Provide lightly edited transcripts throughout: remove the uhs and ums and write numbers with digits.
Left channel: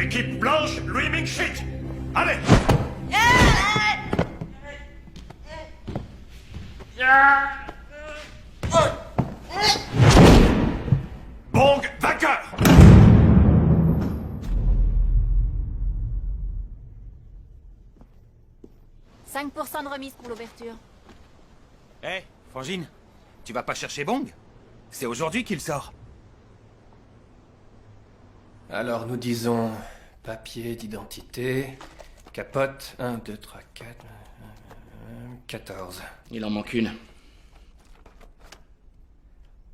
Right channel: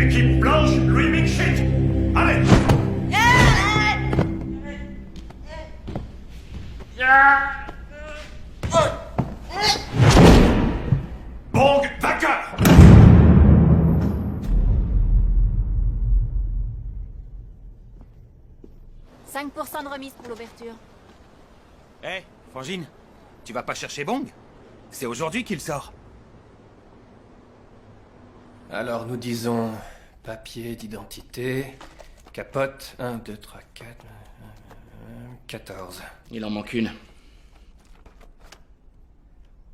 Équipe blanche, Louis Mingshit. Allez. Bong, vainqueur. 5% de remise pour l'ouverture. Hé, Frangine, tu vas pas chercher Bong? C'est aujourd'hui qu'il sort. Alors nous disons papier d'identité, capote, 1, 2, 3, 4, 14. Il en manque une.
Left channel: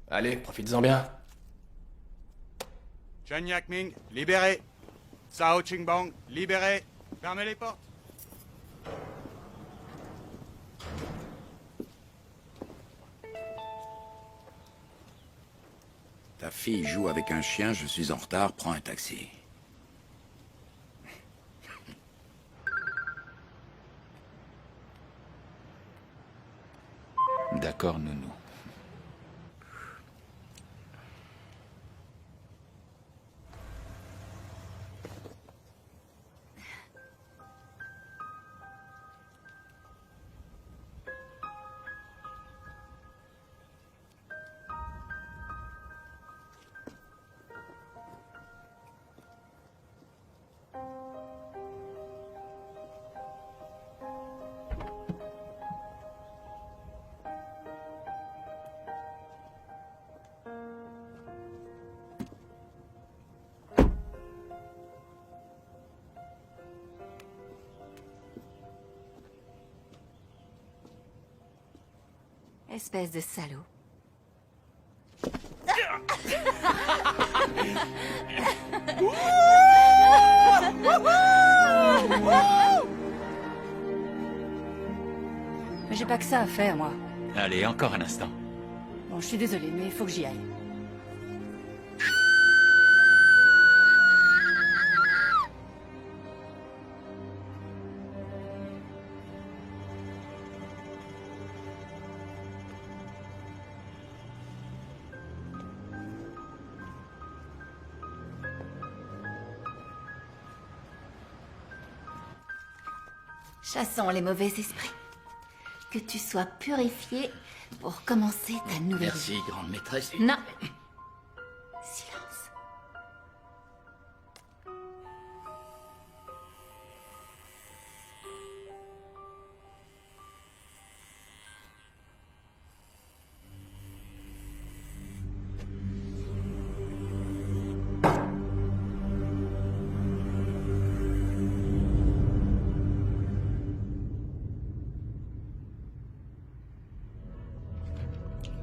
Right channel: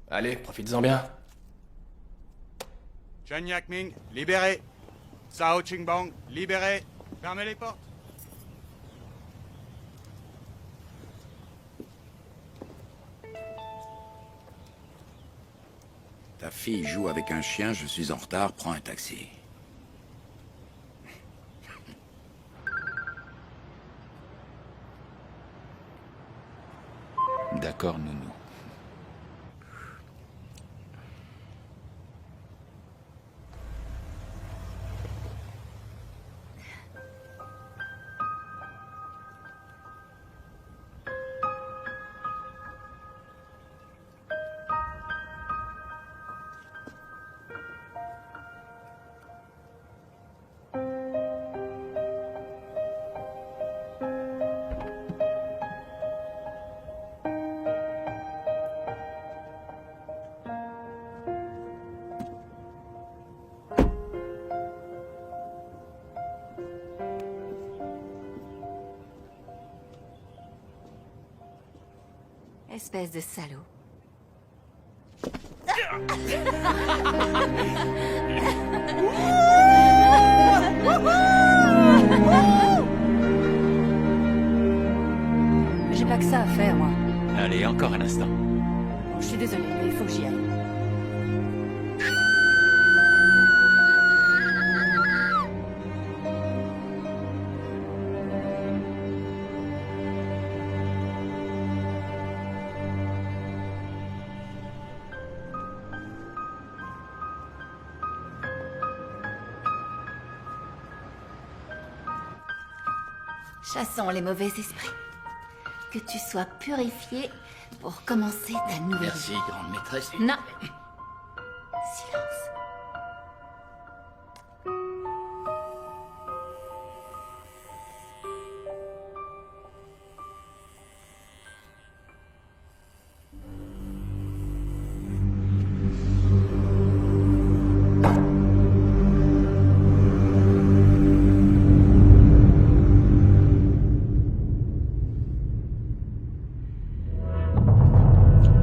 Allez, profites-en bien. Chen Yakming, libéré. Sao Qingbang, libéré. Fermez les portes. Ta fille joue avec un chien, je suis en retard, prends un taxi. D'accord, nounou. Espèce de salaud. J'ai pas que ça à faire, moi. Allez, encore un instant. Bon, je suis désolée, mais il faut que j'y aille. Chassons les mauvais esprits. Que tu sois purifié pour commencer ta nouvelle Merci, vie. grande maîtresse. Non. Silence.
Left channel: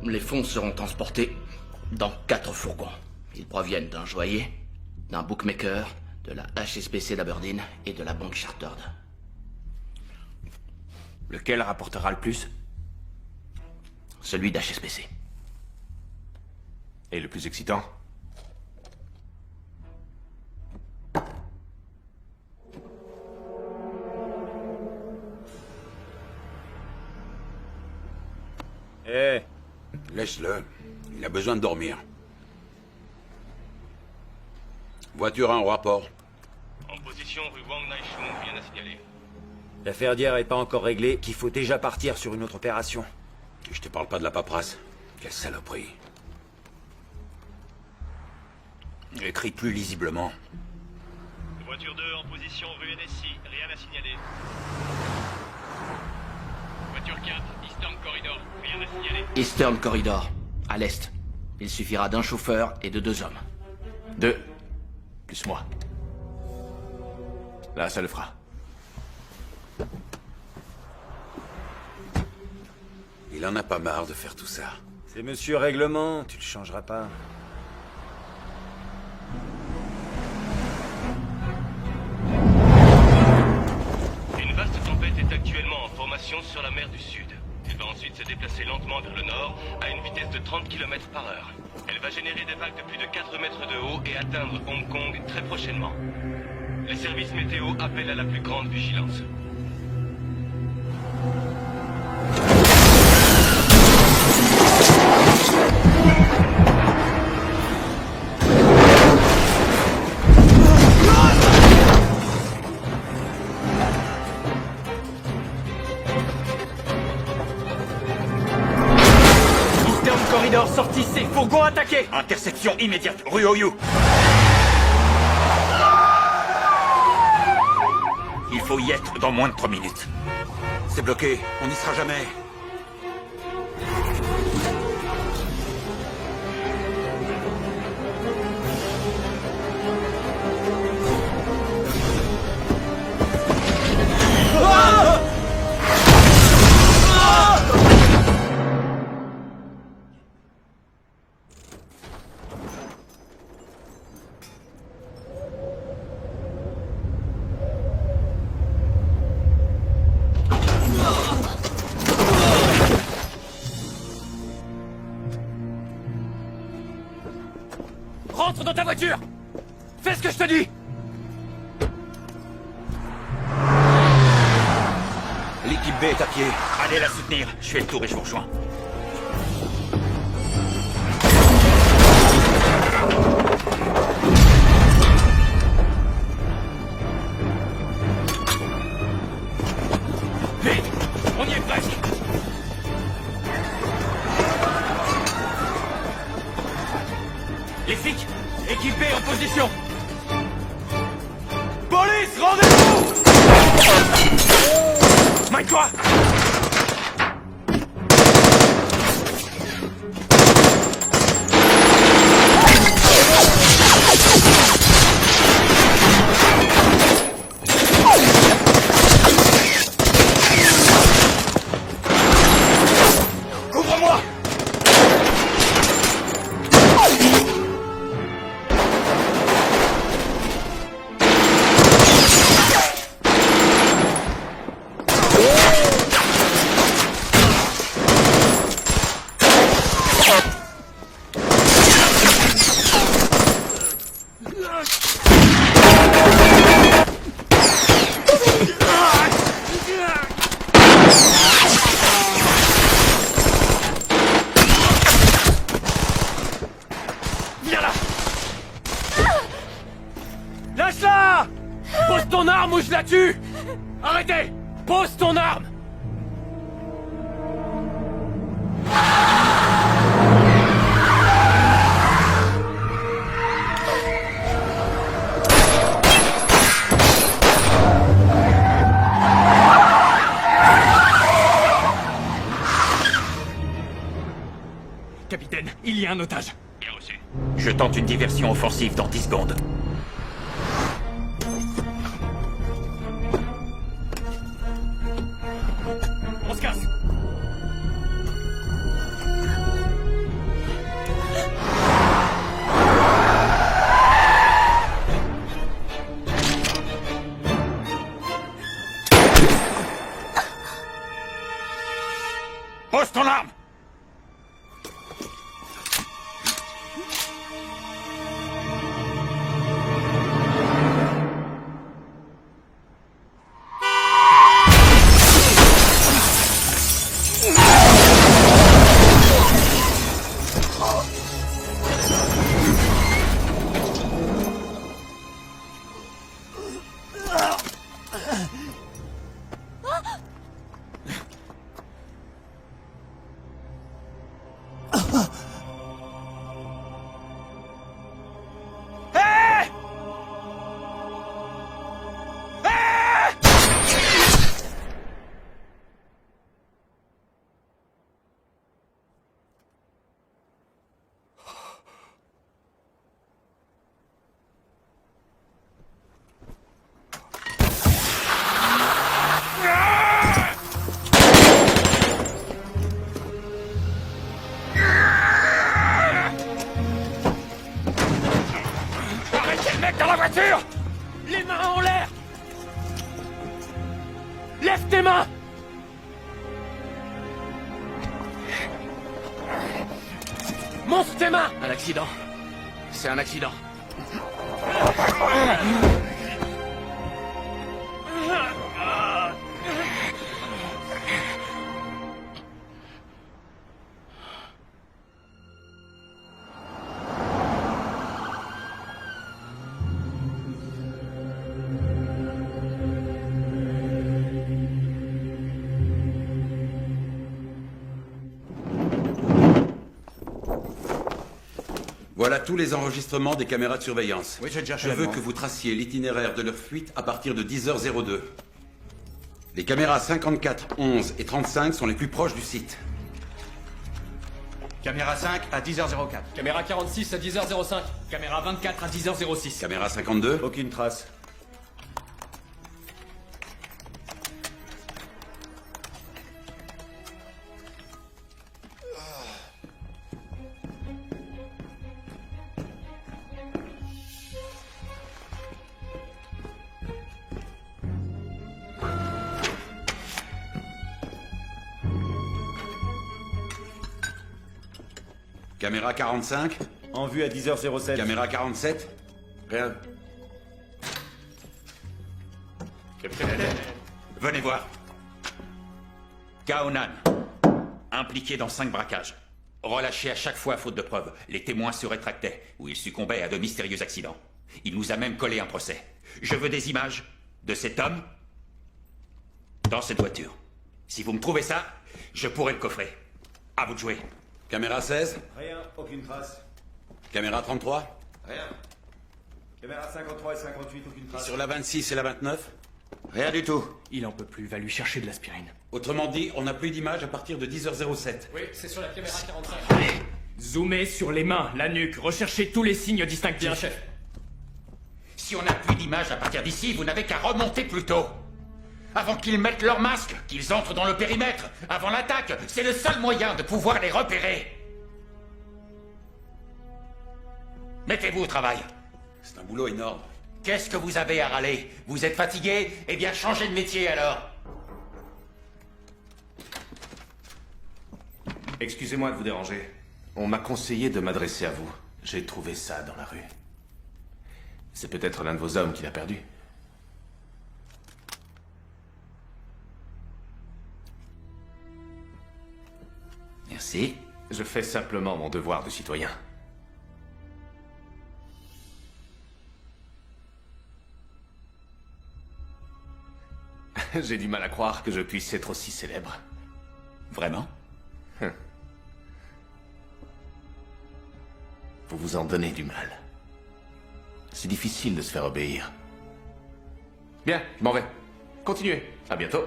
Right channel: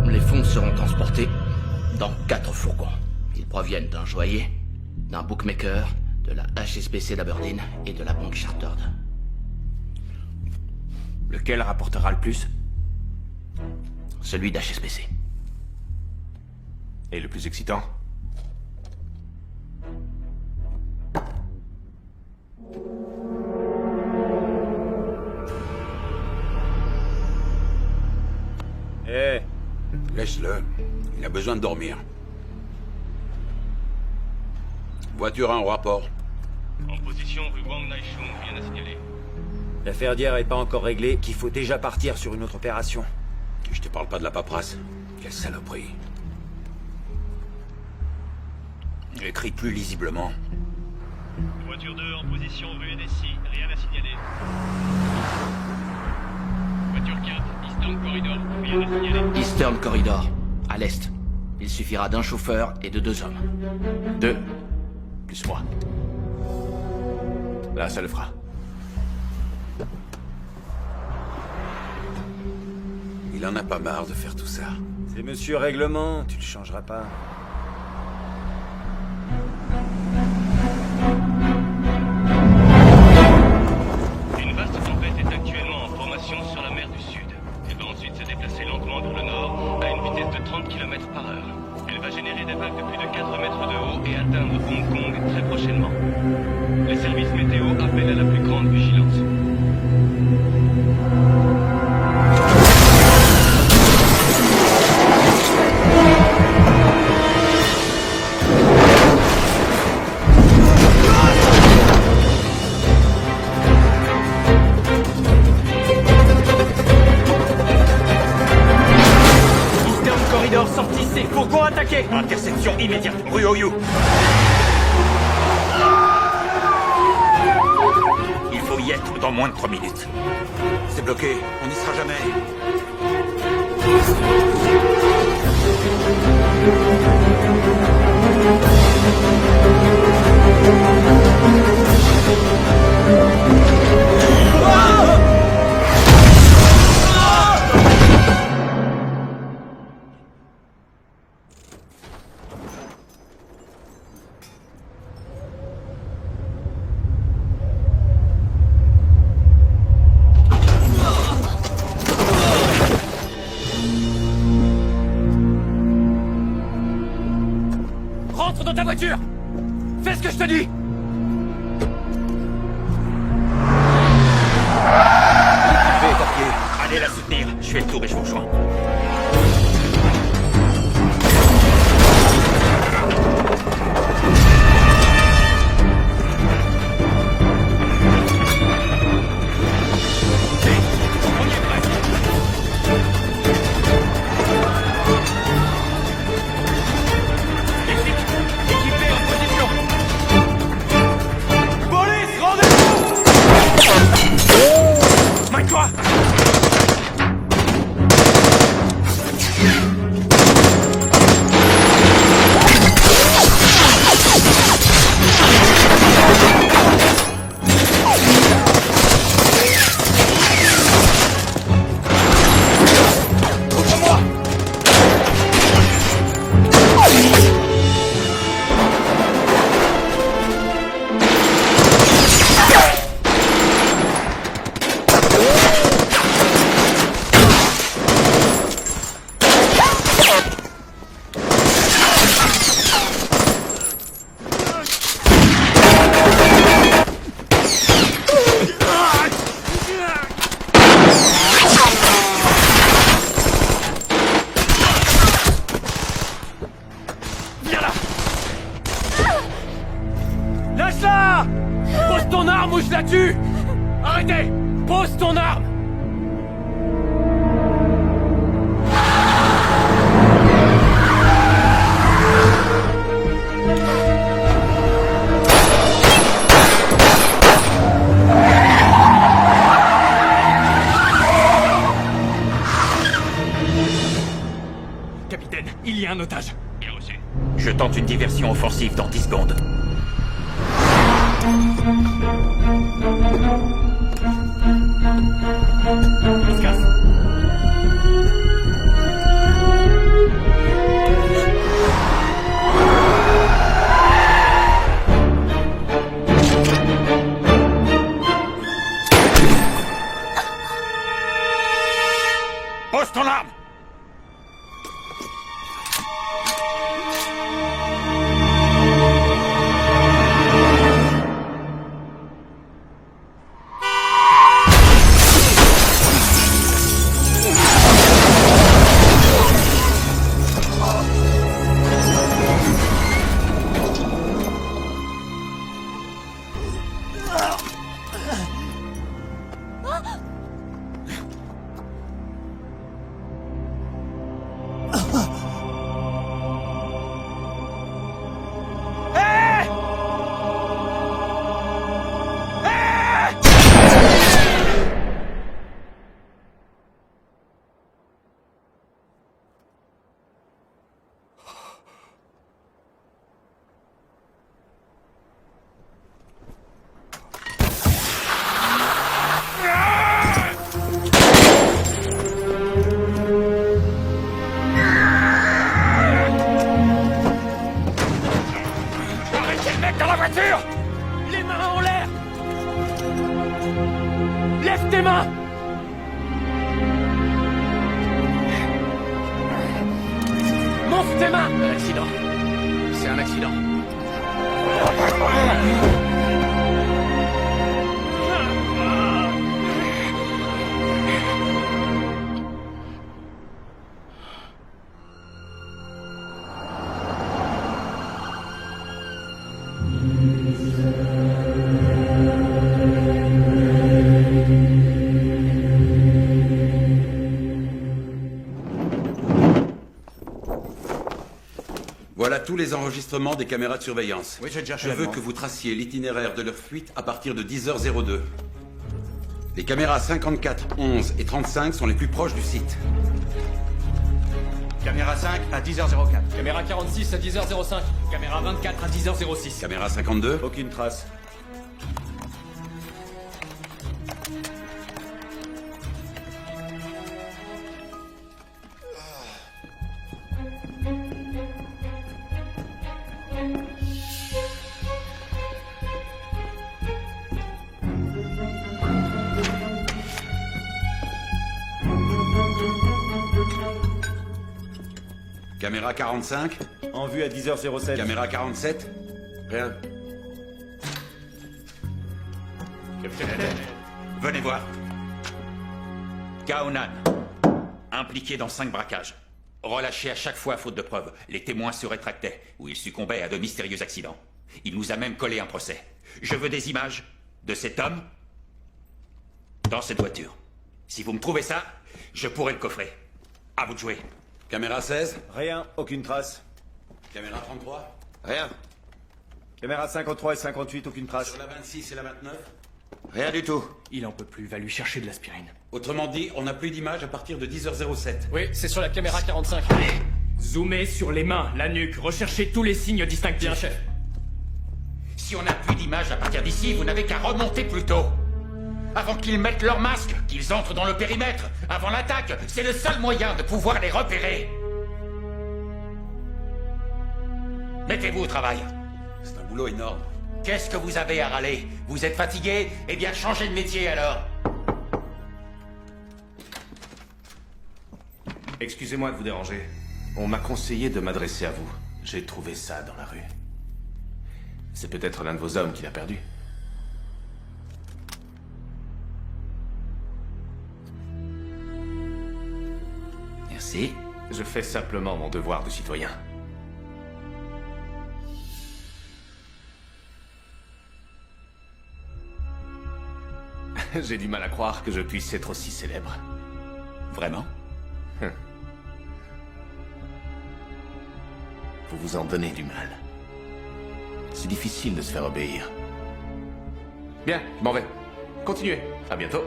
Les fonds seront transportés dans 4 fourgons. Ils proviennent d'un joaillier, d'un bookmaker, de la HSBC d'Aberdeen et de la banque Chartered. Lequel rapportera le plus? Celui d'HSBC. Et le plus excitant? Eh, Laisse-le. Il a besoin de dormir. Voiture 1 au rapport. En position rue Wang Naishun, rien à signaler. L'affaire d'hier est pas encore réglée, qu'il faut déjà partir sur une autre opération. Et je te parle pas de la paperasse. Quelle saloperie. Écrit plus lisiblement. Voiture 2 en position rue NSI, rien à signaler. Voiture 4, Eastern Corridor, rien à signaler. Eastern Corridor, à l'est. Il suffira d'un chauffeur et de 2 hommes. 2, plus moi. Là, ça le fera. Il en a pas marre de faire tout ça. C'est monsieur Règlement, tu le changeras pas. Une vaste tempête est actuellement en formation sur la mer du Sud. Elle va ensuite se déplacer lentement vers le nord à une vitesse de 30 km par heure. Elle va générer des vagues de plus de 4 mètres de haut et atteindre Hong Kong très prochainement. Les services météo appellent à la plus grande vigilance. Ah! Ici, fourgon attaqué. Interception immédiate, rue Oyu. Il faut y être dans moins de 3 minutes. C'est bloqué, on n'y sera jamais. Rentre dans ta voiture. Fais ce que je te dis. L'équipe B est à pied. Allez la soutenir. Je fais le tour et je vous rejoins. Vite, on y est presque. Les flics, équipés en position. Police, rendez-vous. Mets-toi. Ouvre-moi. Viens là. Lâche-la. Pose ton arme ou je la tue. Arrêtez. Pose ton arme. Capitaine, il y a un otage. Bien reçu. Je tente une diversion offensive dans 10 secondes. On se casse. Pose ton arme. Dans la voiture. Les mains en l'air. Lève tes mains. Monte tes mains. Un accident. C'est un accident. Voilà tous les enregistrements des caméras de surveillance. Oui, j'ai déjà Je veux que vous traciez l'itinéraire de leur fuite à partir de 10h02. Les caméras 54, 11 et 35 sont les plus proches du site. Caméra 5 à 10h04. Caméra 46 à 10h05. Caméra 24 à 10h06. Caméra 52. Aucune trace. Caméra 45. En vue à 10h07. Caméra 47. Rien. Venez voir. Kaonan. Impliqué dans 5 braquages. Relâché à chaque fois faute de preuves. Les témoins se rétractaient, ou il succombait à de mystérieux accidents. Il nous a même collé un procès. Je veux des images de cet homme dans cette voiture. Si vous me trouvez ça, je pourrai le coffrer. À vous de jouer. Caméra 16. Rien, aucune trace. Caméra 33. Rien. Caméra 53 et 58, aucune trace. Sur la 26 et la 29. Rien du tout. Il en peut plus, va lui chercher de l'aspirine. Autrement dit, on n'a plus d'images à partir de 10h07. Oui, c'est sur la caméra 45. Zoomez sur les mains, la nuque, recherchez tous les signes distinctifs. Bien, chef. Si on n'a plus d'images à partir d'ici, vous n'avez qu'à remonter plus tôt. Avant qu'ils mettent leur masque, qu'ils entrent dans le périmètre, avant l'attaque, c'est le seul moyen de pouvoir les repérer. Mettez-vous au travail. C'est un boulot énorme. Qu'est-ce que vous avez à râler? Vous êtes fatigué? Eh bien, changez de métier alors. Excusez-moi de vous déranger. On m'a conseillé de m'adresser à vous. J'ai trouvé ça dans la rue. C'est peut-être l'un de vos hommes qui l'a perdu. Merci. Je fais simplement mon devoir de citoyen. J'ai du mal à croire que je puisse être aussi célèbre. Vraiment? Vous vous en donnez du mal. C'est difficile de se faire obéir. Bien, je m'en vais. Continuez. À bientôt.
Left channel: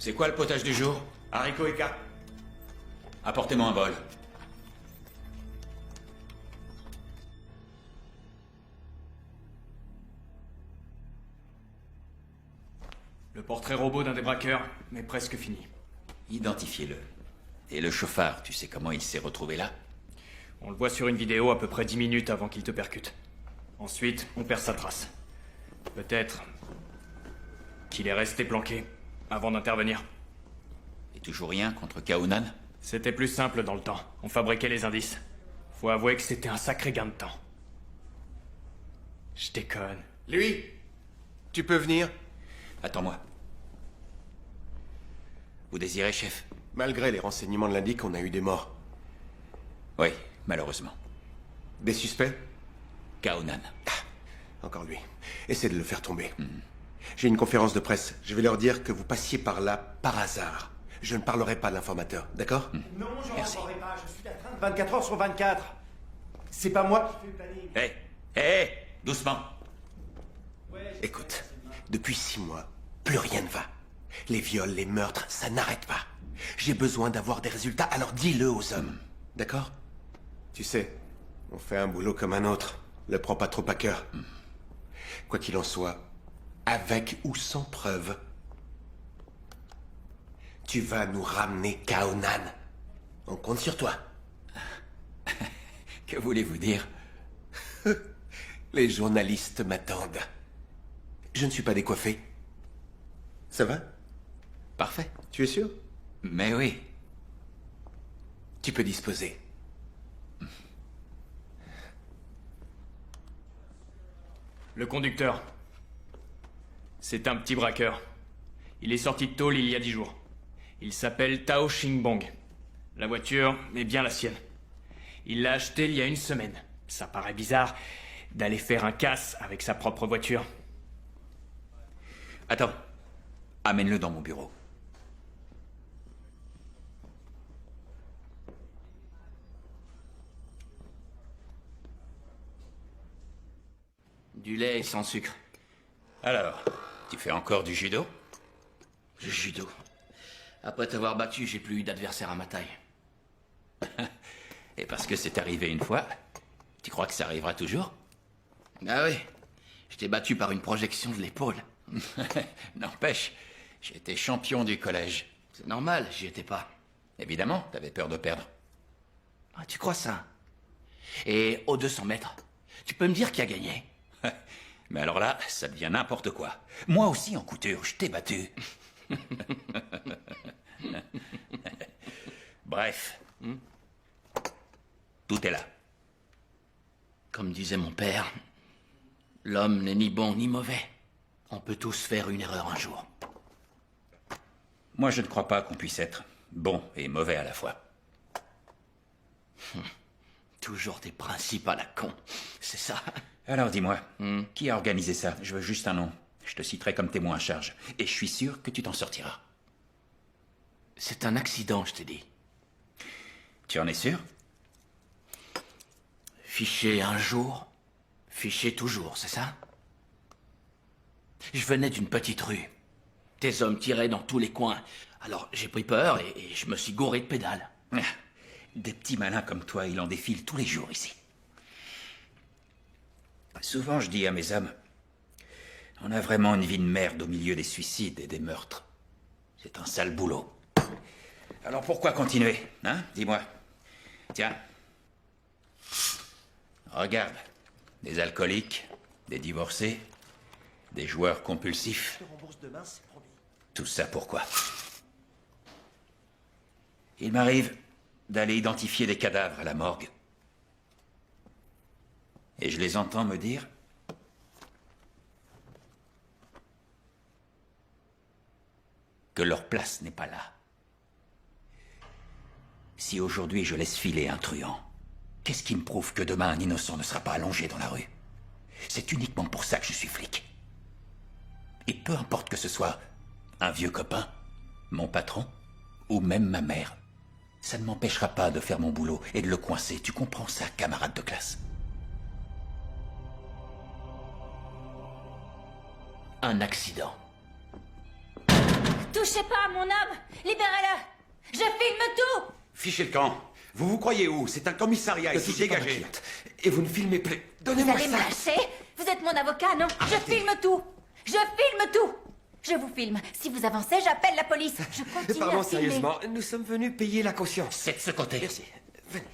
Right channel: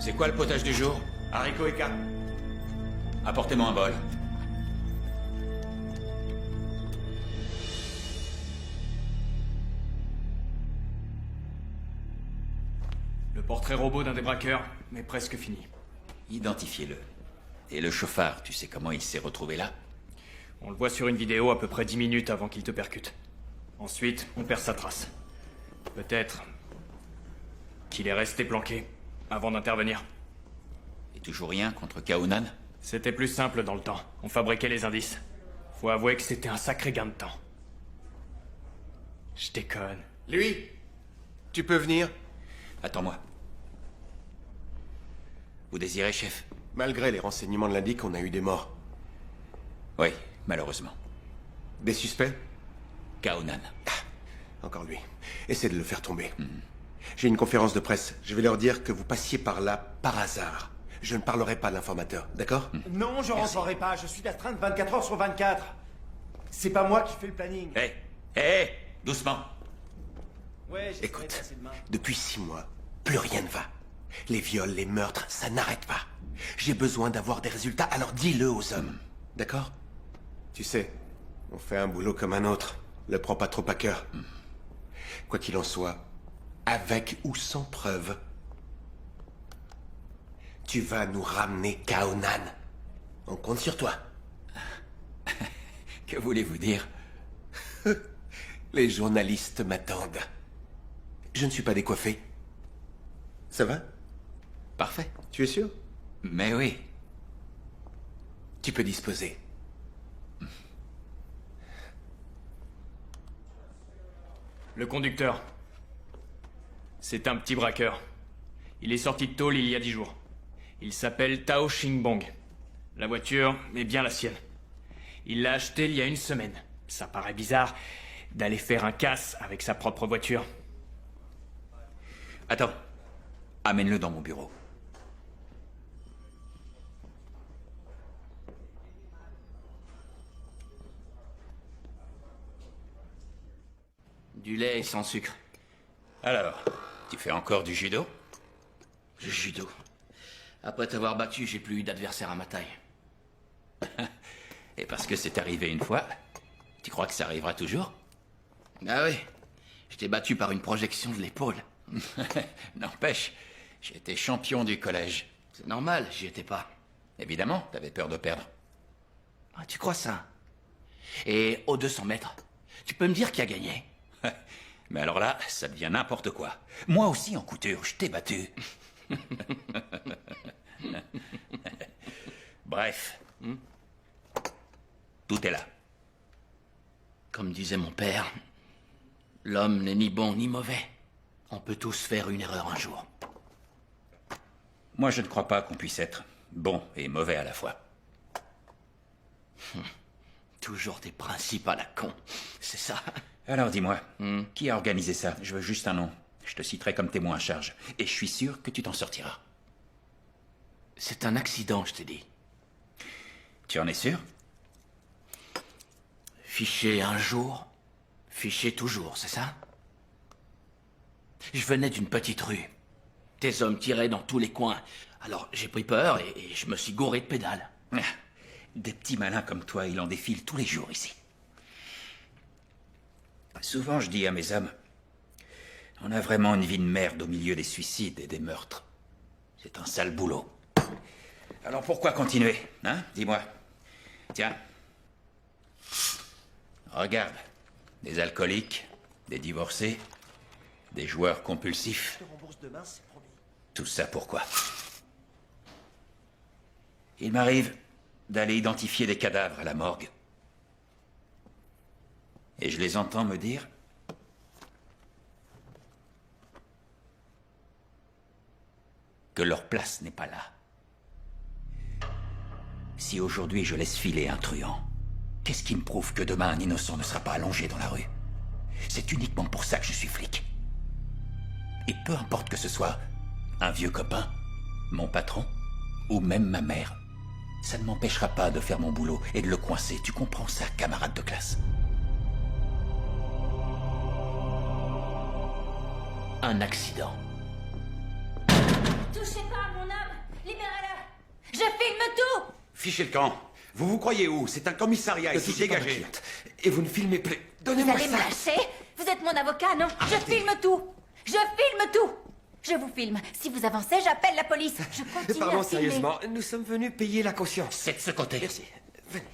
C'est quoi le potage du jour? Haricots et carpes. Apportez-moi un bol. Le portrait robot d'un des braqueurs est presque fini. Identifiez-le. Et le chauffard, tu sais comment il s'est retrouvé là? On le voit sur une vidéo à peu près 10 minutes avant qu'il te percute. Ensuite, on perd sa trace. Peut-être qu'il est resté planqué avant d'intervenir. Et toujours rien contre Kaonan? C'était plus simple dans le temps. On fabriquait les indices. Faut avouer que c'était un sacré gain de temps. Je déconne. Lui, tu peux venir? Attends-moi. Vous désirez, chef? Malgré les renseignements de l'indique, on a eu des morts. Oui, malheureusement. Des suspects? Kaonan. Encore lui. Essaie de le faire tomber. J'ai une conférence de presse. Je vais leur dire que vous passiez par là par hasard. Je ne parlerai pas de l'informateur, d'accord? Non, je rentrerai pas. Je suis d'astreinte 24 heures sur 24. C'est pas moi qui fais le planning. Hé, doucement. Ouais, Écoute, depuis 6 mois, plus rien ne va. Les viols, les meurtres, ça n'arrête pas. J'ai besoin d'avoir des résultats, alors dis-le aux hommes. D'accord? Tu sais, on fait un boulot comme un autre. Le prends pas trop à cœur. Quoi qu'il en soit, avec ou sans preuve, tu vas nous ramener Kaonan. On compte sur toi. Que voulez-vous dire? Les journalistes m'attendent. Je ne suis pas décoiffé. Ça va? Parfait. Tu es sûr? Mais oui. Tu peux disposer. Le conducteur. C'est un petit braqueur. Il est sorti de tôle il y a 10 jours. Il s'appelle Tao Xingbong. La voiture est bien la sienne. Il l'a achetée il y a 1 semaine. Ça paraît bizarre, d'aller faire un casse avec sa propre voiture. Attends. Amène-le dans mon bureau. Du lait sans sucre. Alors, tu fais encore du judo? Le judo. Après t'avoir battu, j'ai plus eu d'adversaire à ma taille. Et parce que c'est arrivé une fois, tu crois que ça arrivera toujours? Ah oui. Je t'ai battu par une projection de l'épaule. N'empêche, j'ai été champion du collège. C'est normal, j'y étais pas. Évidemment, t'avais peur de perdre. Ah, tu crois ça? Et aux 200 mètres, tu peux me dire qui a gagné? Mais alors là, ça devient n'importe quoi. Moi aussi, en couture, je t'ai battu. Bref. Tout est là. Comme disait mon père, l'homme n'est ni bon ni mauvais. On peut tous faire une erreur un jour. Moi, je ne crois pas qu'on puisse être bon et mauvais à la fois. Toujours des principes à la con, c'est ça? Alors dis-moi, qui a organisé ça? Je veux juste un nom. Je te citerai comme témoin à charge. Et je suis sûr que tu t'en sortiras. C'est un accident, je t'ai dit. Tu en es sûr? Fiché un jour, fiché toujours, c'est ça? Je venais d'une petite rue. Tes hommes tiraient dans tous les coins. Alors j'ai pris peur et je me suis gouré de pédales. Des petits malins comme toi, il en défile tous les jours ici. Souvent, je dis à mes hommes, on a vraiment une vie de merde au milieu des suicides et des meurtres. C'est un sale boulot. Alors pourquoi continuer, hein? Dis-moi. Tiens. Regarde. Des alcooliques, des divorcés, des joueurs compulsifs. Je te rembourse demain, c'est promis. Tout ça pourquoi? Il m'arrive d'aller identifier des cadavres à la morgue. Et je les entends me dire que leur place n'est pas là. Si aujourd'hui je laisse filer un truand, qu'est-ce qui me prouve que demain un innocent ne sera pas allongé dans la rue? C'est uniquement pour ça que je suis flic. Et peu importe que ce soit un vieux copain, mon patron, ou même ma mère, ça ne m'empêchera pas de faire mon boulot et de le coincer. Tu comprends ça, camarade de classe? Un accident. Touchez pas à mon homme! Libérez-le! Je filme tout! Fichez le camp. Vous vous croyez où? C'est un commissariat Ne ici, touchez pas ma dégagez. cliente. Et vous ne filmez plus. Vous Donnez-moi allez me ça. lâcher? Vous êtes mon avocat, non? Je filme tout! Je filme tout! Je vous filme. Si vous avancez, j'appelle la police. Je continue Pardon, à filmer. sérieusement, nous sommes venus payer la caution. C'est de ce côté. Merci. Venez.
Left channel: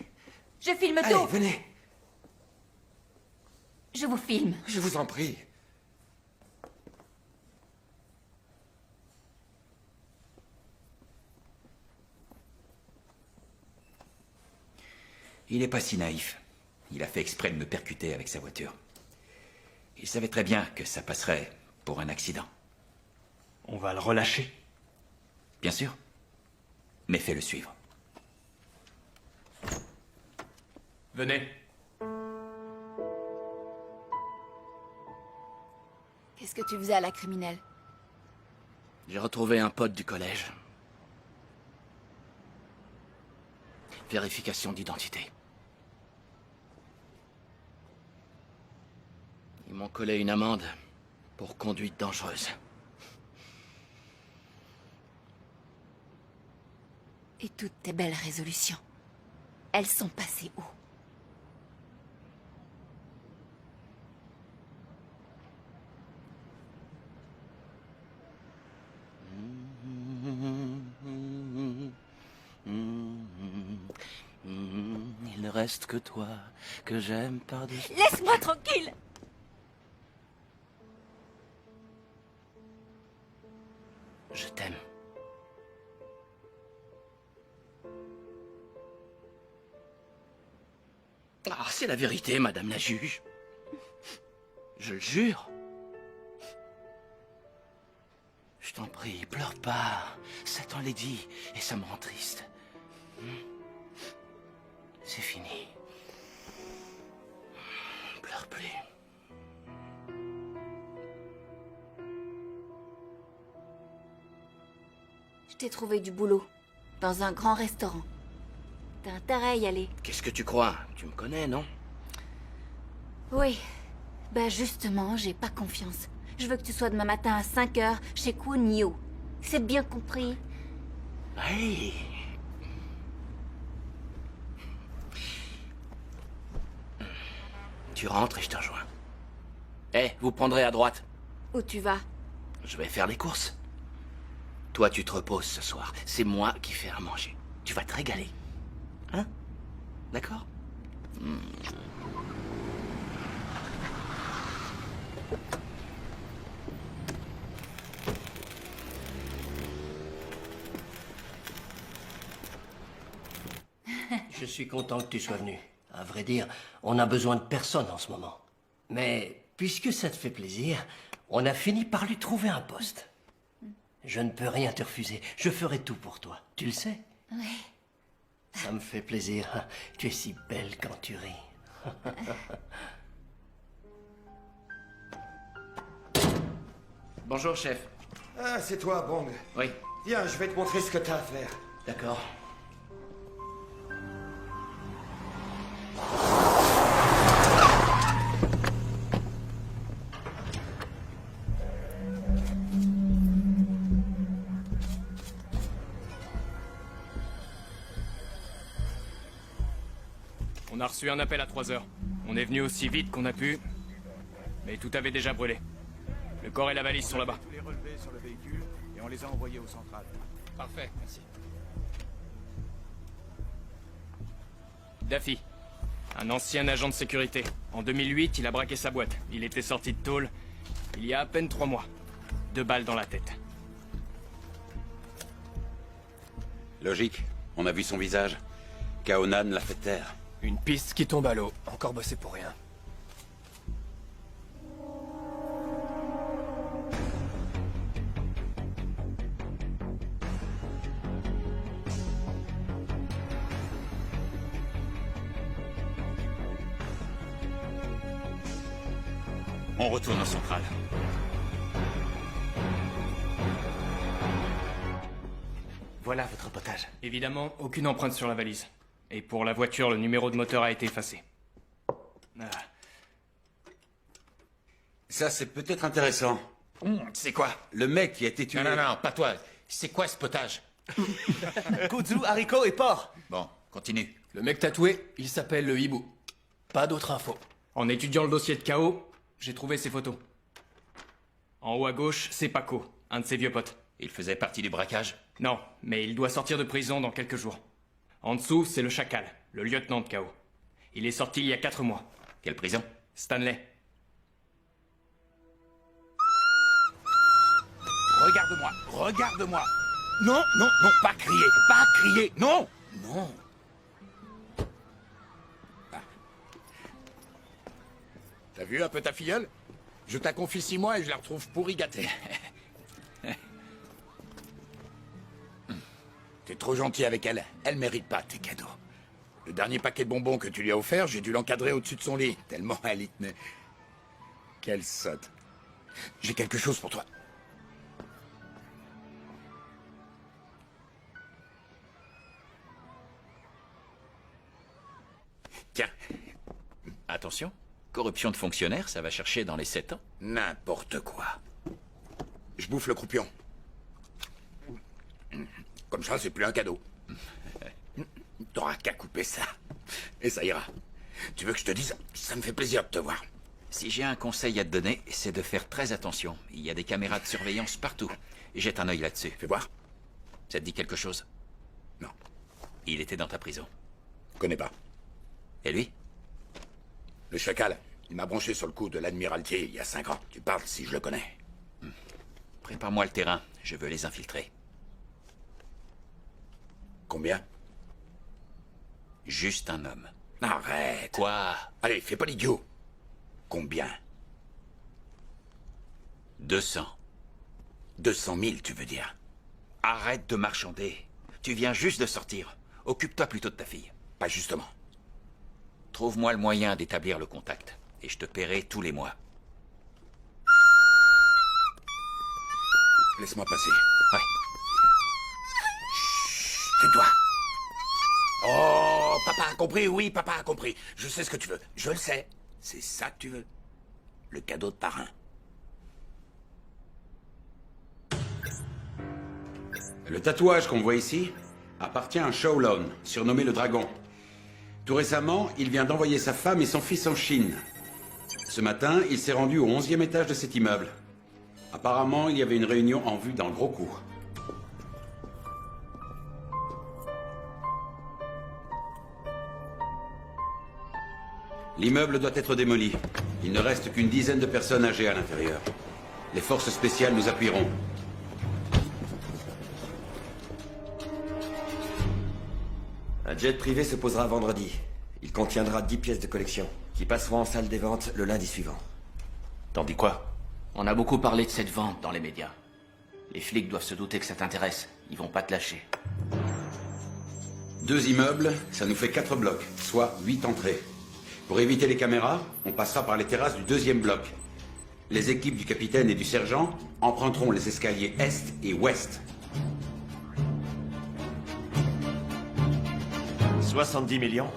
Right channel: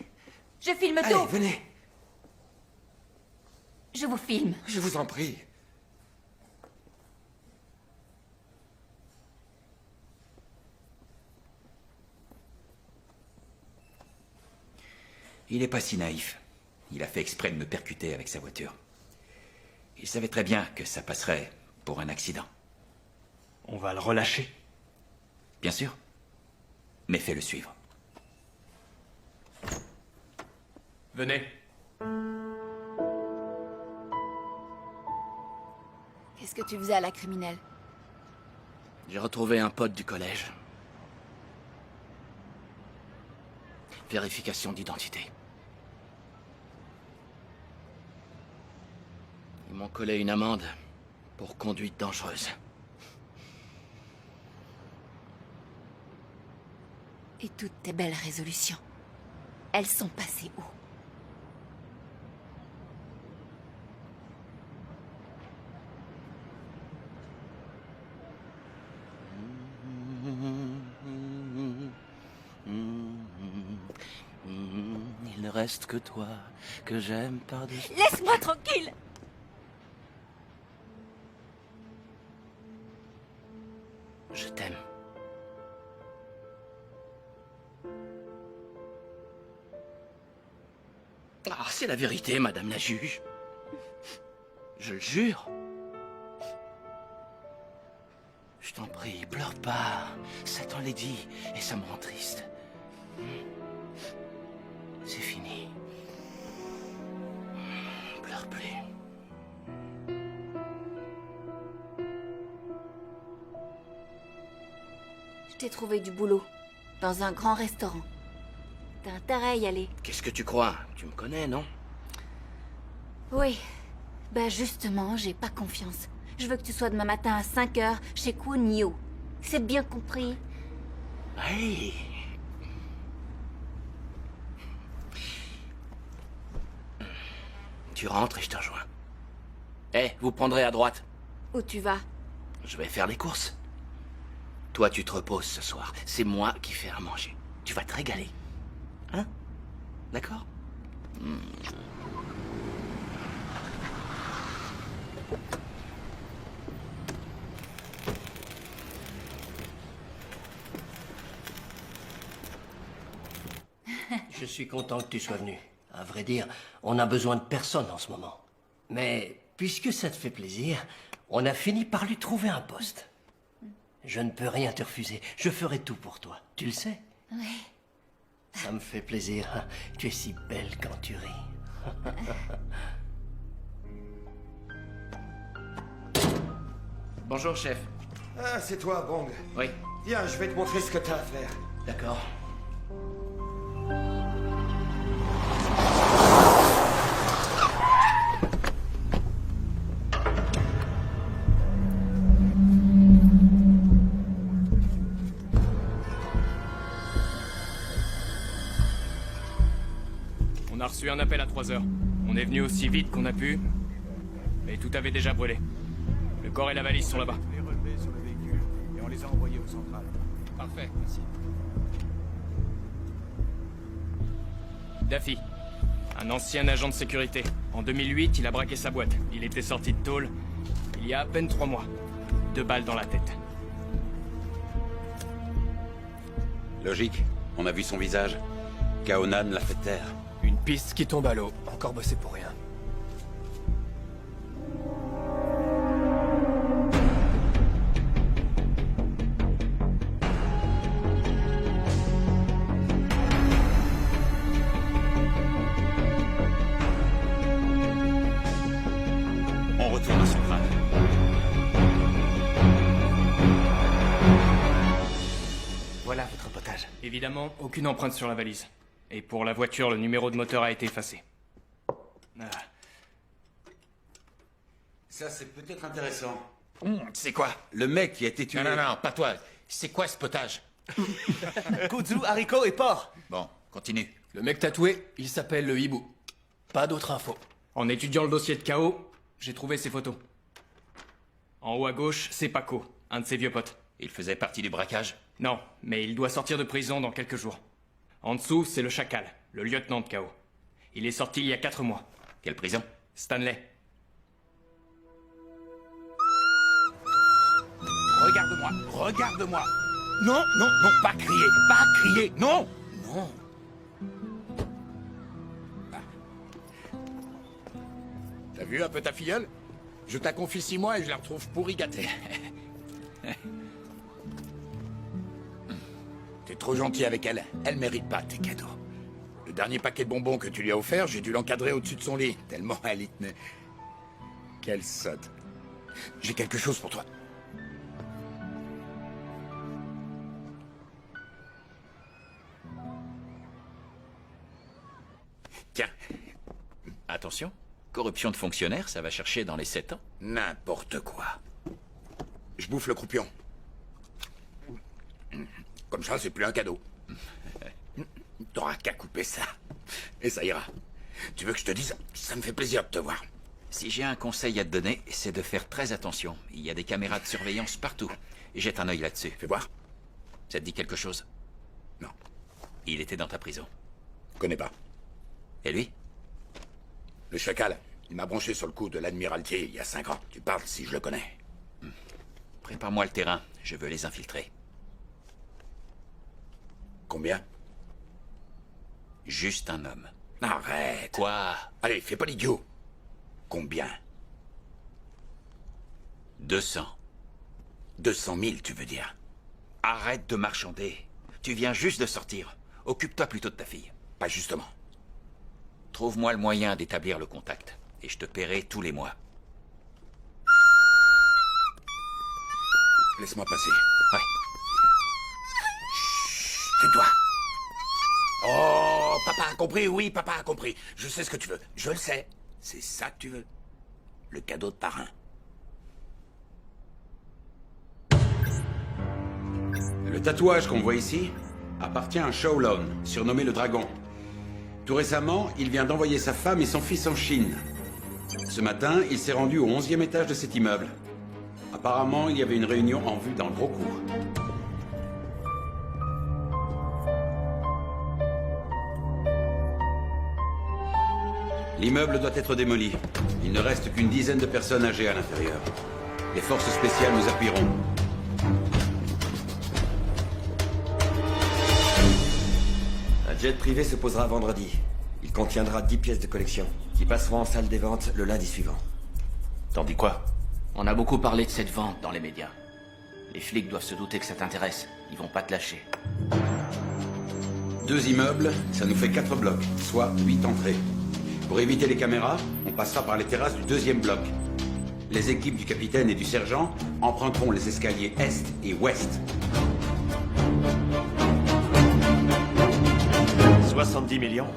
Je filme Allez, tout! venez. Je vous filme. Je vous en prie. Il n'est pas si naïf. Il a fait exprès de me percuter avec sa voiture. Il savait très bien que ça passerait pour un accident. On va le relâcher. Bien sûr. Mais fais-le suivre. Venez. Qu'est-ce que tu faisais à la criminelle? J'ai retrouvé un pote du collège. Vérification d'identité. Ils m'ont collé une amende pour conduite dangereuse. Et toutes tes belles résolutions, elles sont passées où? Il ne reste que toi, que j'aime par-dessus. Laisse-moi tranquille! Je t'aime. Ah, c'est la vérité, madame la juge. Je le jure. Je t'en prie, pleure pas. Satan l'a dit, et ça me rend triste. C'est fini. Pleure plus. Je t'ai trouvé du boulot. Dans un grand restaurant. T'as intérêt à y aller. Qu'est-ce que tu crois? Tu me connais, non? Oui. Bah justement, j'ai pas confiance. Je veux que tu sois demain matin à 5h chez Kwon Yo. C'est bien compris? Hey. Tu rentres et je te rejoins. Eh, vous prendrez à droite. Où tu vas? Je vais faire les courses. Toi, tu te reposes ce soir. C'est moi qui fais à manger. Tu vas te régaler. Hein? D'accord? Je suis content que tu sois venu. À vrai dire, on a besoin de personne en ce moment. Mais puisque ça te fait plaisir, on a fini par lui trouver un poste. Je ne peux rien te refuser. Je ferai tout pour toi. Tu le sais? Oui. Ça me fait plaisir. Tu es si belle quand tu ris. Bonjour, chef. Ah, c'est toi, Bong. Oui. Viens, je vais te montrer ce que t'as à faire. D'accord. On a reçu un appel à 3 heures. On est venu aussi vite qu'on a pu, mais tout avait déjà brûlé. Le corps et la valise sont là-bas. Les relevés sur le véhicule et on les a envoyés au central. Parfait, merci. Daffy, un ancien agent de sécurité. En 2008, il a braqué sa boîte. Il était sorti de tôle il y a à peine 3 mois. 2 balles dans la tête. Logique. On a vu son visage. Kaonan l'a fait taire. Une piste qui tombe à l'eau. Encore bossé pour rien. On retourne au central. Voilà votre potage. Évidemment, aucune empreinte sur la valise. Et pour la voiture, le numéro de moteur a été effacé. Ah. Ça, c'est peut-être intéressant. C'est quoi? Le mec qui a été tué... Non, pas toi. C'est quoi ce potage? Kudzu, haricots et porc. Bon, continue. Le mec tatoué, il s'appelle le hibou. Pas d'autres infos. En étudiant le dossier de KO, j'ai trouvé ses photos. En haut à gauche, c'est Paco, un de ses vieux potes. Il faisait partie du braquage? Non, mais il doit sortir de prison dans quelques jours. En dessous, c'est le Chacal, le lieutenant de KO. Il est sorti il y a 4 mois. Quelle prison? Stanley. Regarde-moi, regarde-moi. Non, non, non, pas crier, non, non. T'as vu un peu ta filleule? Je t'en confie 6 mois et je la retrouve pourri gâtée. T'es trop gentil avec elle. Elle mérite pas tes cadeaux. Le dernier paquet de bonbons que tu lui as offert, j'ai dû l'encadrer au-dessus de son lit, tellement elle y tenait. Quelle sotte. J'ai quelque chose pour toi. Tiens. Attention, corruption de fonctionnaire, ça va chercher dans les 7 ans. N'importe quoi. Je bouffe le croupion. Comme ça, c'est plus un cadeau. T'auras qu'à couper ça. Et ça ira. Tu veux que je te dise? Ça me fait plaisir de te voir. Si j'ai un conseil à te donner, c'est de faire très attention. Il y a des caméras de surveillance partout. Jette un œil là-dessus. Fais voir. Ça te dit quelque chose? Non. Il était dans ta prison. Connais pas. Et lui? Le chacal. Il m'a branché sur le coup de l'admiralty il y a 5 ans. Tu parles si je le connais. Prépare-moi le terrain. Je veux les infiltrer. Combien? Juste un homme. Arrête. Quoi? Allez, fais pas l'idiot. Combien? 200. 200 000, tu veux dire? Arrête de marchander. Tu viens juste de sortir. Occupe-toi plutôt de ta fille. Pas justement. Trouve-moi le moyen d'établir le contact. Et je te paierai tous les mois. Laisse-moi passer. Ouais. Tais-toi. Oh, papa a compris, oui, papa a compris. Je sais ce que tu veux. Je le sais. C'est ça que tu veux. Le cadeau de parrain. Le tatouage qu'on voit ici appartient à Shaolon, surnommé le Dragon. Tout récemment, il vient d'envoyer sa femme et son fils en Chine. Ce matin, il s'est rendu au 11e étage de cet immeuble. Apparemment, il y avait une réunion en vue dans le gros cours. L'immeuble doit être démoli. Il ne reste qu'une dizaine de personnes âgées à l'intérieur. Les forces spéciales nous appuieront. Un jet privé se posera vendredi. Il contiendra 10 pièces de collection, qui passeront en salle des ventes le lundi suivant. T'en dis quoi? On a beaucoup parlé de cette vente dans les médias. Les flics doivent se douter que ça t'intéresse. Ils vont pas te lâcher. 2 immeubles, ça nous fait 4 blocs, soit 8 entrées. Pour éviter les caméras, on passera par les terrasses du 2e bloc. Les équipes du capitaine et du sergent emprunteront les escaliers est et ouest. 70 millions.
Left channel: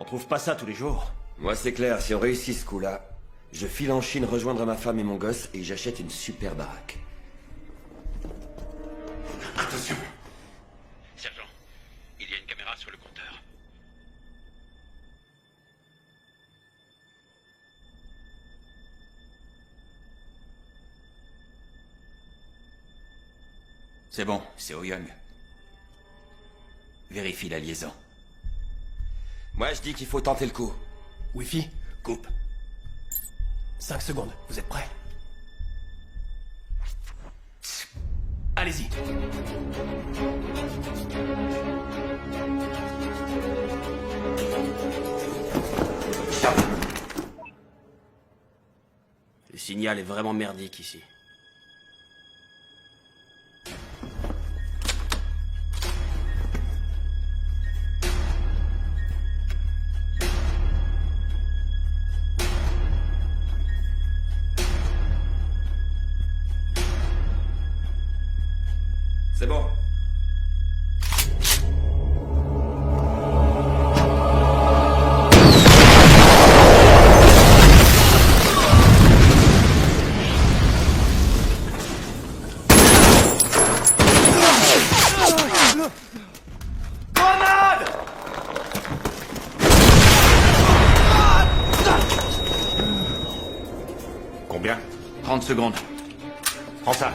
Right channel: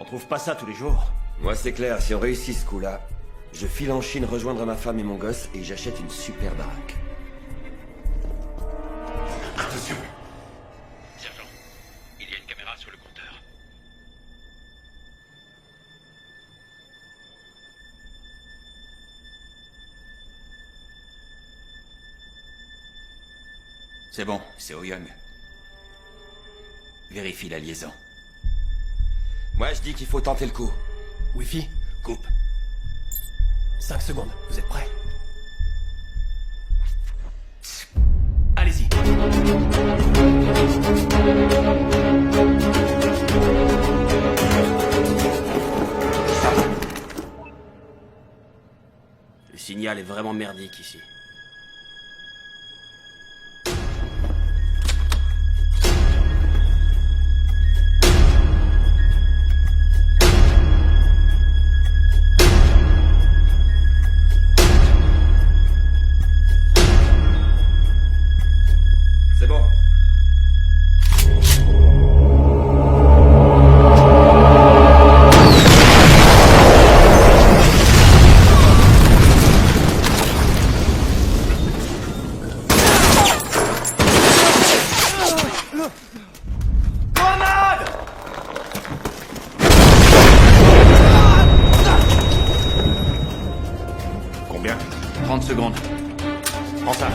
On trouve pas ça tous les jours. Moi, c'est clair, si on réussit ce coup-là, je file en Chine rejoindre ma femme et mon gosse et j'achète une super baraque. Attention! Sergent, il y a une caméra sur le compteur. C'est bon, c'est Oh Young. Vérifie la liaison. Moi, je dis qu'il faut tenter le coup. Wi-Fi, coupe. 5 secondes, vous êtes prêts? Allez-y. Le signal est vraiment merdique ici. C'est bon. Combien? 30 secondes. Prends ça.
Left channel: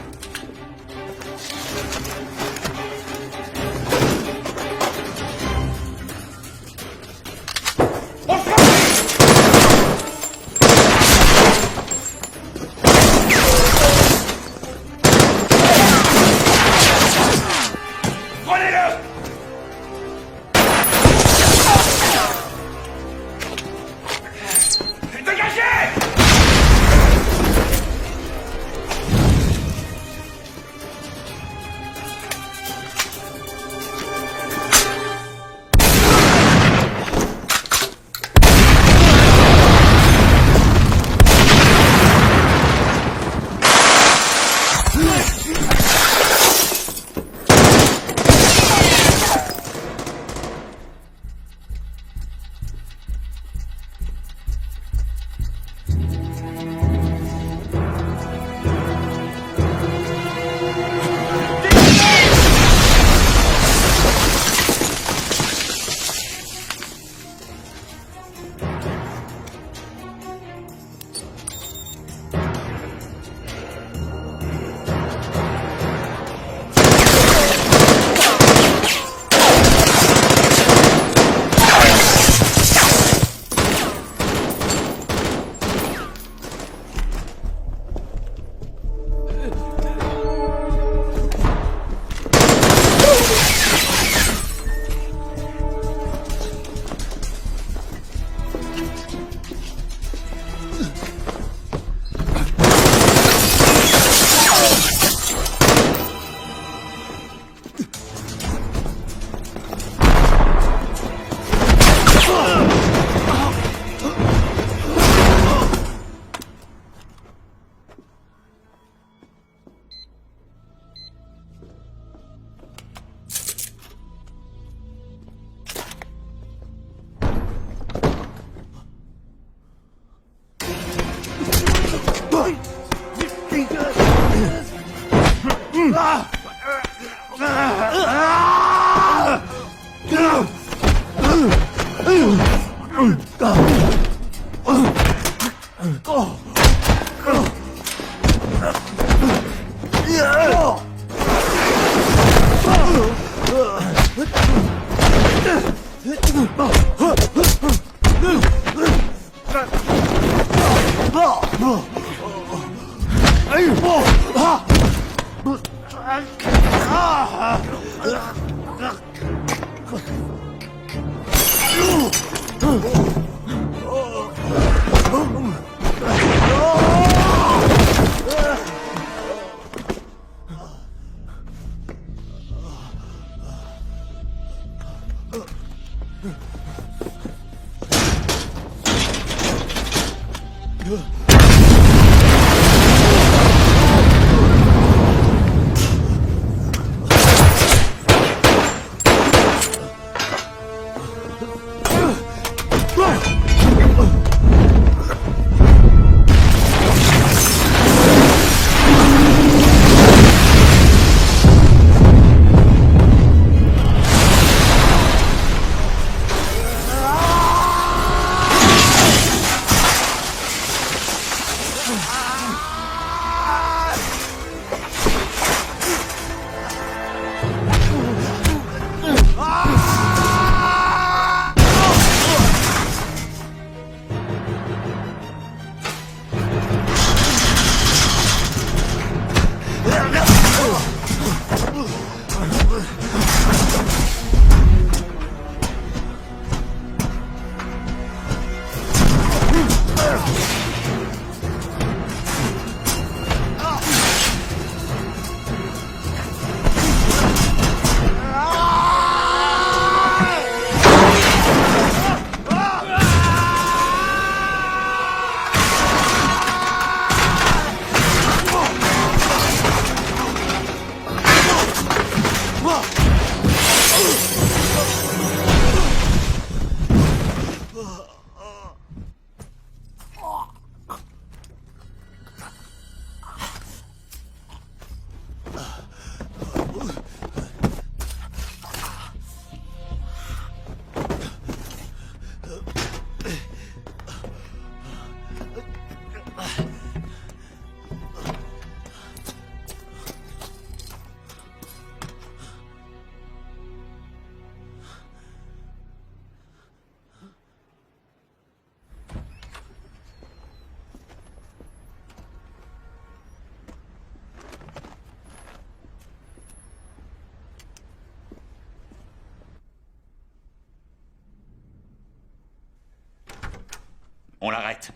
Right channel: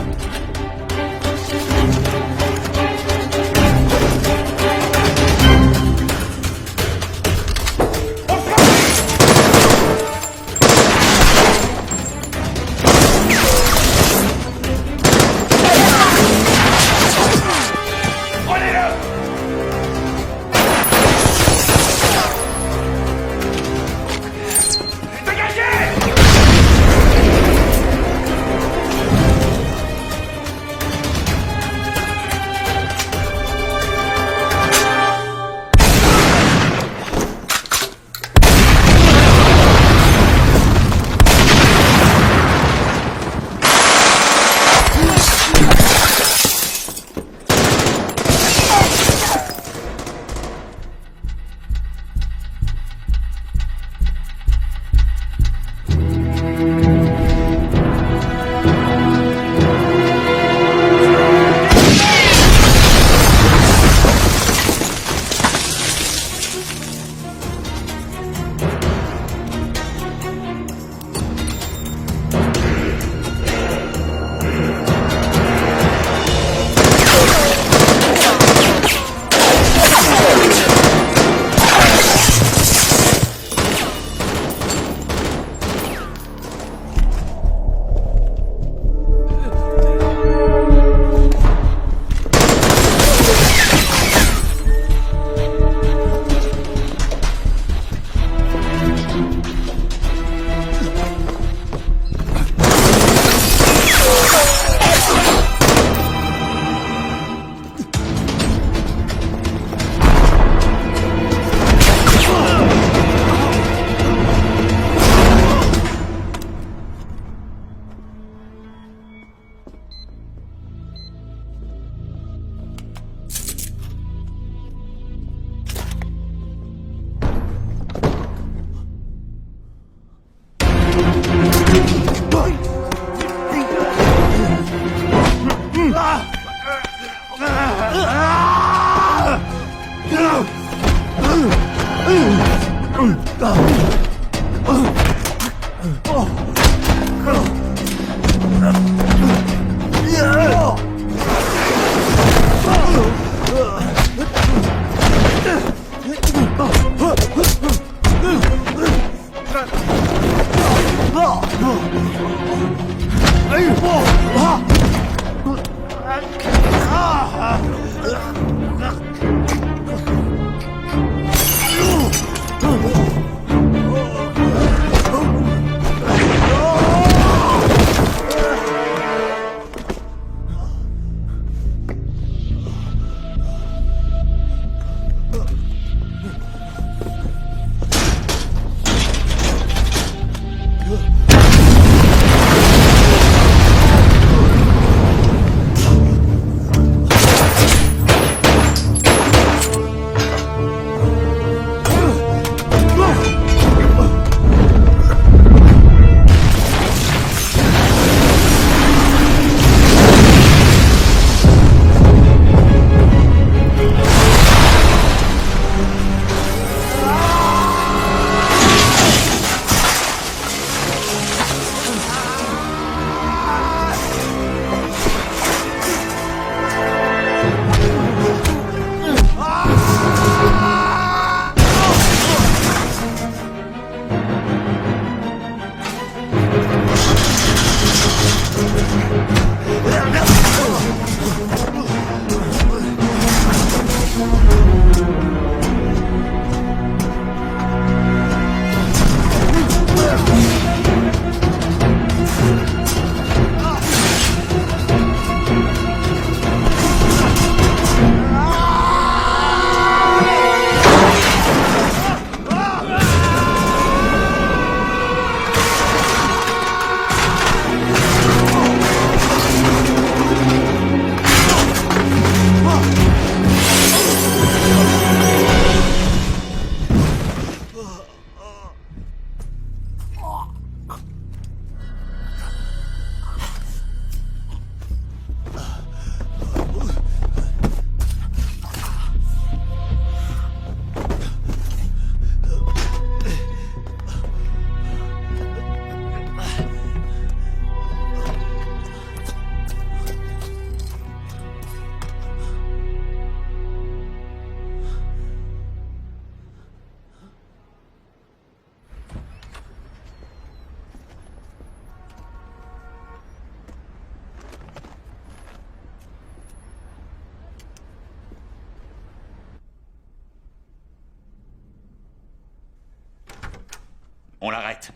On l'arrête.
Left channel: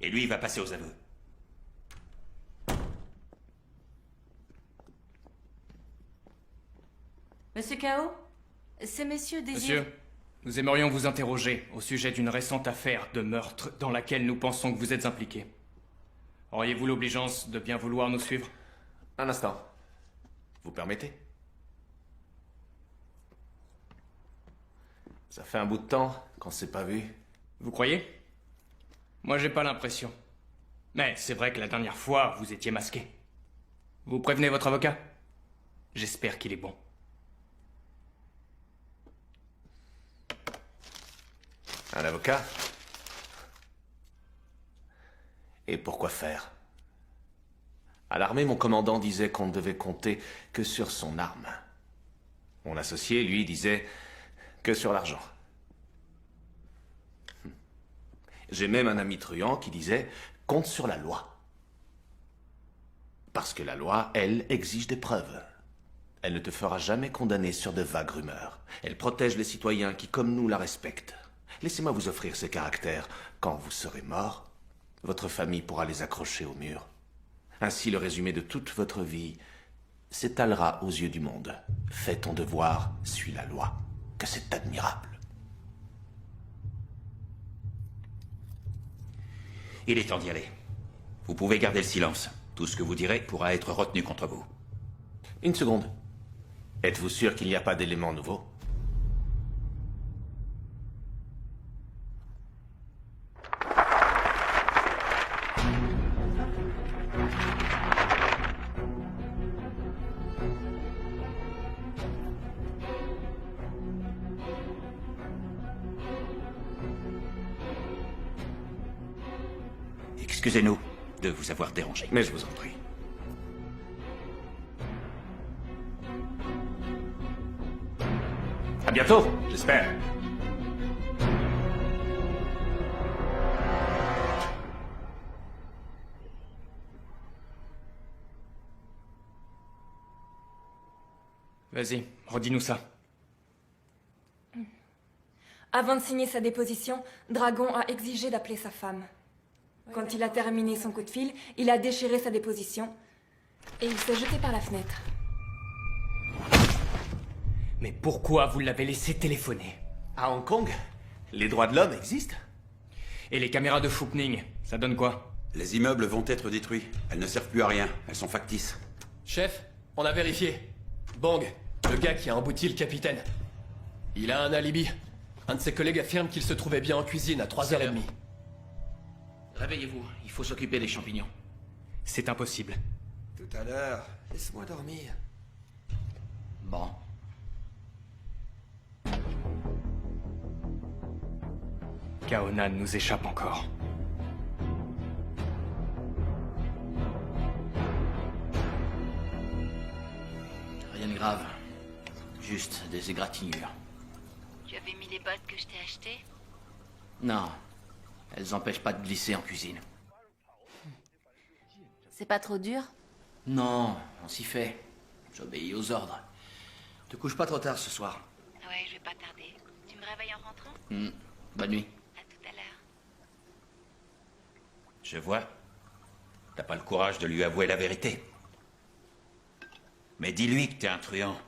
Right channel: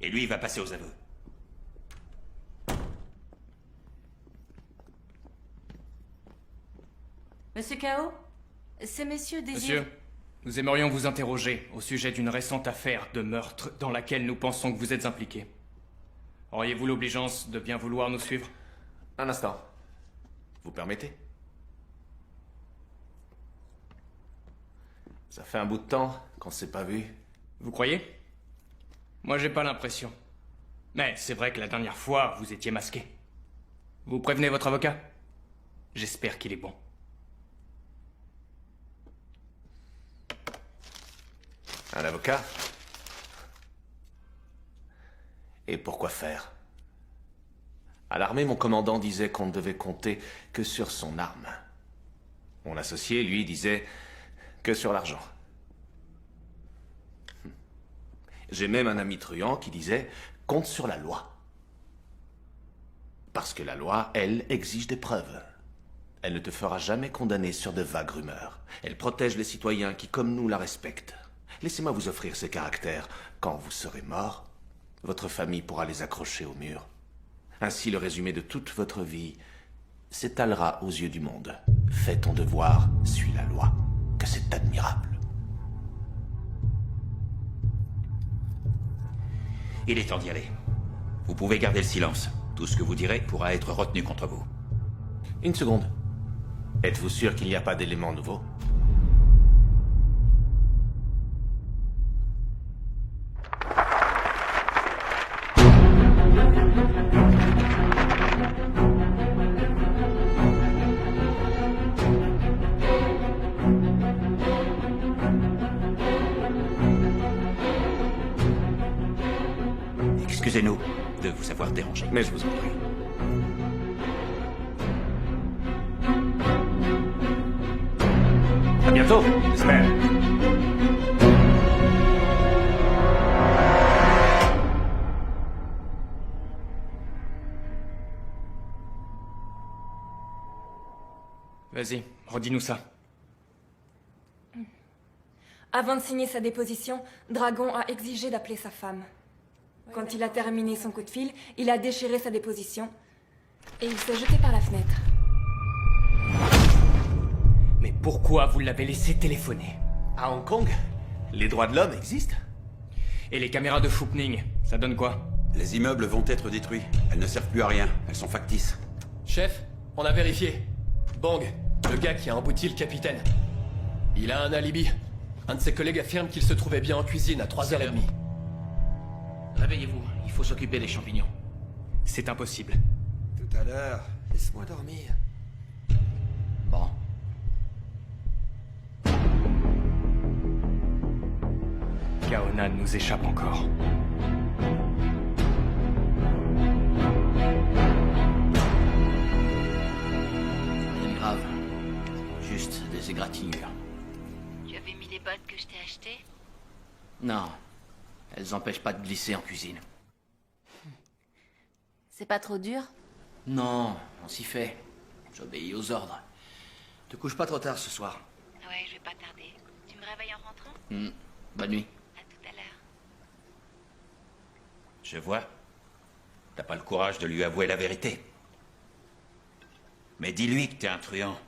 Et lui, il va passer aux aveux. Monsieur Kao, ces messieurs désirent... Monsieur, nous aimerions vous interroger au sujet d'une récente affaire de meurtre dans laquelle nous pensons que vous êtes impliqué. Auriez-vous l'obligeance de bien vouloir nous suivre? Un instant. Vous permettez? Ça fait un bout de temps qu'on s'est pas vu. Vous croyez? Moi, j'ai pas l'impression. Mais c'est vrai que la dernière fois, vous étiez masqué. Vous prévenez votre avocat? J'espère qu'il est bon. Un avocat? Et pourquoi faire? À l'armée, mon commandant disait qu'on ne devait compter que sur son arme. Mon associé, lui, disait que sur l'argent. J'ai même un ami truand qui disait « compte sur la loi ». Parce que la loi, elle, exige des preuves. Elle ne te fera jamais condamner sur de vagues rumeurs. Elle protège les citoyens qui, comme nous, la respectent. Laissez-moi vous offrir ces caractères. Quand vous serez mort, votre famille pourra les accrocher au mur. Ainsi, le résumé de toute votre vie s'étalera aux yeux du monde. Fais ton devoir, suis la loi. Que c'est admirable. Il est temps d'y aller. Vous pouvez garder le silence. Tout ce que vous direz pourra être retenu contre vous. Une seconde. Êtes-vous sûr qu'il n'y a pas d'éléments nouveaux? Excusez-nous de vous avoir dérangé. Mais je vous en prie. À bientôt, j'espère. Vas-y, redis-nous ça. Avant de signer sa déposition, Dragon a exigé d'appeler sa femme. Quand il a terminé son coup de fil, il a déchiré sa déposition et il s'est jeté par la fenêtre. Mais pourquoi vous l'avez laissé téléphoner? À Hong Kong, les droits de l'homme existent. Et les caméras de Fookning, ça donne quoi? Les immeubles vont être détruits. Elles ne servent plus à rien. Elles sont factices. Chef, on a vérifié. Bang, le gars qui a embouti le capitaine. Il a un alibi. Un de ses collègues affirme qu'il se trouvait bien en cuisine à 3h30. Réveillez-vous, il faut s'occuper des champignons. C'est impossible. Tout à l'heure, laisse-moi dormir. Bon. Kaonan nous échappe encore. Rien de grave. Juste des égratignures. Tu avais mis les bottes que je t'ai achetées? Non. Elles empêchent pas de glisser en cuisine. C'est pas trop dur? Non, on s'y fait. J'obéis aux ordres. Te couche pas trop tard ce soir. Ouais, je vais pas tarder. Tu me réveilles en rentrant? Bonne nuit. À tout à l'heure. Je vois. T'as pas le courage de lui avouer la vérité. Mais dis-lui que t'es un truand.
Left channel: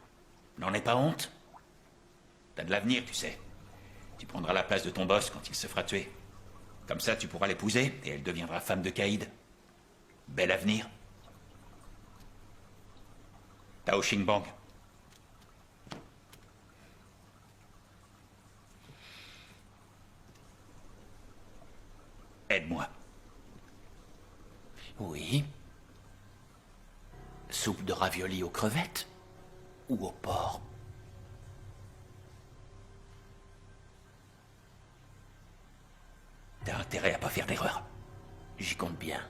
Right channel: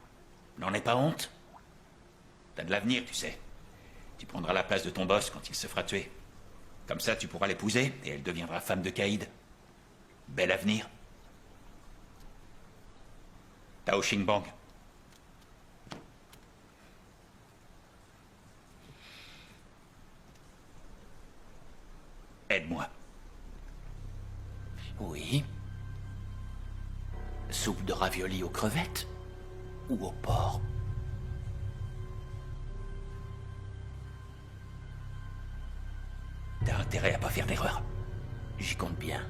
N'en aie pas honte. T'as de l'avenir, tu sais. Tu prendras la place de ton boss quand il se fera tuer. Comme ça, tu pourras l'épouser et elle deviendra femme de Caïd. Bel avenir. Tao Xingbang. Aide-moi. Oui. Soupe de ravioli aux crevettes ou au porc? T'as intérêt à pas faire d'erreur. J'y compte bien.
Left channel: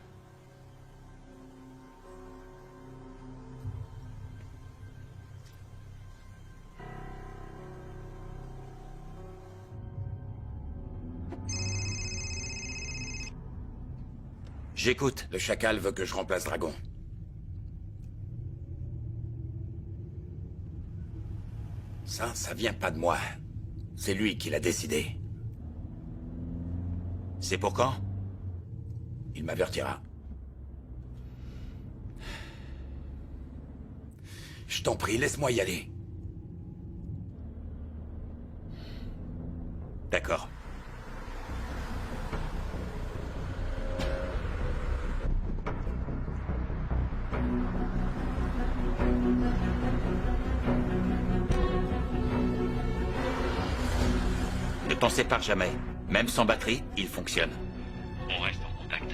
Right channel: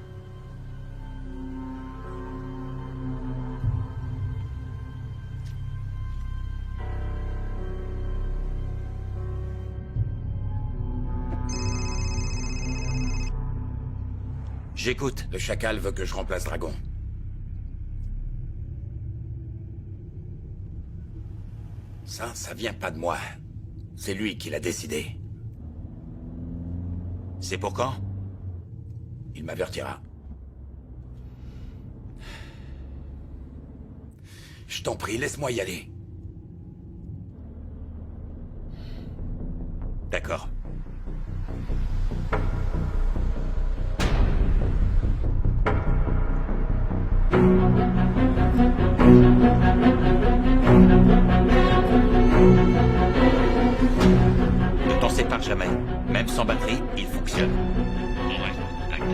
J'écoute. Le chacal veut que je remplace Dragon. Ça vient pas de moi. C'est lui qui l'a décidé. C'est pour quand? Il m'avertira. Je t'en prie, laisse-moi y aller. D'accord. Ne t'en sépare jamais. Même sans batterie, il fonctionne. On reste en contact.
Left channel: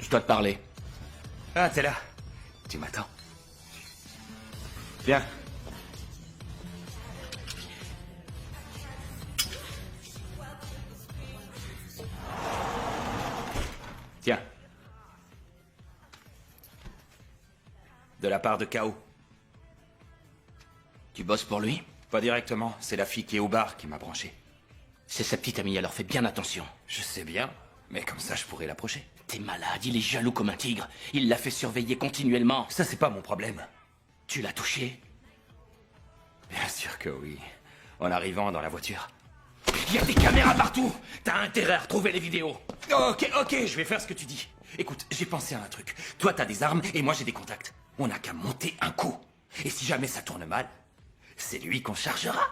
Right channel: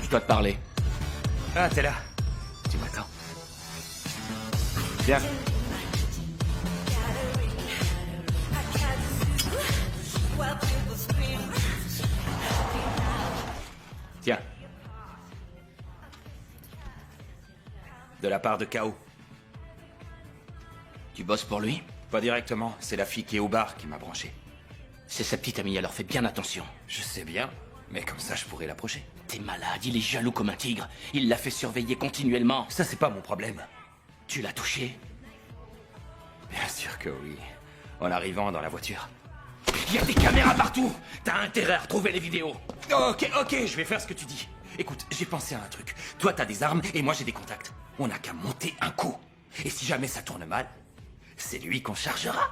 Je dois te parler. Ah, t'es là. Tu m'attends. Viens. Tiens. De la part de K.O. Tu bosses pour lui? Pas directement, c'est la fille qui est au bar qui m'a branché. C'est sa petite amie, alors fais bien attention. Je sais bien, mais comme ça je pourrais l'approcher. T'es malade, il est jaloux comme un tigre. Il l'a fait surveiller continuellement. Ça, c'est pas mon problème. Tu l'as touché? Bien sûr que oui. En arrivant dans la voiture. Il y a des caméras partout! T'as intérêt à retrouver les vidéos. Ok, je vais faire ce que tu dis. Écoute, j'ai pensé à un truc. Toi, t'as des armes et moi, j'ai des contacts. On n'a qu'à monter un coup. Et si jamais ça tourne mal, c'est lui qu'on chargera.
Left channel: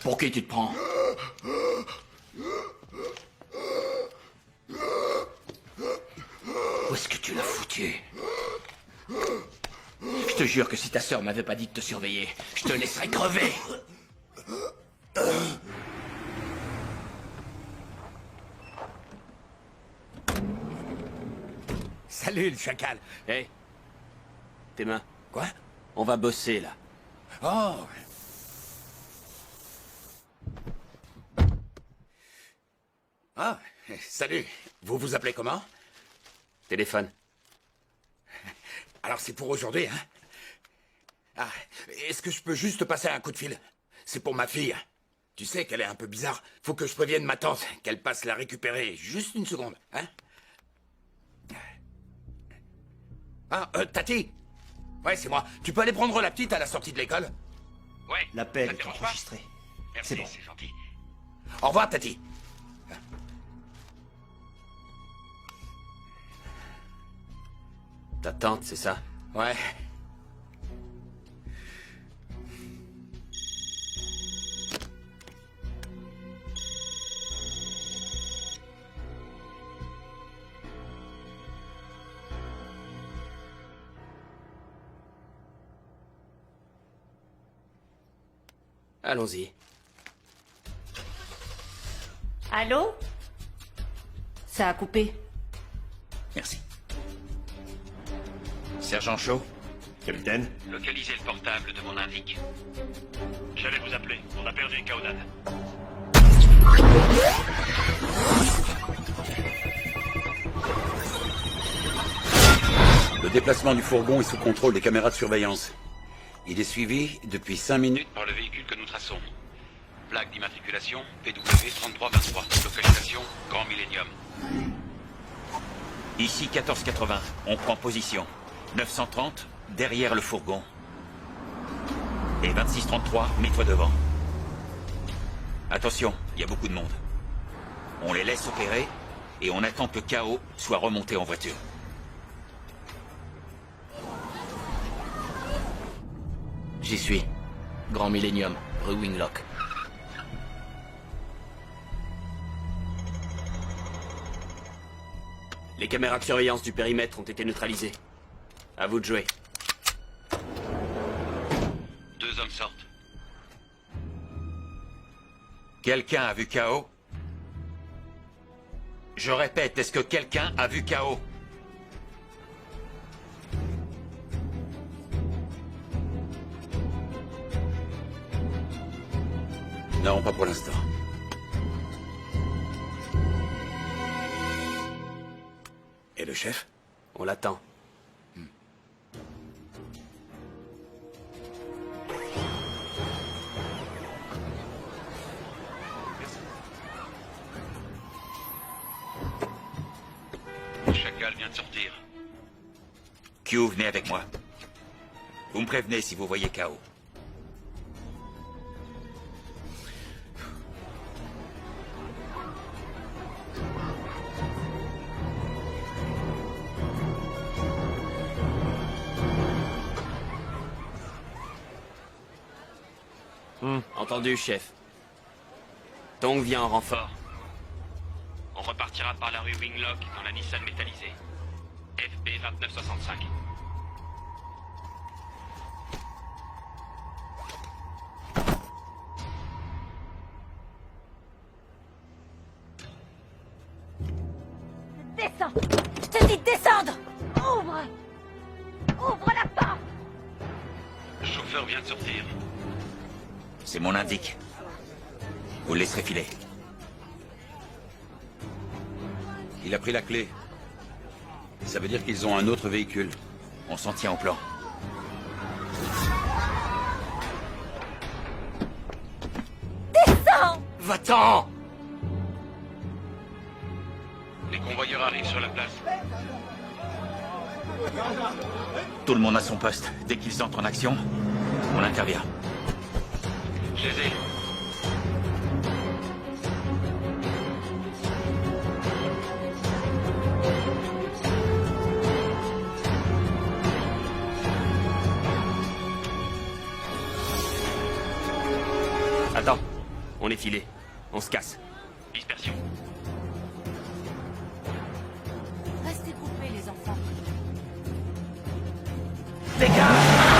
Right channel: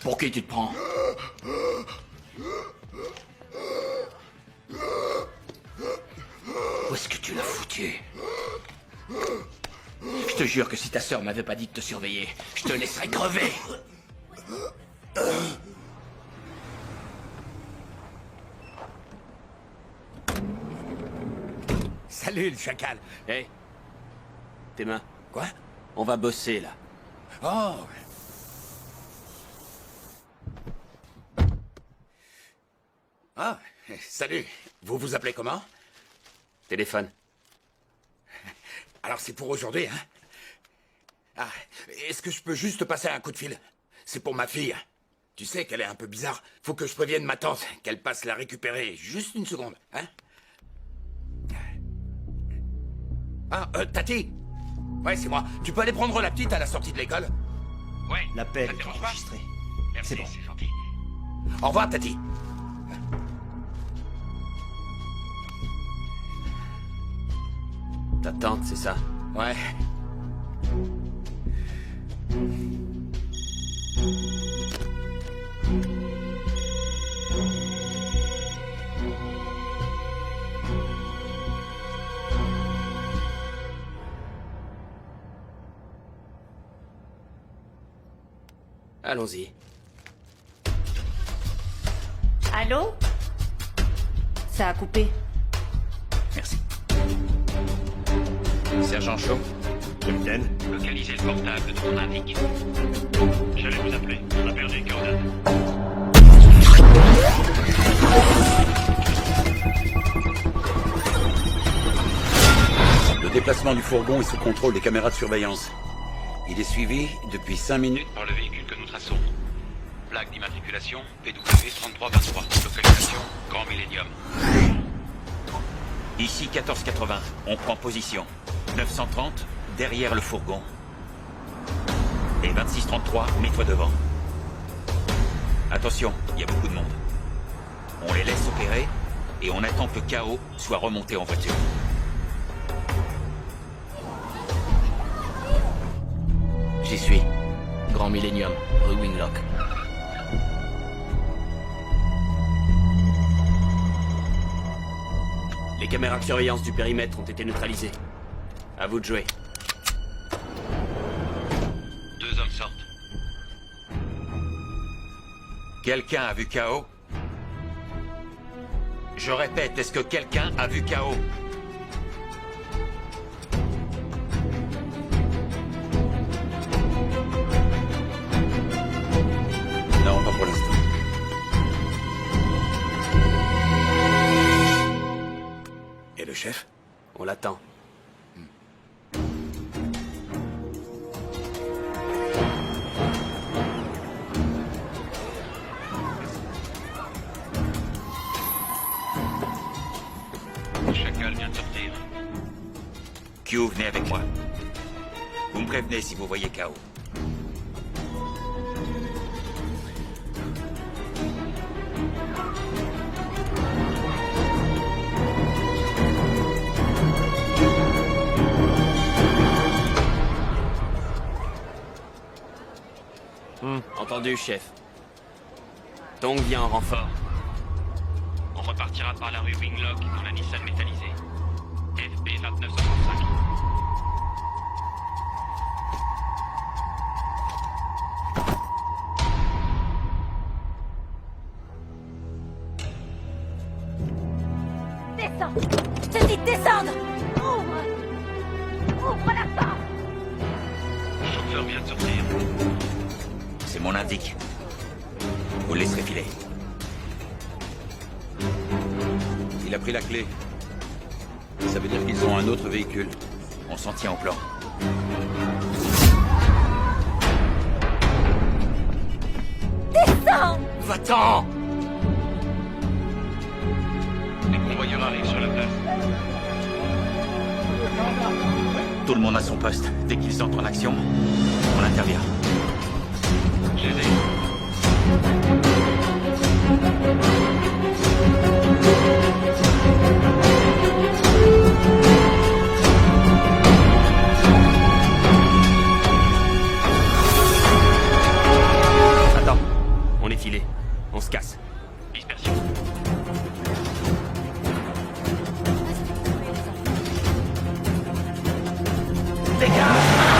Pour qui tu te prends? Où est-ce que tu l'as foutu? Je te jure que si ta sœur m'avait pas dit de te surveiller, je te laisserais crever. Salut, le chacal. Hé. Tes mains. Quoi? On va bosser, là. Oh. Ah, salut. Vous vous appelez comment? Téléphone. Alors c'est pour aujourd'hui, hein? Ah, est-ce que je peux juste passer un coup de fil? C'est pour ma fille. Tu sais qu'elle est un peu bizarre. Faut que je prévienne ma tante qu'elle passe la récupérer. Juste une seconde, hein? Ah, Tati? Ouais, c'est moi. Tu peux aller prendre la petite à la sortie de l'école? Ouais. L'appel ça te est dérange pas? enregistré. Merci, C'est bon. c'est gentil. Au revoir, Tati. Ta tante, c'est ça? Ouais. Allons-y. Allô? Ça a coupé. Merci. Sergent Shaw, Capitaine? Localisez le portable de mon indique. J'allais vous appeler. On a perdu Kaonan. Le déplacement du fourgon est sous contrôle des caméras de surveillance. Il est suivi depuis 5 minutes Par le véhicule que nous traçons. Plaque d'immatriculation PW3323. Localisation Grand Millennium. ici 1480. On prend position. 930, derrière le fourgon. Et 2633, mets-toi devant. Attention, il y a beaucoup de monde. On les laisse opérer et on attend que KO soit remonté en voiture. J'y suis. Grand Millennium, rue Winglock. Les caméras de surveillance du périmètre ont été neutralisées. À vous de jouer. 2 hommes sortent. Quelqu'un a vu KO? Je répète, est-ce que quelqu'un a vu KO? Non, pas pour l'instant. Et le chef? On l'attend. Le chacal vient de sortir. Q, venez avec moi. Vous me prévenez si vous voyez KO. Entendu, chef. Tong vient en renfort. On repartira par la rue Winglock dans la Nissan métallisée. FB 2965. Descends! Je te dis de descendre! Ouvre! Ouvre la porte! Le chauffeur vient de sortir. C'est mon indique. Vous le laisserez filer. Il a pris la clé. Ça veut dire qu'ils ont un autre véhicule. On s'en tient au plan. Descends! Va-t'en! Les convoyeurs arrivent sur la place. Tout le monde à son poste. Dès qu'ils entrent en action, on intervient. Je les ai. Attends. On est filé. On se casse. Dispersion. Restez coupés, les enfants. Les gars!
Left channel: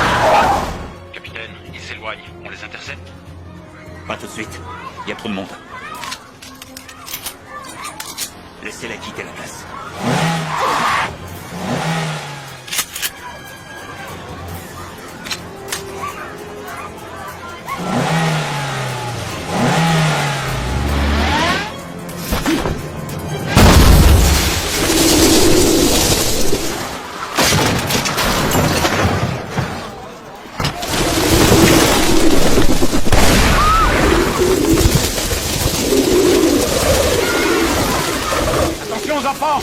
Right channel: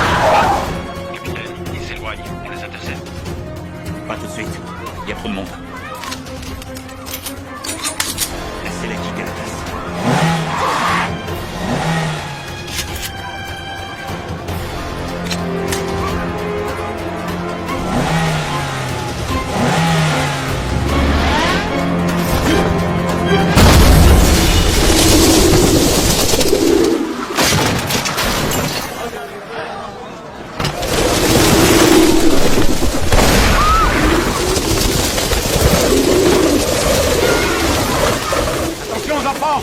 Pas tout de suite. Il y a trop de monde. Laissez-la quitter la place. Attention aux enfants!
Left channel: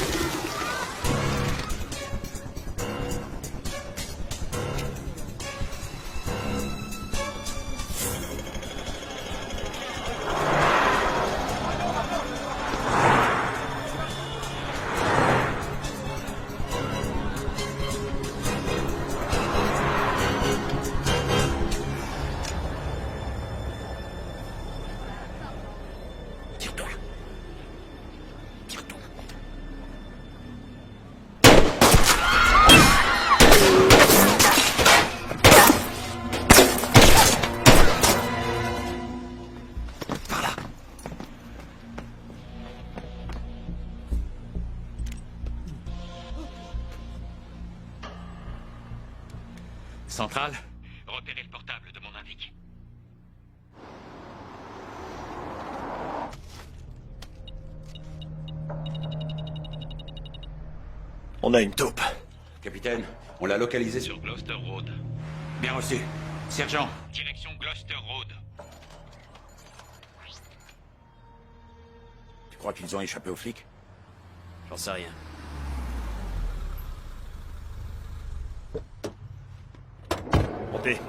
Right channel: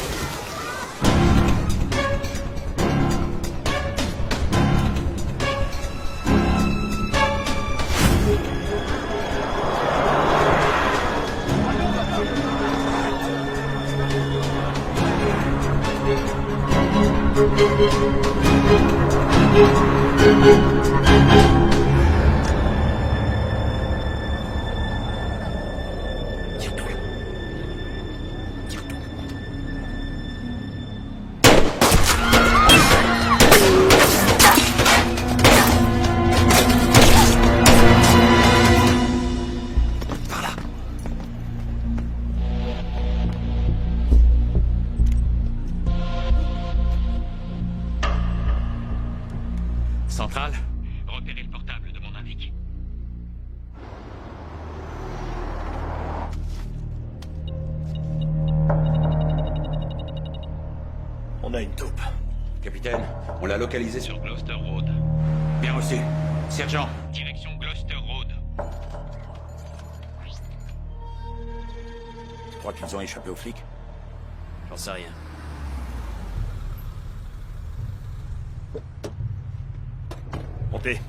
Centrale, repérez le portable de mon indique. On a une taupe. Capitaine, on l'a localisé sur... Sur Gloucester Road. Bien reçu. Sergent, Direction Gloucester Road. Tu crois qu'ils ont échappé aux flics? J'en sais rien. Montez.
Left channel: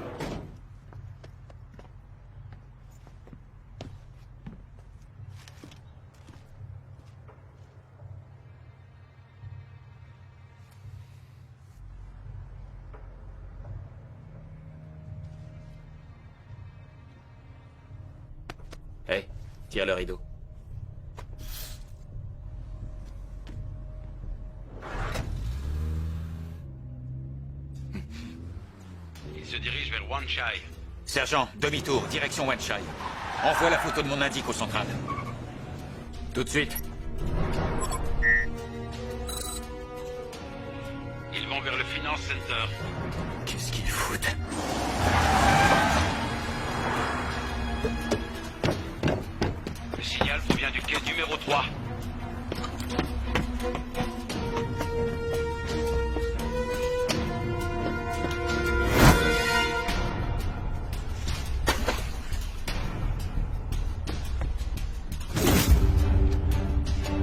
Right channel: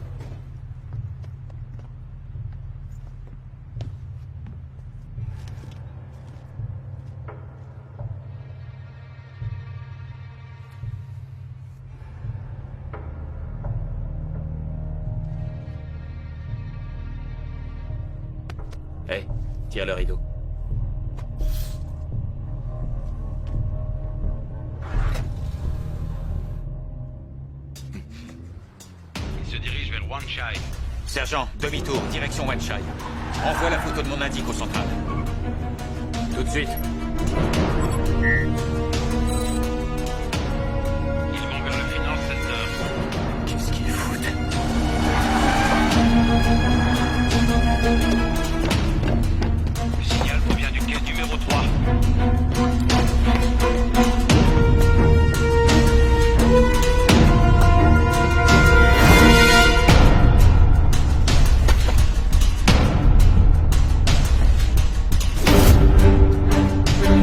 Hey, tire le rideau. Il se dirige vers Wanshire. sergent, demi-tour, direction Wanshire. Envoie la photo de mon indique au central. Tout de suite. Ils vont vers le Finance Center. Qu'est-ce qu'ils foutent? Le signal provient du quai numéro 3.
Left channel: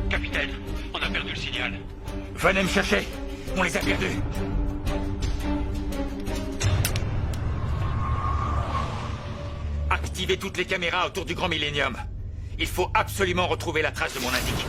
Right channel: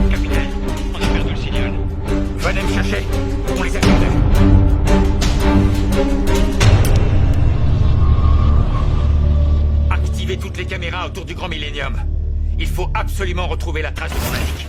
Capitaine, on a perdu le signal. Venez me chercher. On les a perdus. Activez toutes les caméras autour du Grand Millennium. Il faut absolument retrouver la trace de mon indique.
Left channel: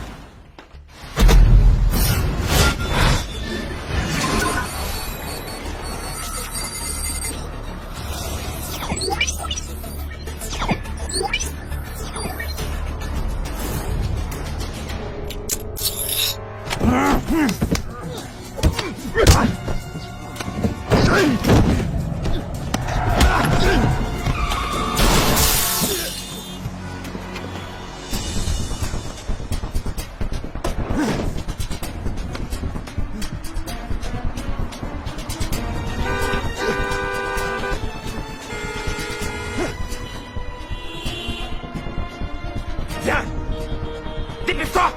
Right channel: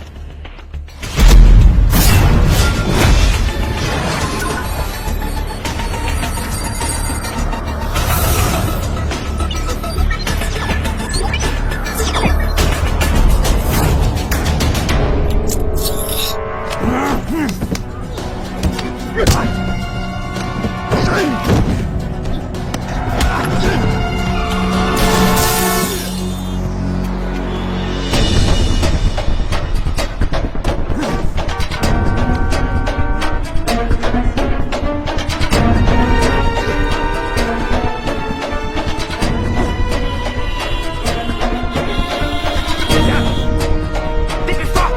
Viens! Dépêche-toi!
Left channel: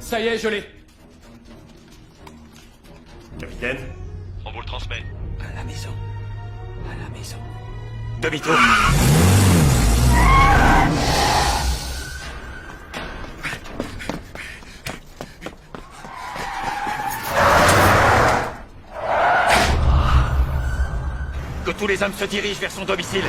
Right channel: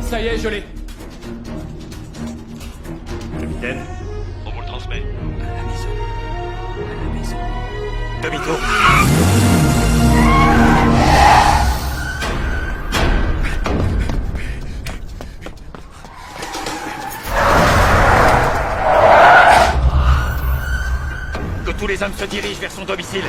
Ça y est, je l'ai. Capitaine? On vous le transmet. À la maison. À la maison. Demi-tour. Que tous les hommes se dirigent vers son domicile.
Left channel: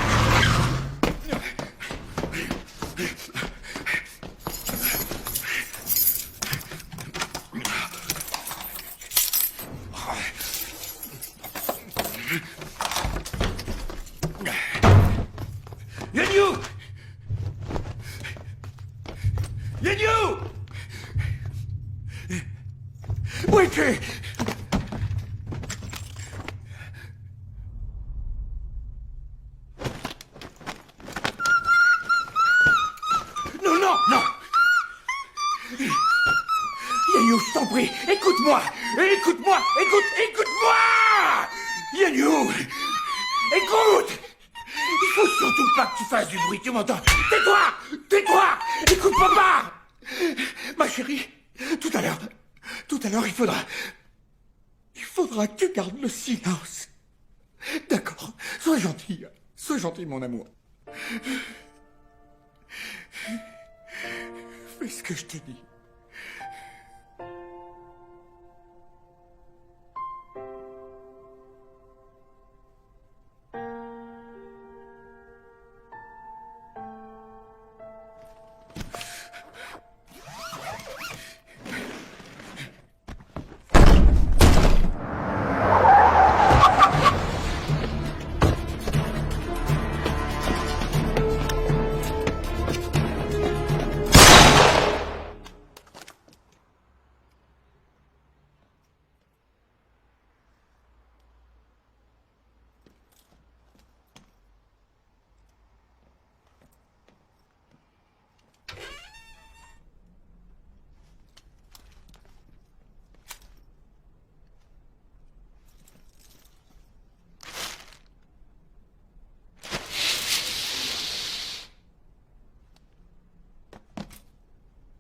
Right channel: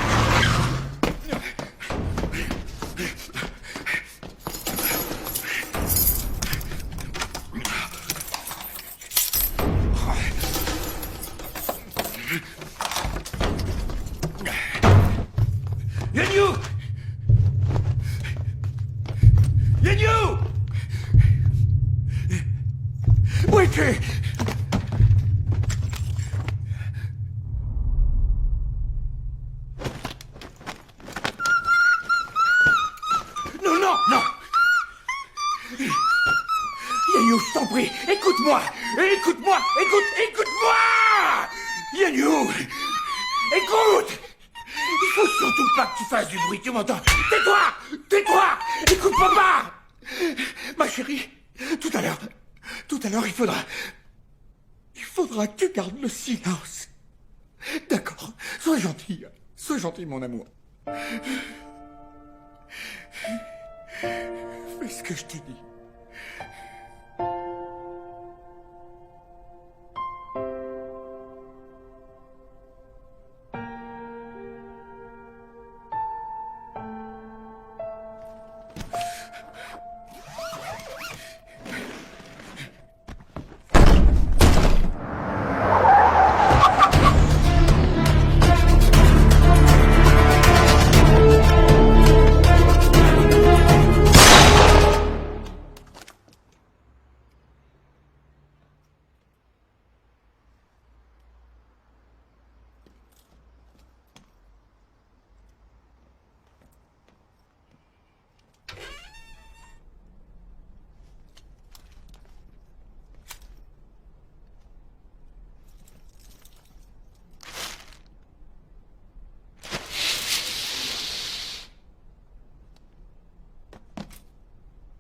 Yenyu! Yenyu! Où es-tu? Non! Yanyu, je t'en prie, écoute-moi! Écoute-moi! Écoute-moi! Yanyu! Écoute! Il faut surtout pas que tu fasses du bruit, tu m'entends? Tais-toi! Tais-toi! Écoute papa! Ma chérie, tout à l'heure, il faudra que tu gardes le silence. D'accord? Sois gentil, mon amour. Fais ce que je te dis.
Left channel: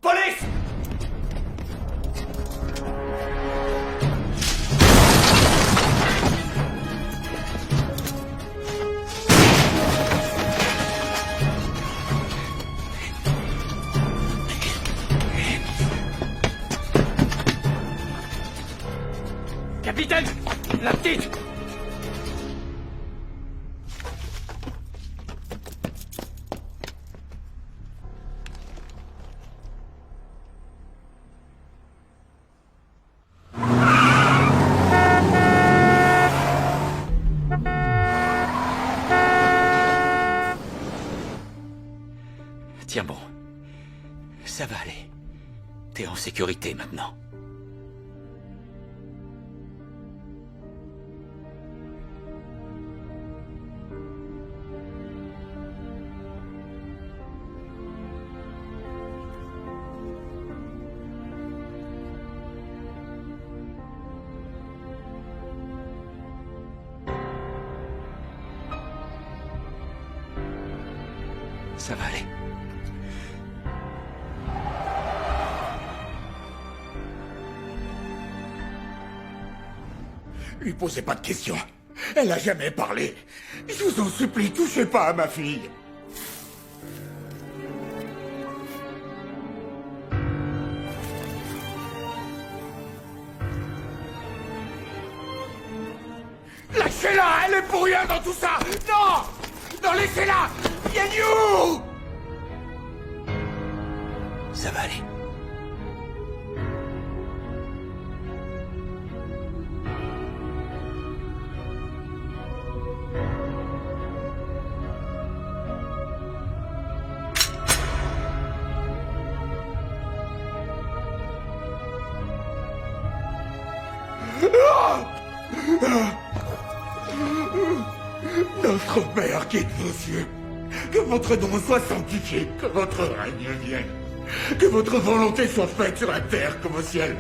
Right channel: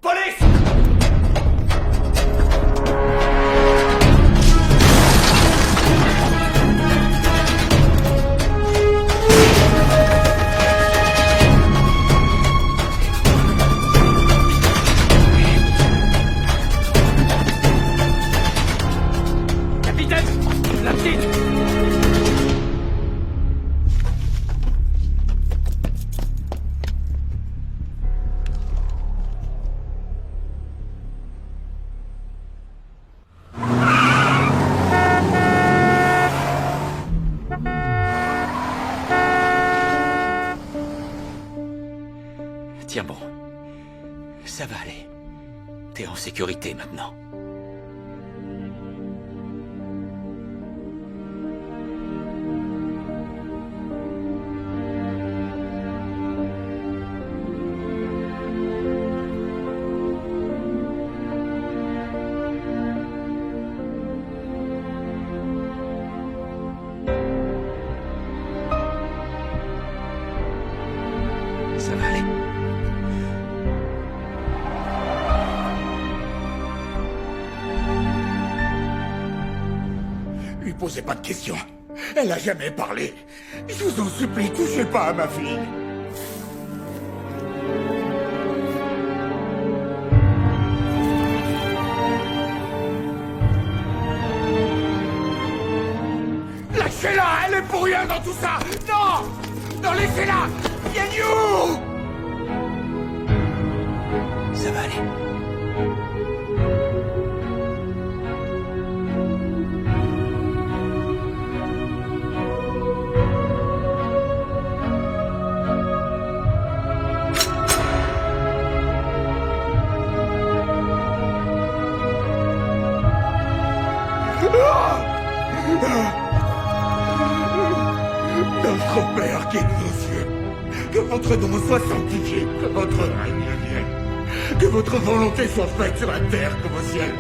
Police! Capitaine! La petite! Tiens bon. Ça va aller. T'es en sécurité maintenant. Ça va aller. Lui posez pas de questions. Elle a jamais parlé. Je vous en supplie, touchez pas à ma fille. Lâchez-la, elle est pour rien dans tout ça. Non! Non, laissez-la! Yanyu! Ça va aller. Notre Père qui est aux cieux, que votre nom soit sanctifié, que votre règne vienne, que votre volonté soit faite sur la terre comme au ciel.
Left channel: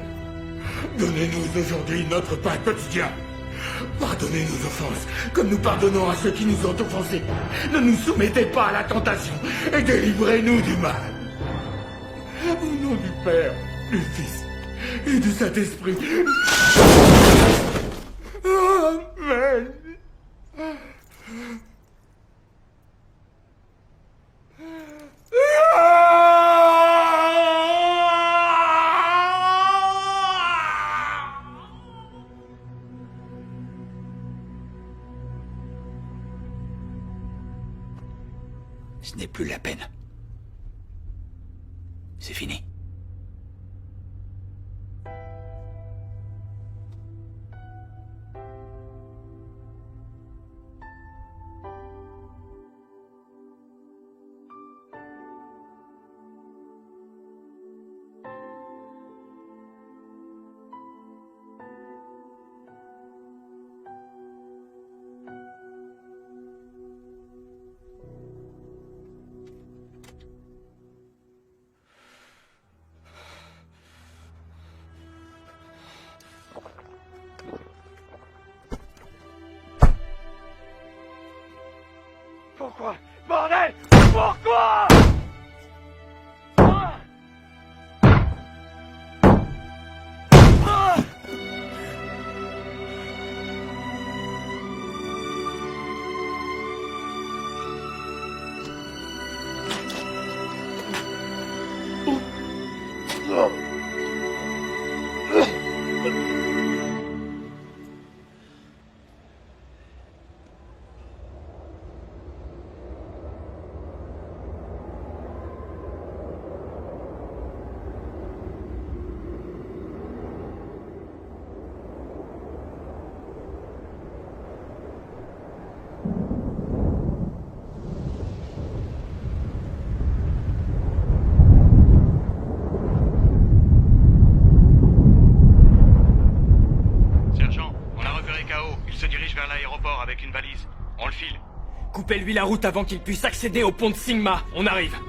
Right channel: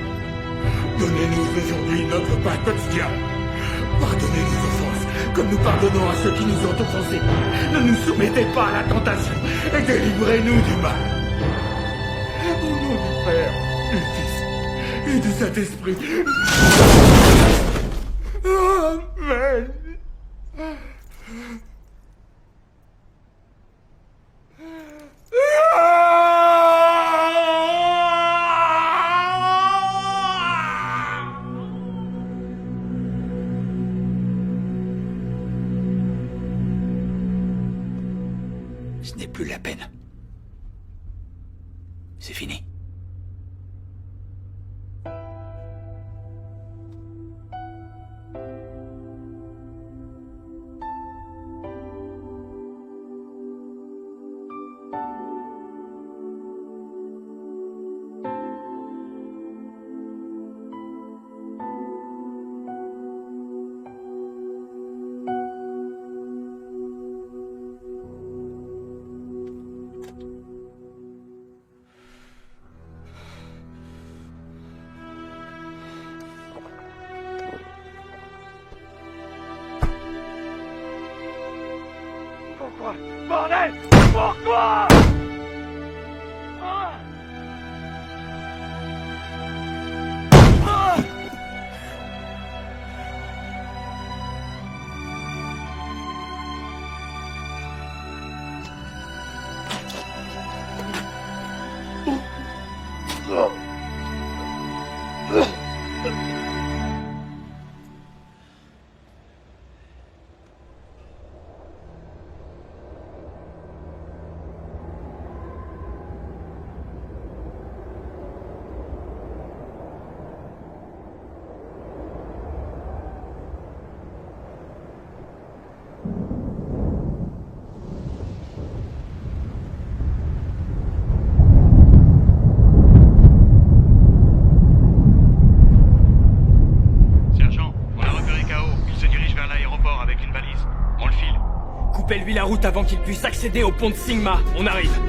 Donnez-nous aujourd'hui notre pain quotidien. Pardonnez nos offenses, comme nous pardonnons à ceux qui nous ont offensés. Ne nous soumettez pas à la tentation et délivrez-nous du mal. Au nom du Père, du Fils et du Saint-Esprit. Amen. Ce n'est plus la peine. C'est fini. Coupez-lui la route avant qu'il puisse accéder au pont de Sigma. On arrive.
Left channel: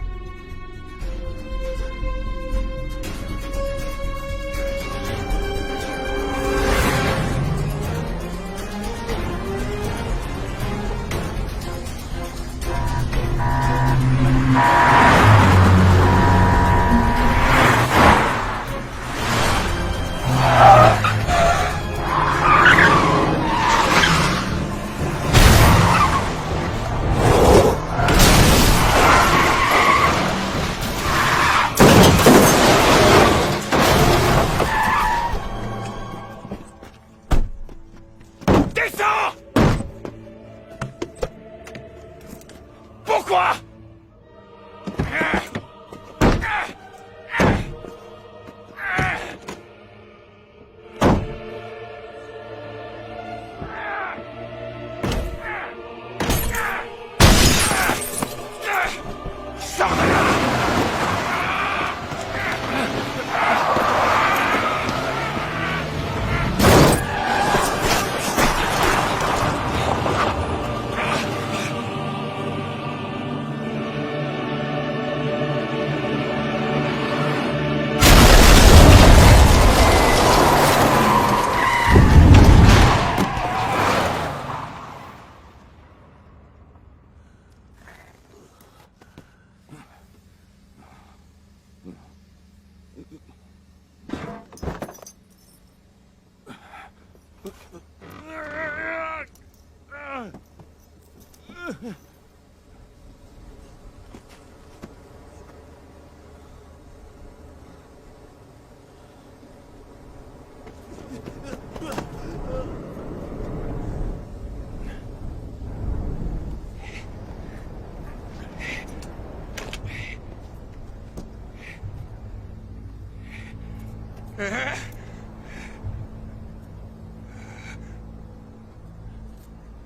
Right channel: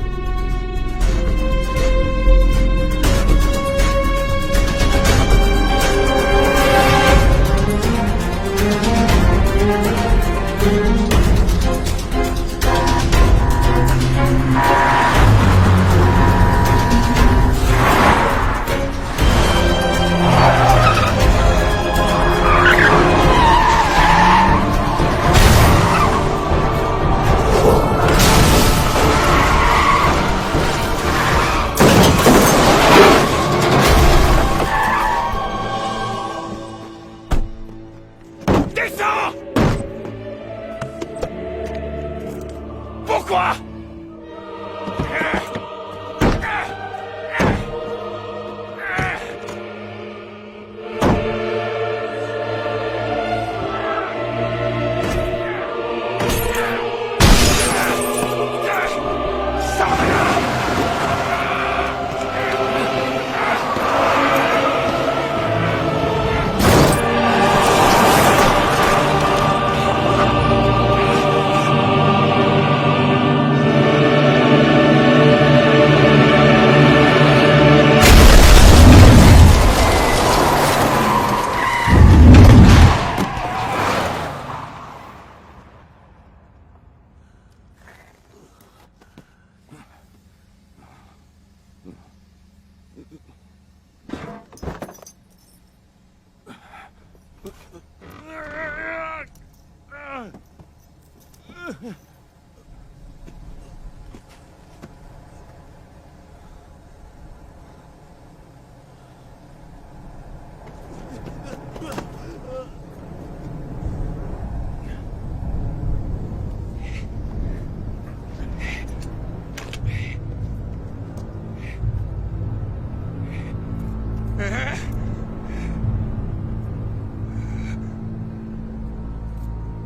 Descends! Pourquoi?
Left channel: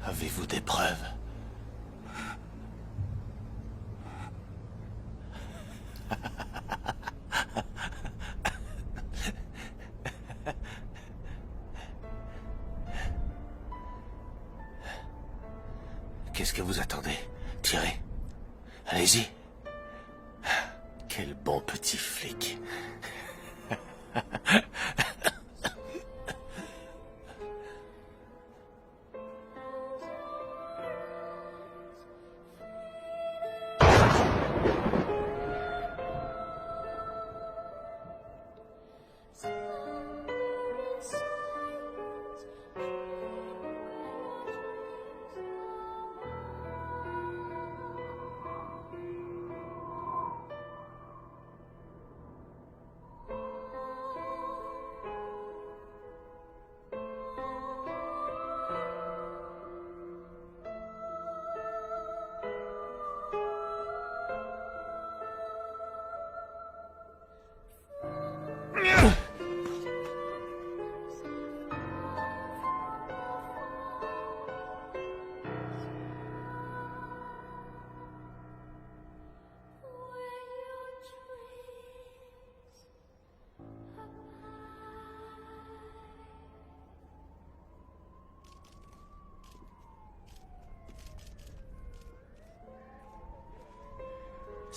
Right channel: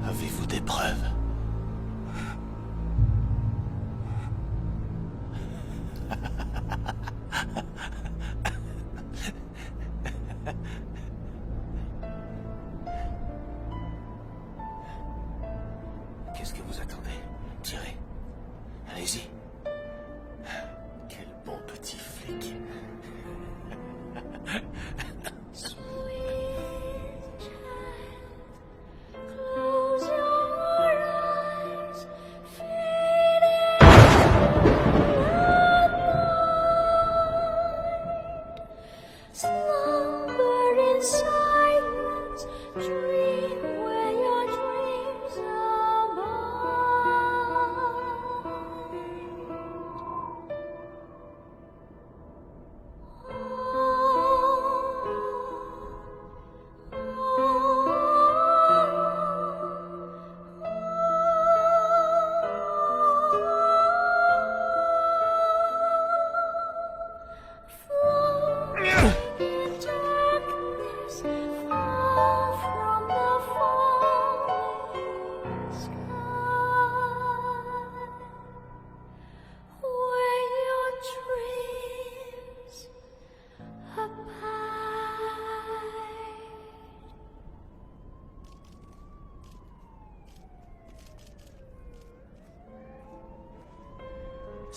Avez-vous des preuves? Qu'est-ce que vous attendez? Tirez. Allez-y. Quel bon petit flic.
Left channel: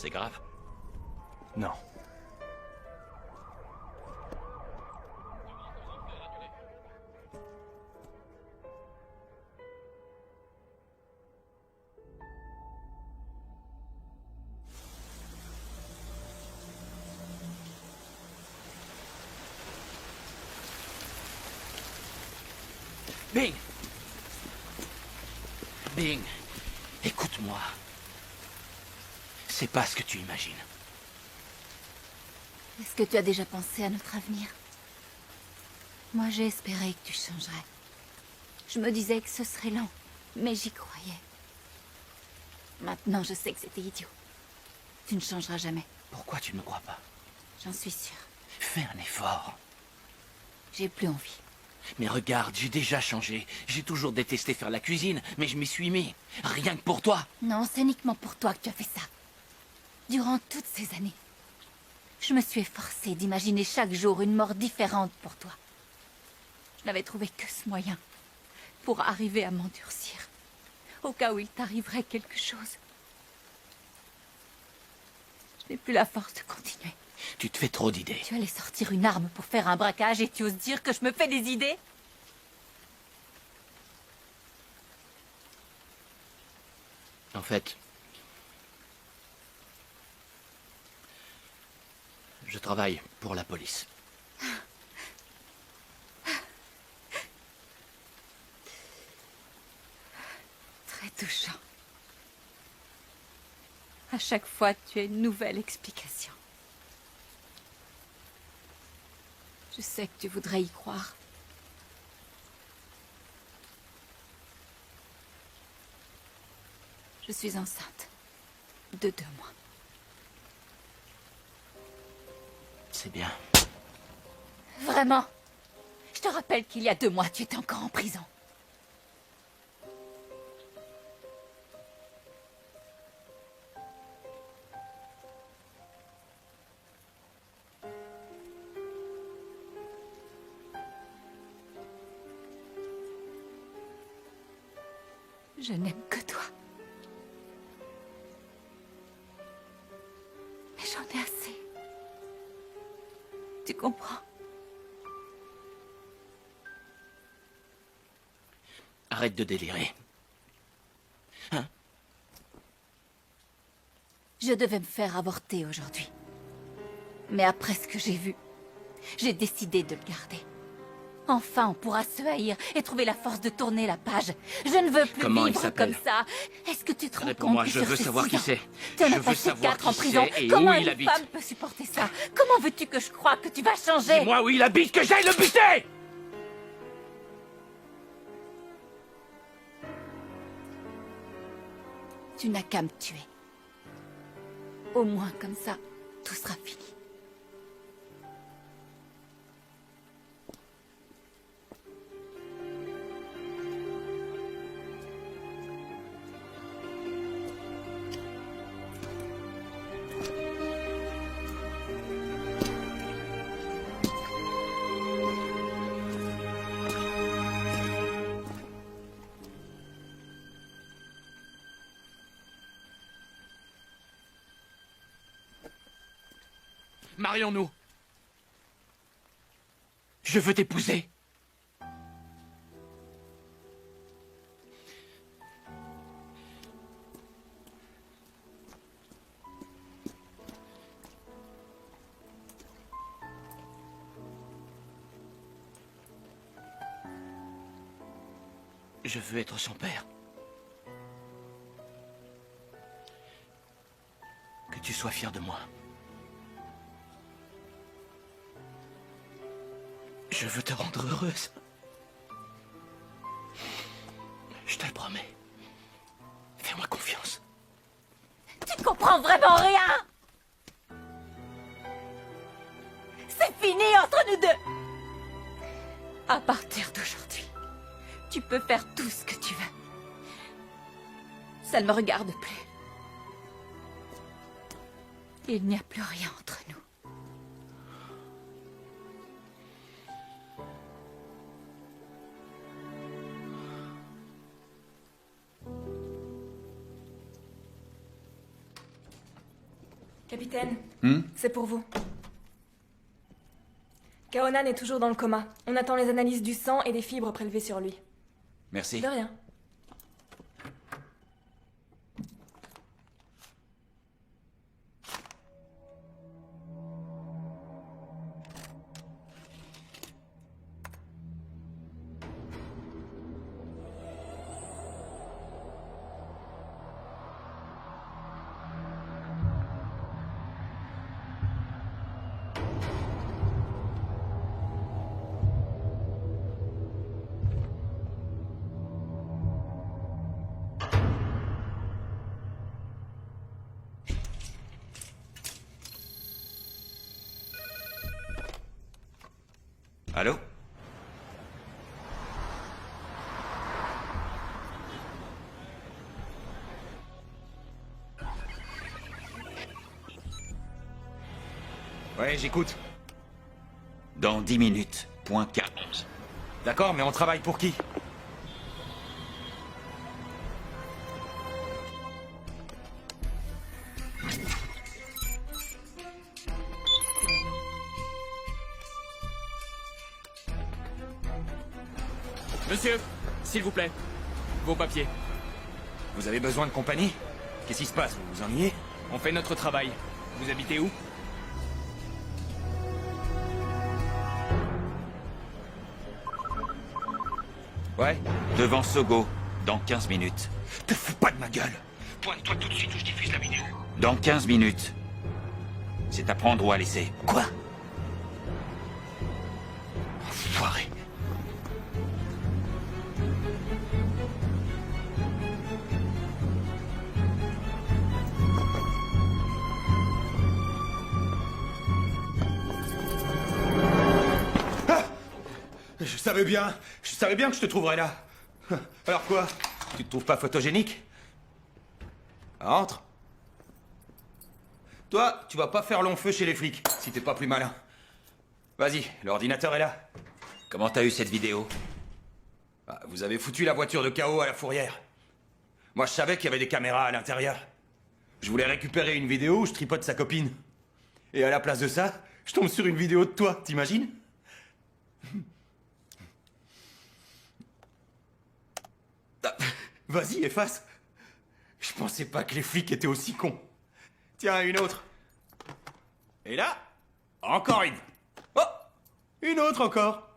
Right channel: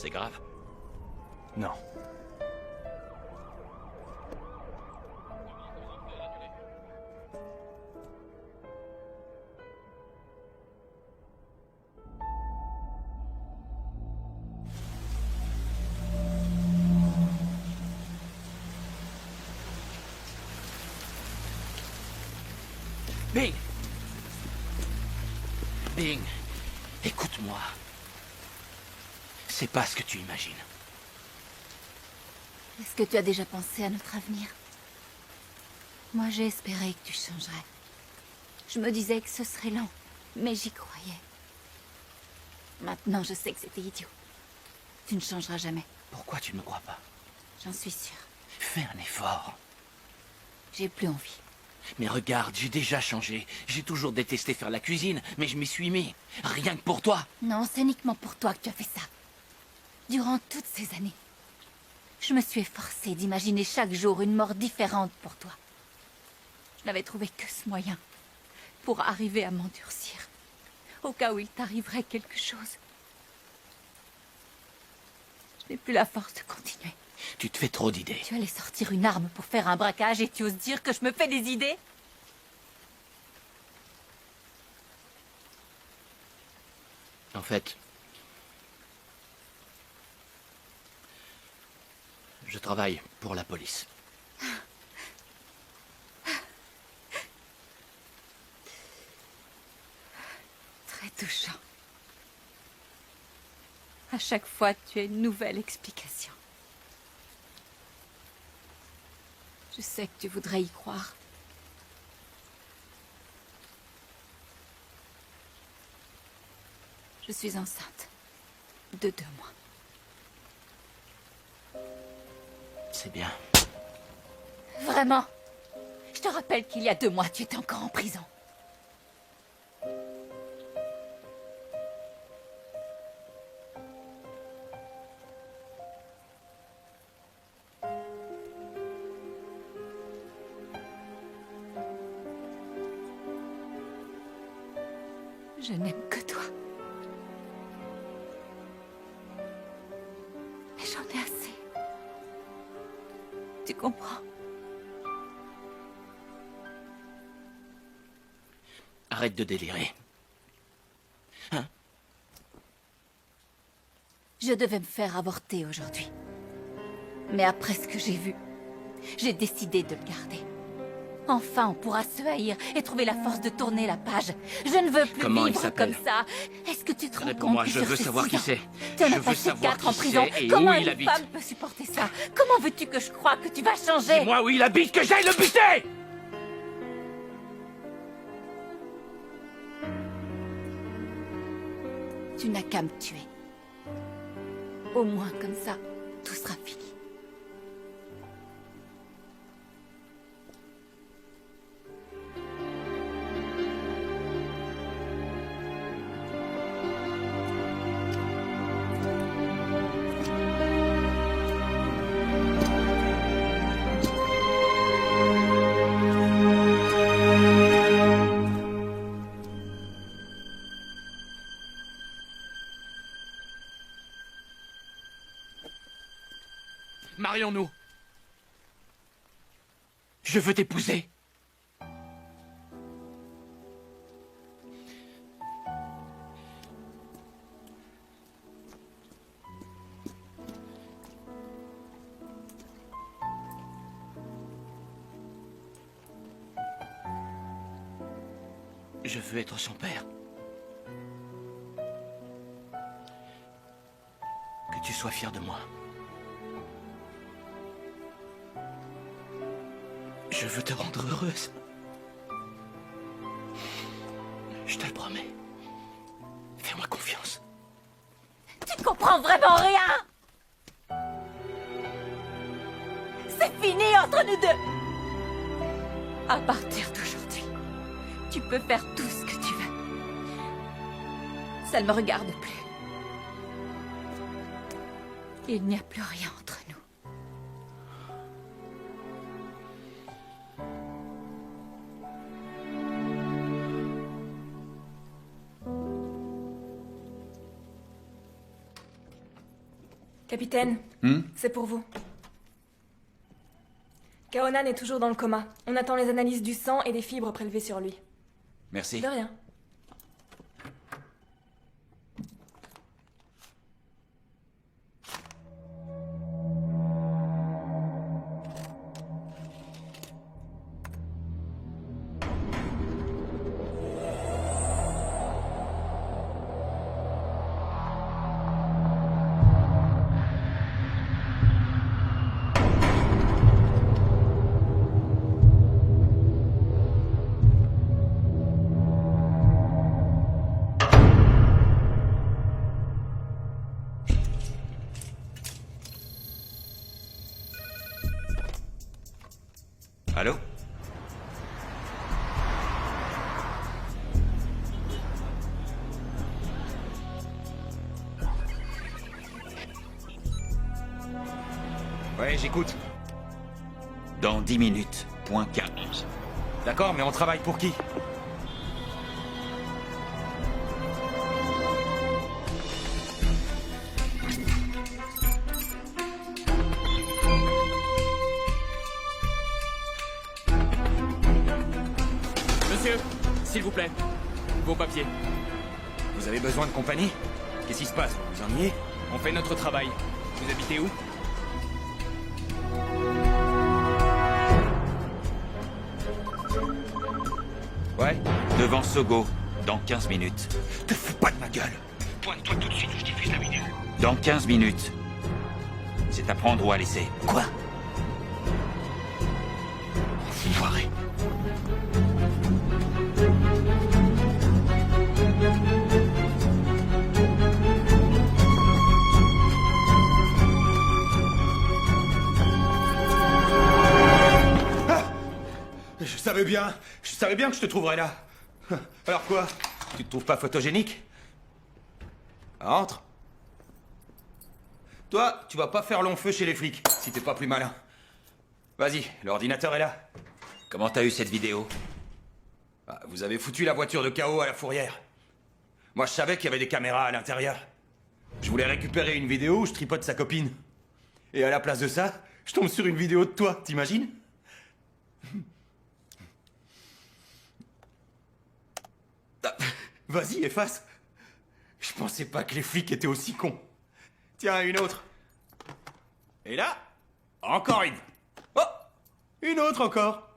C'est grave? Non. Bing! Bing, écoute-moi. C'est pas ce que tu imagines. Est-ce que tu as déjà pensé à notre avenir? Moi, j'ai espéré que tu changerais. Je me disais que ce serait lent, mais j'y croyais. Maintenant, je sais que c'était idiot. Tu ne changeras jamais. Pourquoi tu ne me crois pas? J'en suis sûre. Fais un effort. J'ai plus envie. Mais regarde, j'ai déjà changé. J'ai toujours détesté faire la cuisine, mais je m'y suis mis. Rien que pour toi. Non, c'est uniquement pour toi que tu as fait ça. Durant toutes ces années, je me suis efforcée d'imaginer chaque jour une mort différente pour toi. Je n'avais trouvé que ce moyen pour arriver à m'endurcir. au cas où il t'arriverait quelque chose. Je n'ai plus la force de continuer. Tu te fais trop d'idées. Tu allais sortir une arme pour faire un braquage et tu oses dire que je me fais des idées? En fait, je travaille pour la police. Très touchant. À chaque fois, tu as une nouvelle explication. Je sais que tu voudrais y croire. Je suis enceinte. De 2 mois. C'est bien. Vraiment? Je te rappelle qu'il y a 2 mois, tu étais encore en prison. Je n'aime que toi. Mais j'en ai assez. Tu comprends? Arrête de délirer. Hein? Je devais me faire avorter aujourd'hui. Mais après ce que j'ai vu, j'ai décidé de le garder. Enfin, on pourra se haïr et trouver la force de tourner la page. Je ne veux plus Comment il vivre s'appelle? comme ça. Est-ce que tu te rends compte Réponds-moi, que je sur veux ces savoir 6 qui ans, c'est. tu en Je as veux passé savoir 4 en qui prison. c'est et Comment où il une habite. femme peut supporter ça? Comment veux-tu que je croie que tu vas changer? Dis-moi où il habite, que j'aille le buter! Tu n'as qu'à me tuer. Au moins comme ça, tout sera fini. Marions-nous. Je veux t'épouser. Je veux être son père. Que tu sois fier de moi. Je veux te rendre heureuse. Je te le promets. Fais-moi confiance. Tu comprends vraiment rien? C'est fini entre nous deux. À partir d'aujourd'hui, tu peux faire tout ce que tu veux. Ça ne me regarde plus. Il n'y a plus rien entre nous. Capitaine, c'est pour vous. Kaonan est toujours dans le coma. On attend les analyses du sang et des fibres prélevées sur lui. Merci. De rien. Allô? Ouais, j'écoute. Dans 10 minutes, point K11. D'accord, mais on travaille pour qui? Monsieur, s'il vous plaît. Vos papiers. Vous avez besoin de compagnie? Qu'est-ce qui se passe? Vous vous ennuyez? On fait notre travail. Vous habitez où? Ouais? Devant Sogo, dans 15 minutes. Te fous pas de ma gueule. Pointe-toi tout de suite où je diffuse la vidéo. Dans 15 minutes. C'est à prendre ou à laisser. Quoi? Enfoiré. Je savais bien que je te trouverais là. Alors quoi? Tu te trouves pas photogénique? Entre. Toi, tu vas pas faire long feu chez les flics, si t'es pas plus malin. Vas-y, l'ordinateur est là. Comment t'as eu cette vidéo? Ah, vous avez foutu la voiture de KO à la fourrière. Moi, je savais qu'il y avait des caméras à l'intérieur. Je voulais récupérer une vidéo où je tripote sa copine. Et à la place de ça, je tombe sur une vidéo de toi, t'imagines? Vas-y, efface. Je pensais pas que les flics étaient aussi cons. Tiens, une autre. Et là, encore une. Oh, une autre encore.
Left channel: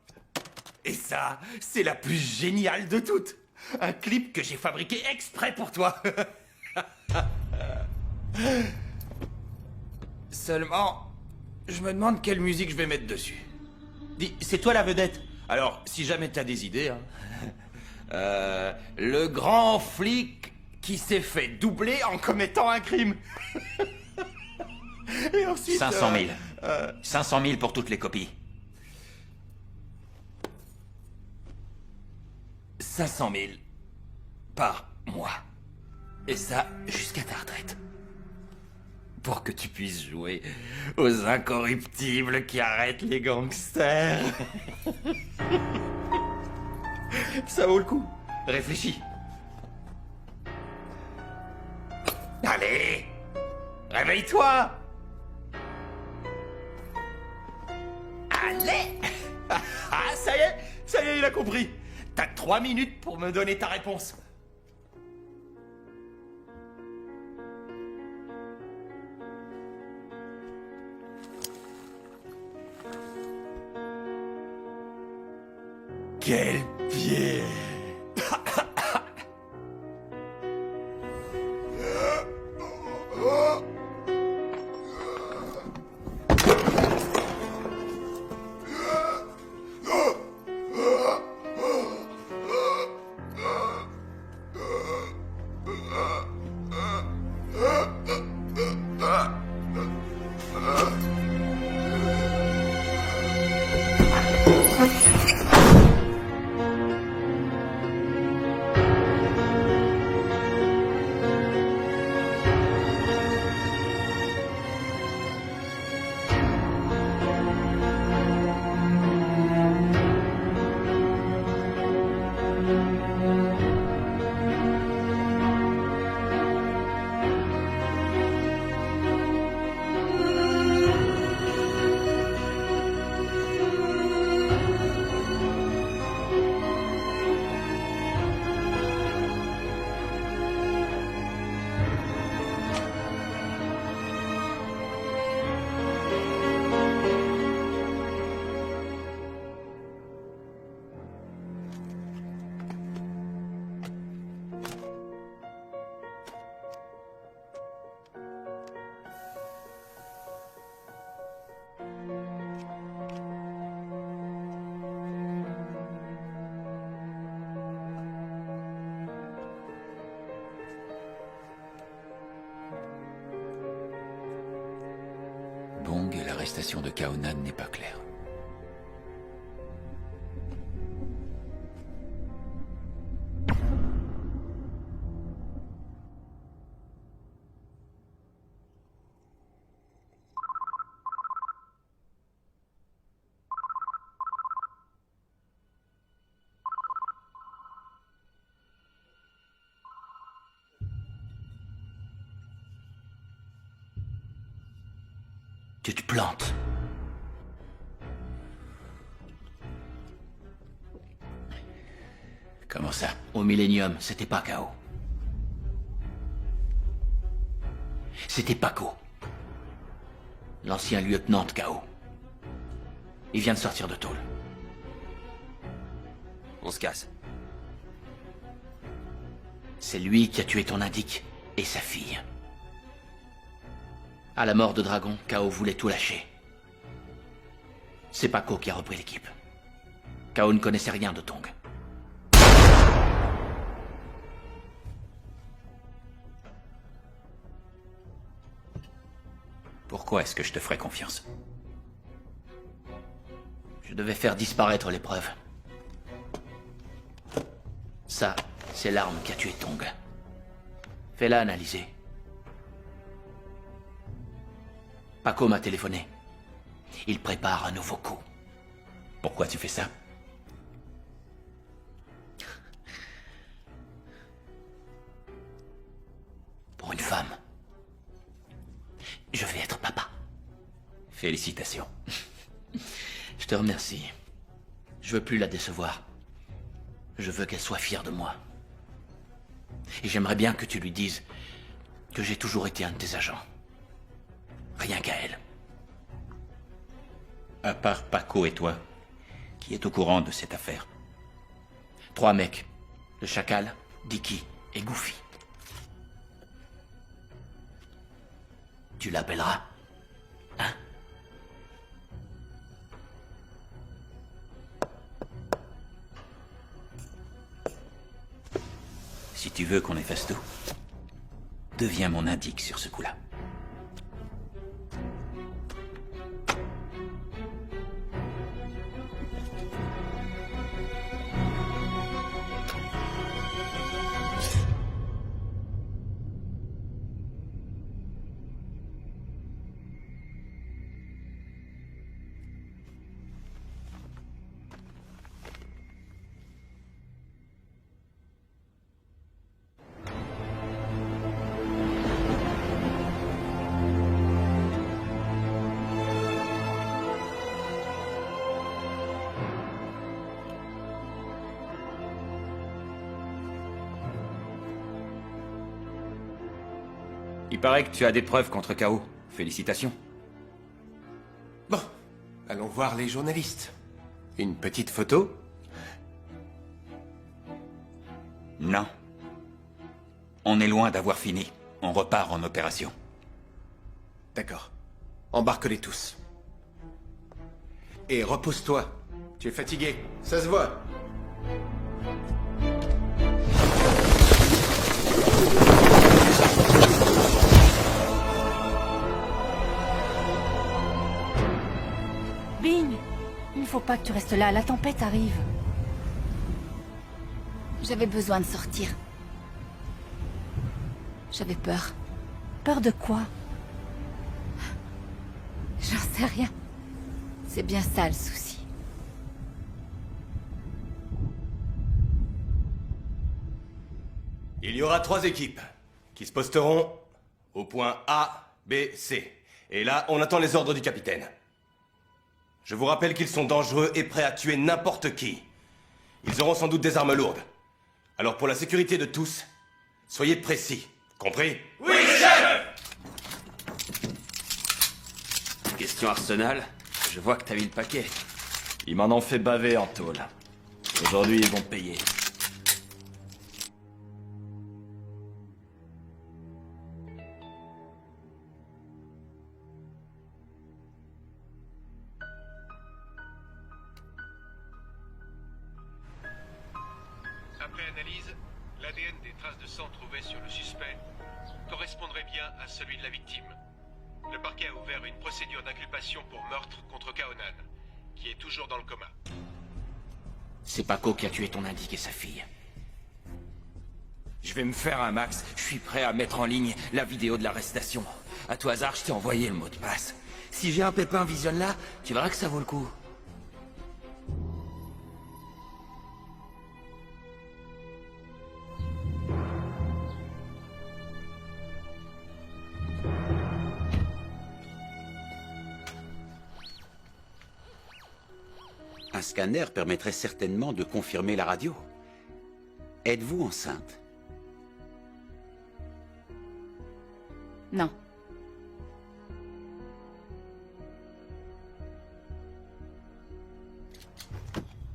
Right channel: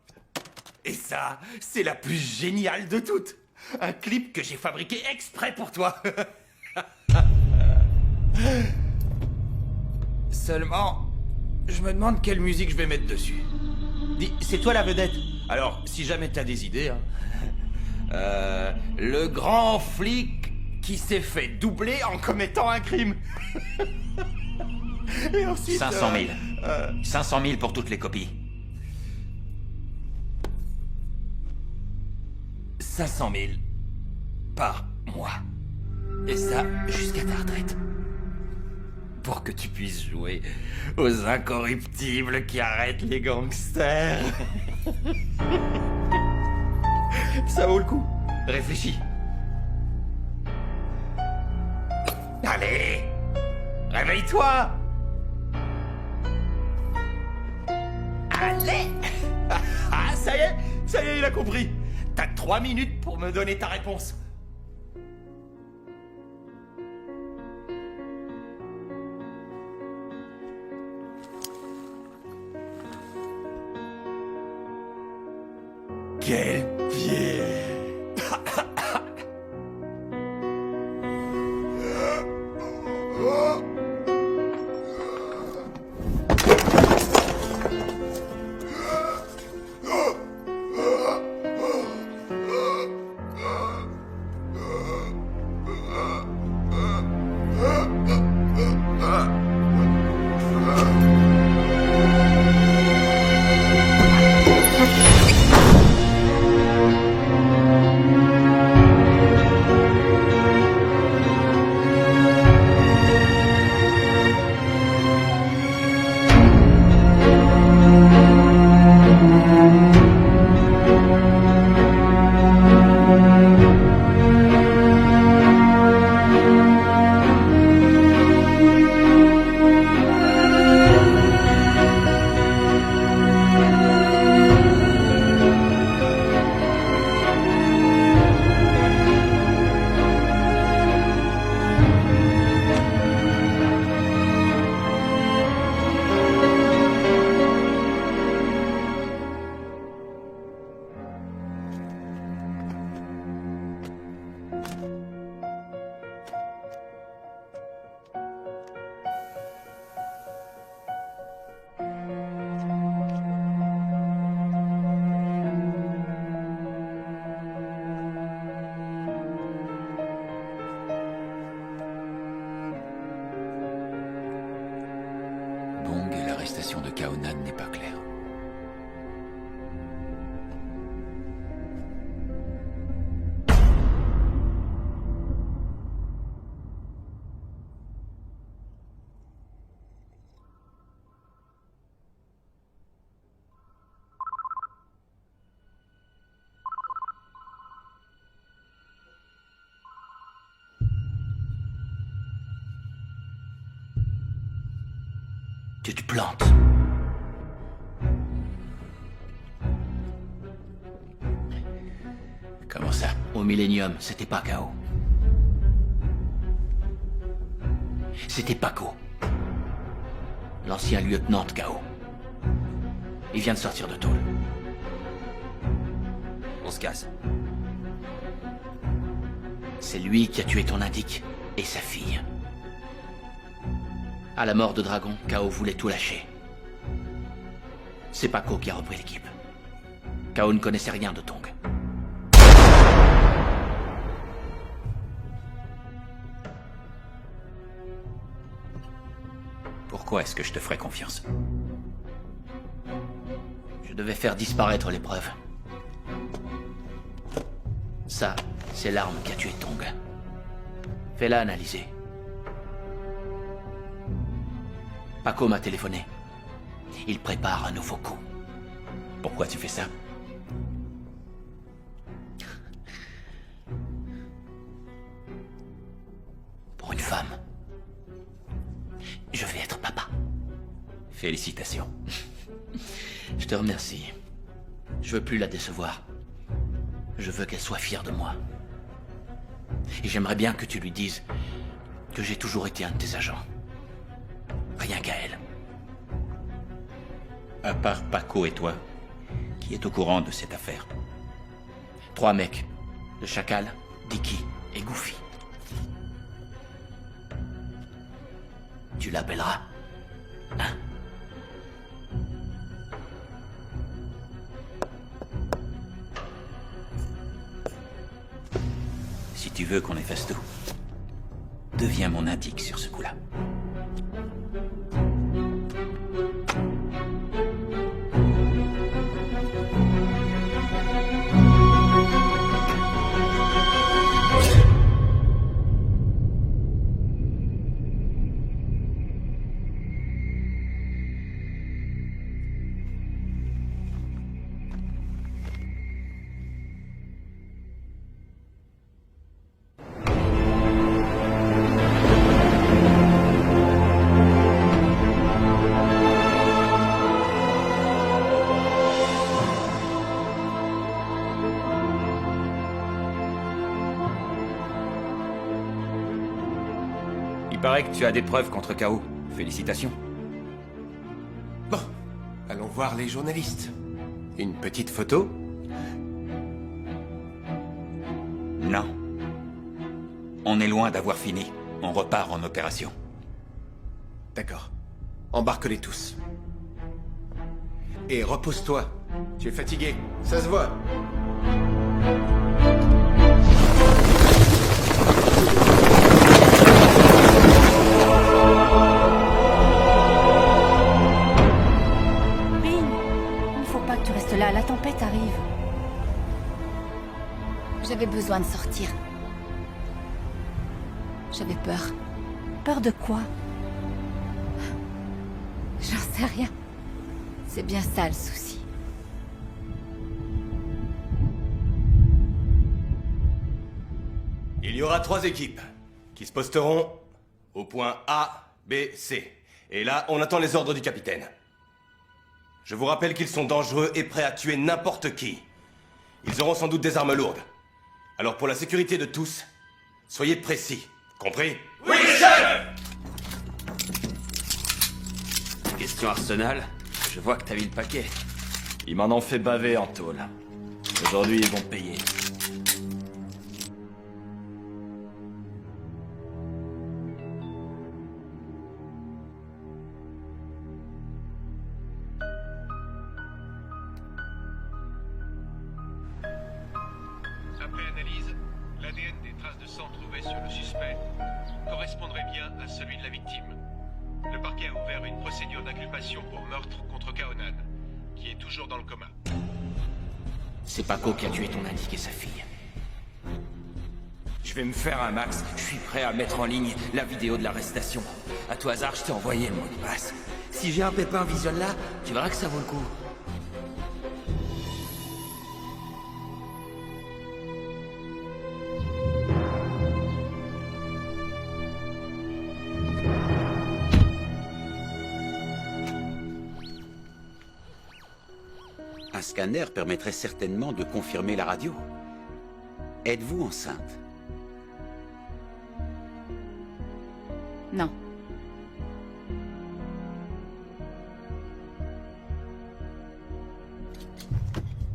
Et ça, c'est la plus géniale de toutes. Un clip que j'ai fabriqué exprès pour toi. Seulement, je me demande quelle musique je vais mettre dessus. Dis, c'est toi la vedette. Alors, si jamais t'as des idées, hein. Le grand flic qui s'est fait doubler en commettant un crime. Et ensuite... 500 000. 500 000 pour toutes les copies. 500 000 par mois. Et ça, jusqu'à ta retraite. Pour que tu puisses jouer aux incorruptibles qui arrêtent les gangsters. Ça vaut le coup. Réfléchis. Allez, réveille-toi. Allez. Ah, ça y est, il a compris. T'as 3 minutes pour me donner ta réponse. Quel pied! Bong et l'arrestation de Kaonan n'est pas claire. Tu te plantes. Comment ça? Au Millennium, c'était pas K.O. C'était Paco. L'ancien lieutenant de K.O. Il vient de sortir de tôle. On se casse. C'est lui qui a tué ton indique et sa fille. À la mort de Dragon, K.O. voulait tout lâcher. C'est Paco qui a repris l'équipe. K.O. ne connaissait rien de Tong. Pourquoi est-ce que je te ferais confiance? Je devais faire disparaître les preuves. Ça, c'est l'arme qui a tué Tong. Fais-la analyser. Paco m'a téléphoné. Il prépare un nouveau coup. Pourquoi tu fais ça? Pour une femme. Je vais être papa. Félicitations. Je te remercie. Je veux plus la décevoir. Je veux qu'elle soit fière de moi. Et j'aimerais bien que tu lui dises que j'ai toujours été un de tes agents. Rien qu'à elle. À part Paco et toi, qui est au courant de cette affaire? 3 mecs. Le Chacal, Dicky et Goofy. Tu l'appelleras, hein? Si tu veux qu'on efface tout, deviens mon indique sur ce coup-là. Il paraît que tu as des preuves contre K.O. Félicitations. Bon, allons voir les journalistes. Une petite photo? Non. On est loin d'avoir fini. On repart en opération. D'accord. Embarque-les tous. Et repose-toi. Tu es fatigué, ça se voit. Bing, il ne faut pas que tu restes là, la tempête arrive. J'avais besoin de sortir. J'avais peur. Peur de quoi? J'en sais rien. C'est bien ça le souci. Il y aura 3 équipes qui se posteront au point A, B, C. Et là, on attend les ordres du capitaine. Je vous rappelle qu'ils sont dangereux et prêts à tuer n'importe qui. Ils auront sans doute des armes lourdes. Alors pour la sécurité de tous, soyez précis. Compris? Oui, chef! Question Arsenal, je vois que t'as mis le paquet. Ils m'en ont fait baver en tôle. Aujourd'hui, ils vont payer. Après analyse, l'ADN des traces de sang trouvées sur le suspect correspondrait bien à celui de la victime. Le parquet a ouvert une procédure d'inculpation pour meurtre contre Kaonan, qui est toujours dans le coma. C'est Paco qui a tué ton indique et sa fille. Je vais me faire un max, je suis prêt à mettre en ligne la vidéo de l'arrestation. À tout hasard, je t'ai envoyé le mot de passe. Si j'ai un pépin, visionne-la, tu verras que ça vaut le coup. Un scanner permettrait certainement de confirmer la radio. Êtes-vous enceinte? Non.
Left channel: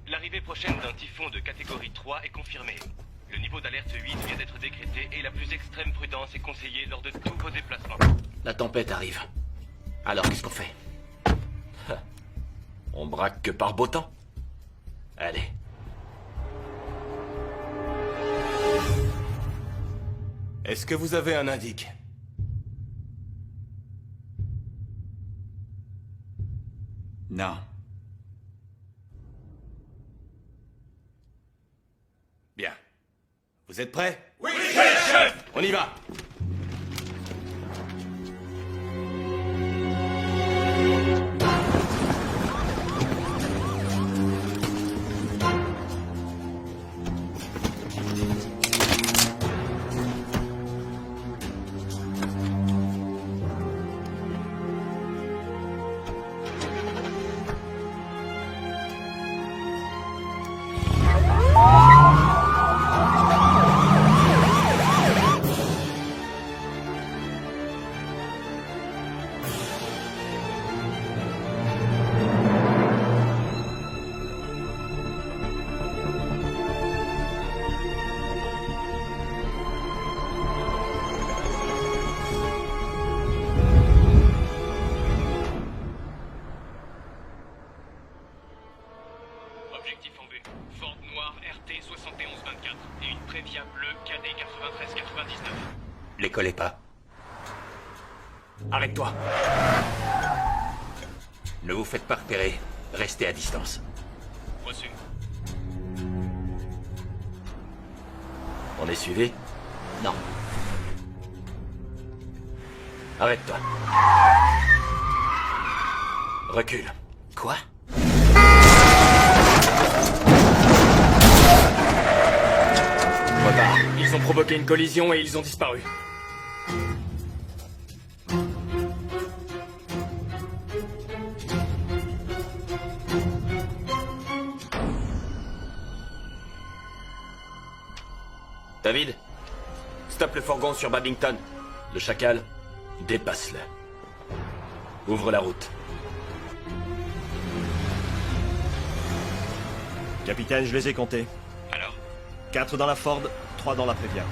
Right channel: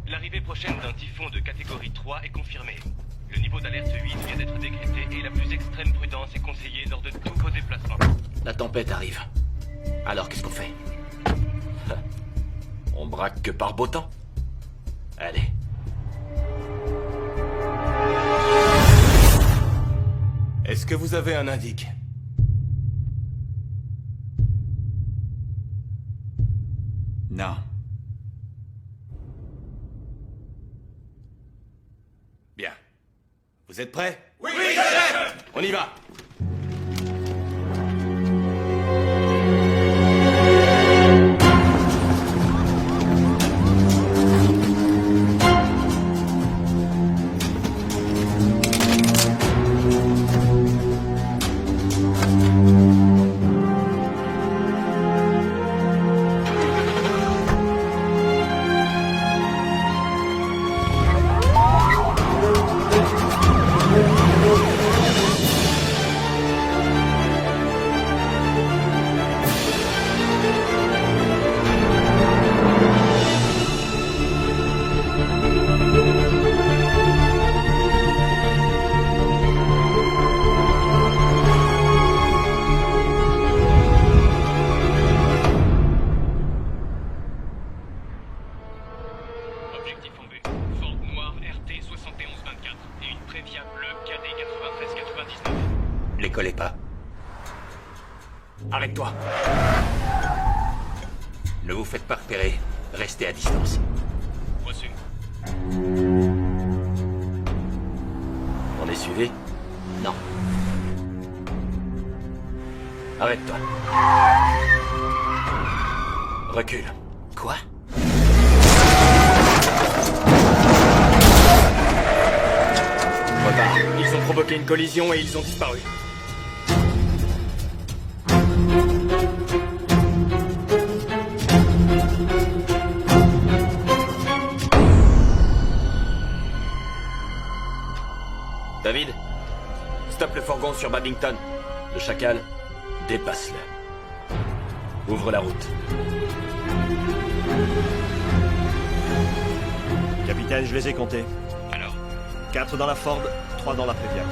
L'arrivée prochaine d'un typhon de catégorie 3 est confirmée. Le niveau d'alerte 8 vient d'être décrété et la plus extrême prudence est conseillée lors de tous vos déplacements. La tempête arrive. Alors qu'est-ce qu'on fait? On braque que par beau temps. Allez. Est-ce que vous avez un indique? Non. Bien. Vous êtes prêts? Oui, On y va. Objectif en vue. Ford noir RT 7124 et une Previa bleue KD 9399. Les collez pas. Arrête-toi. Ne vous faites pas repérer. Restez à distance. Reçu. On est suivi? Non. Arrête-toi. Recule. Quoi? Repars. Ils ont provoqué une collision et ils ont disparu. David, stoppe le fourgon sur Babington. Le chacal, dépasse-le. Ouvre la route. Capitaine, je les ai comptés. Alors? 4 dans la Ford, 3 dans la Previa.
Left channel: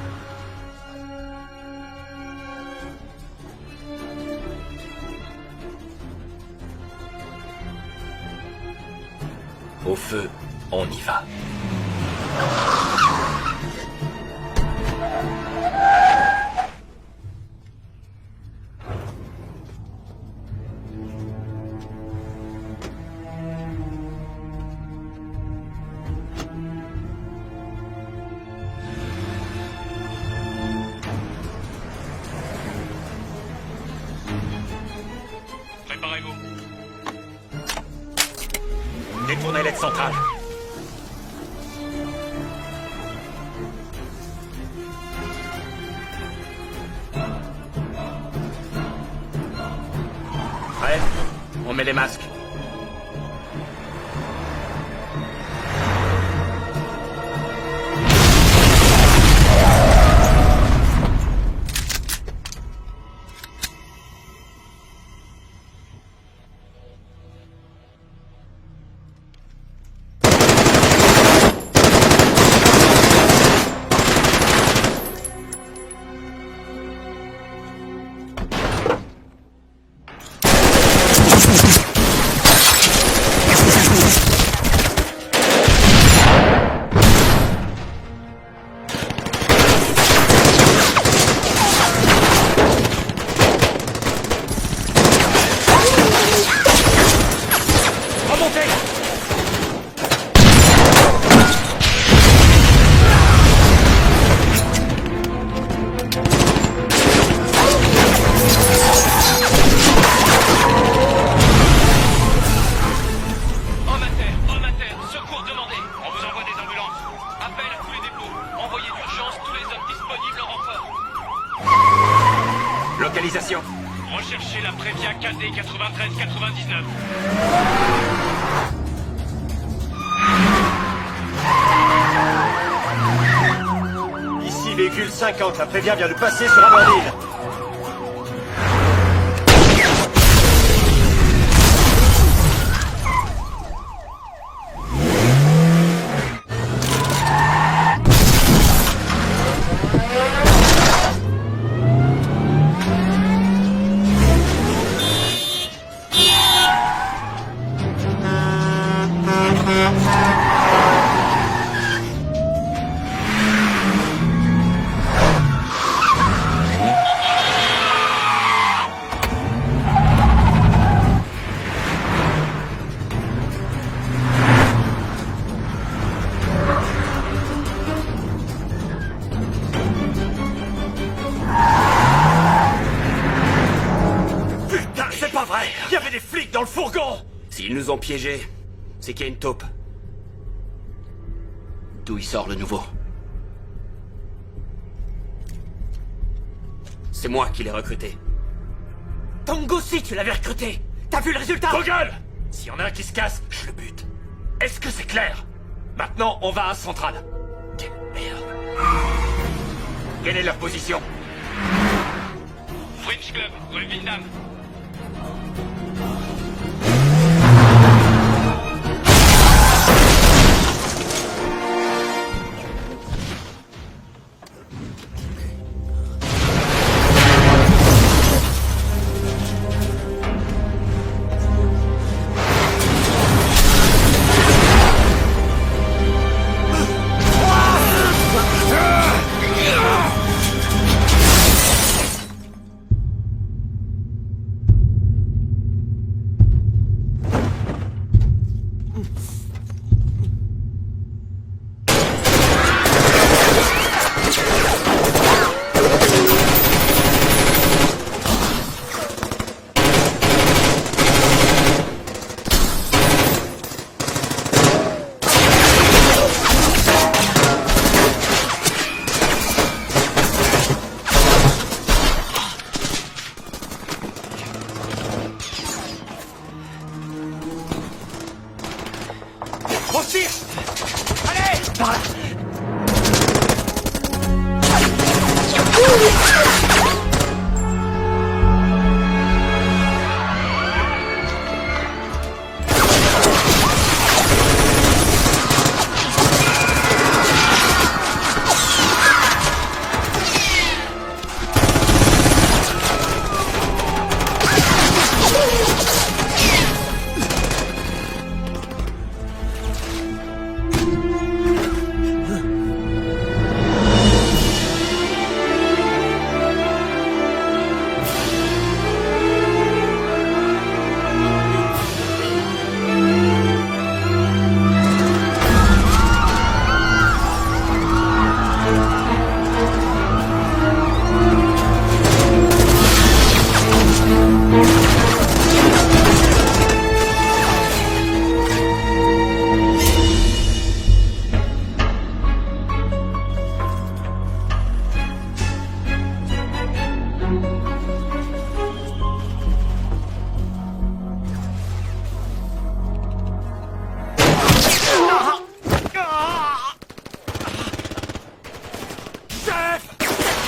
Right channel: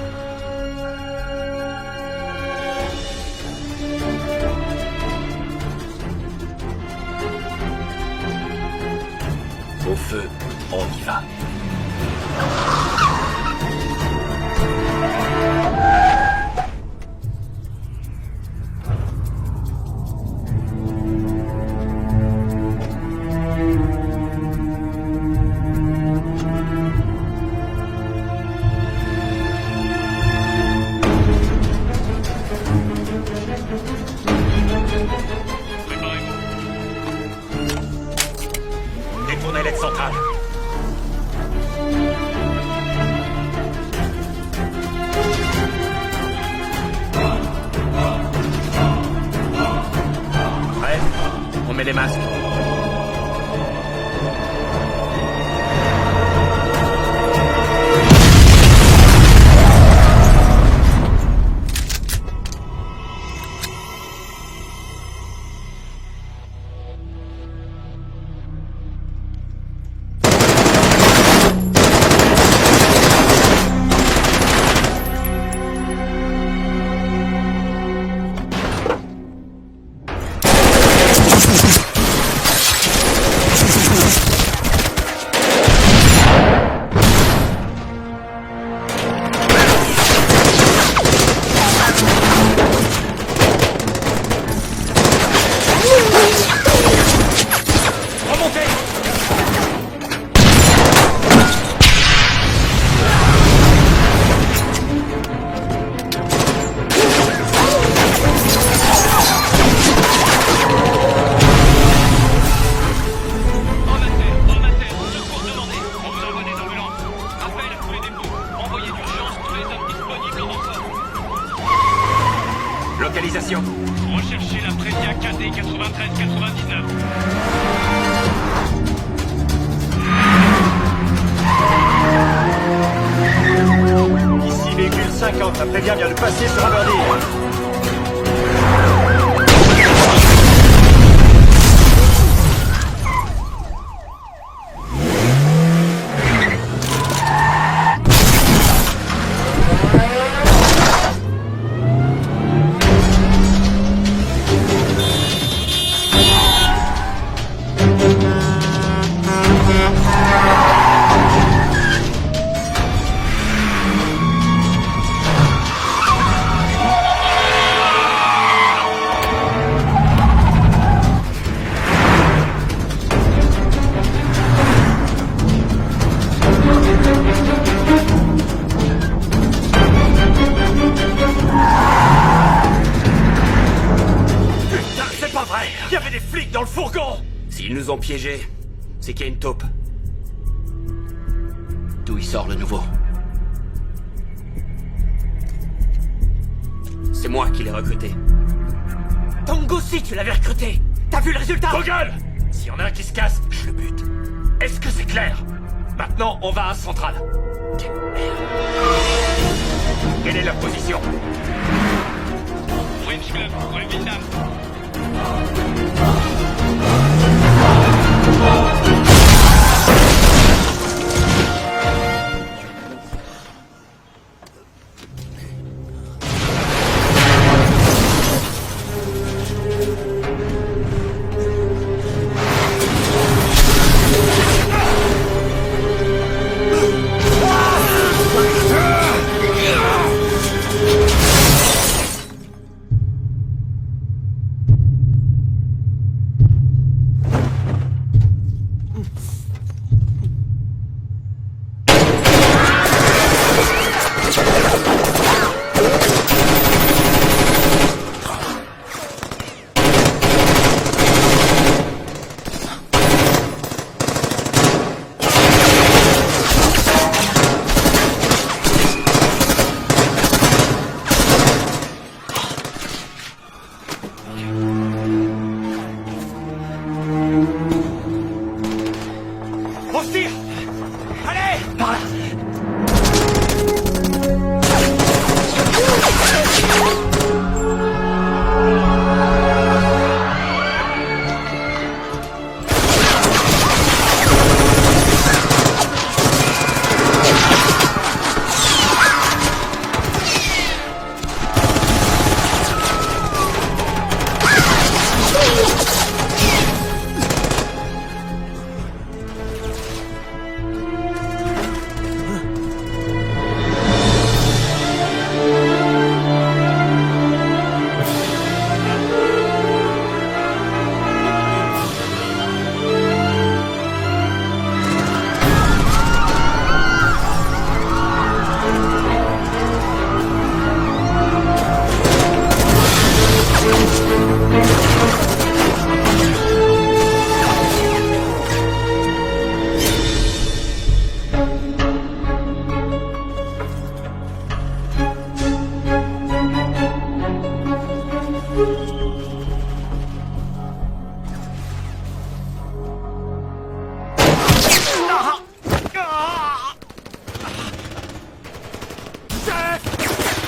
Au feu, on y va. Détournez l'aide centrale. Prêt? On met les masques. Remontez! Homme à terre, secours demandé. On vous envoie des ambulances. Appel à tous les dépôts. Envoyez d'urgence tous les hommes disponibles en renfort. Localisation. Recherchez la Previa KD 9399. véhicule 50, la Prévia vient de passer sur Aberdeen. Il y avait des flics dans le fourgon! S'ils nous ont piégés, c'est qu'il y a une taupe. D'où il sort le nouveau? C'est moi qui l'ai recruté. Tongo aussi, tu l'avais recruté! T'as vu le résultat? Vos gueules! S'il y en a un qui se casse, je le bute. Est-ce que c'est clair? Maintenant, on va à Centrale. Quelle merde. Quelle est leur position? French Club, rue Windham.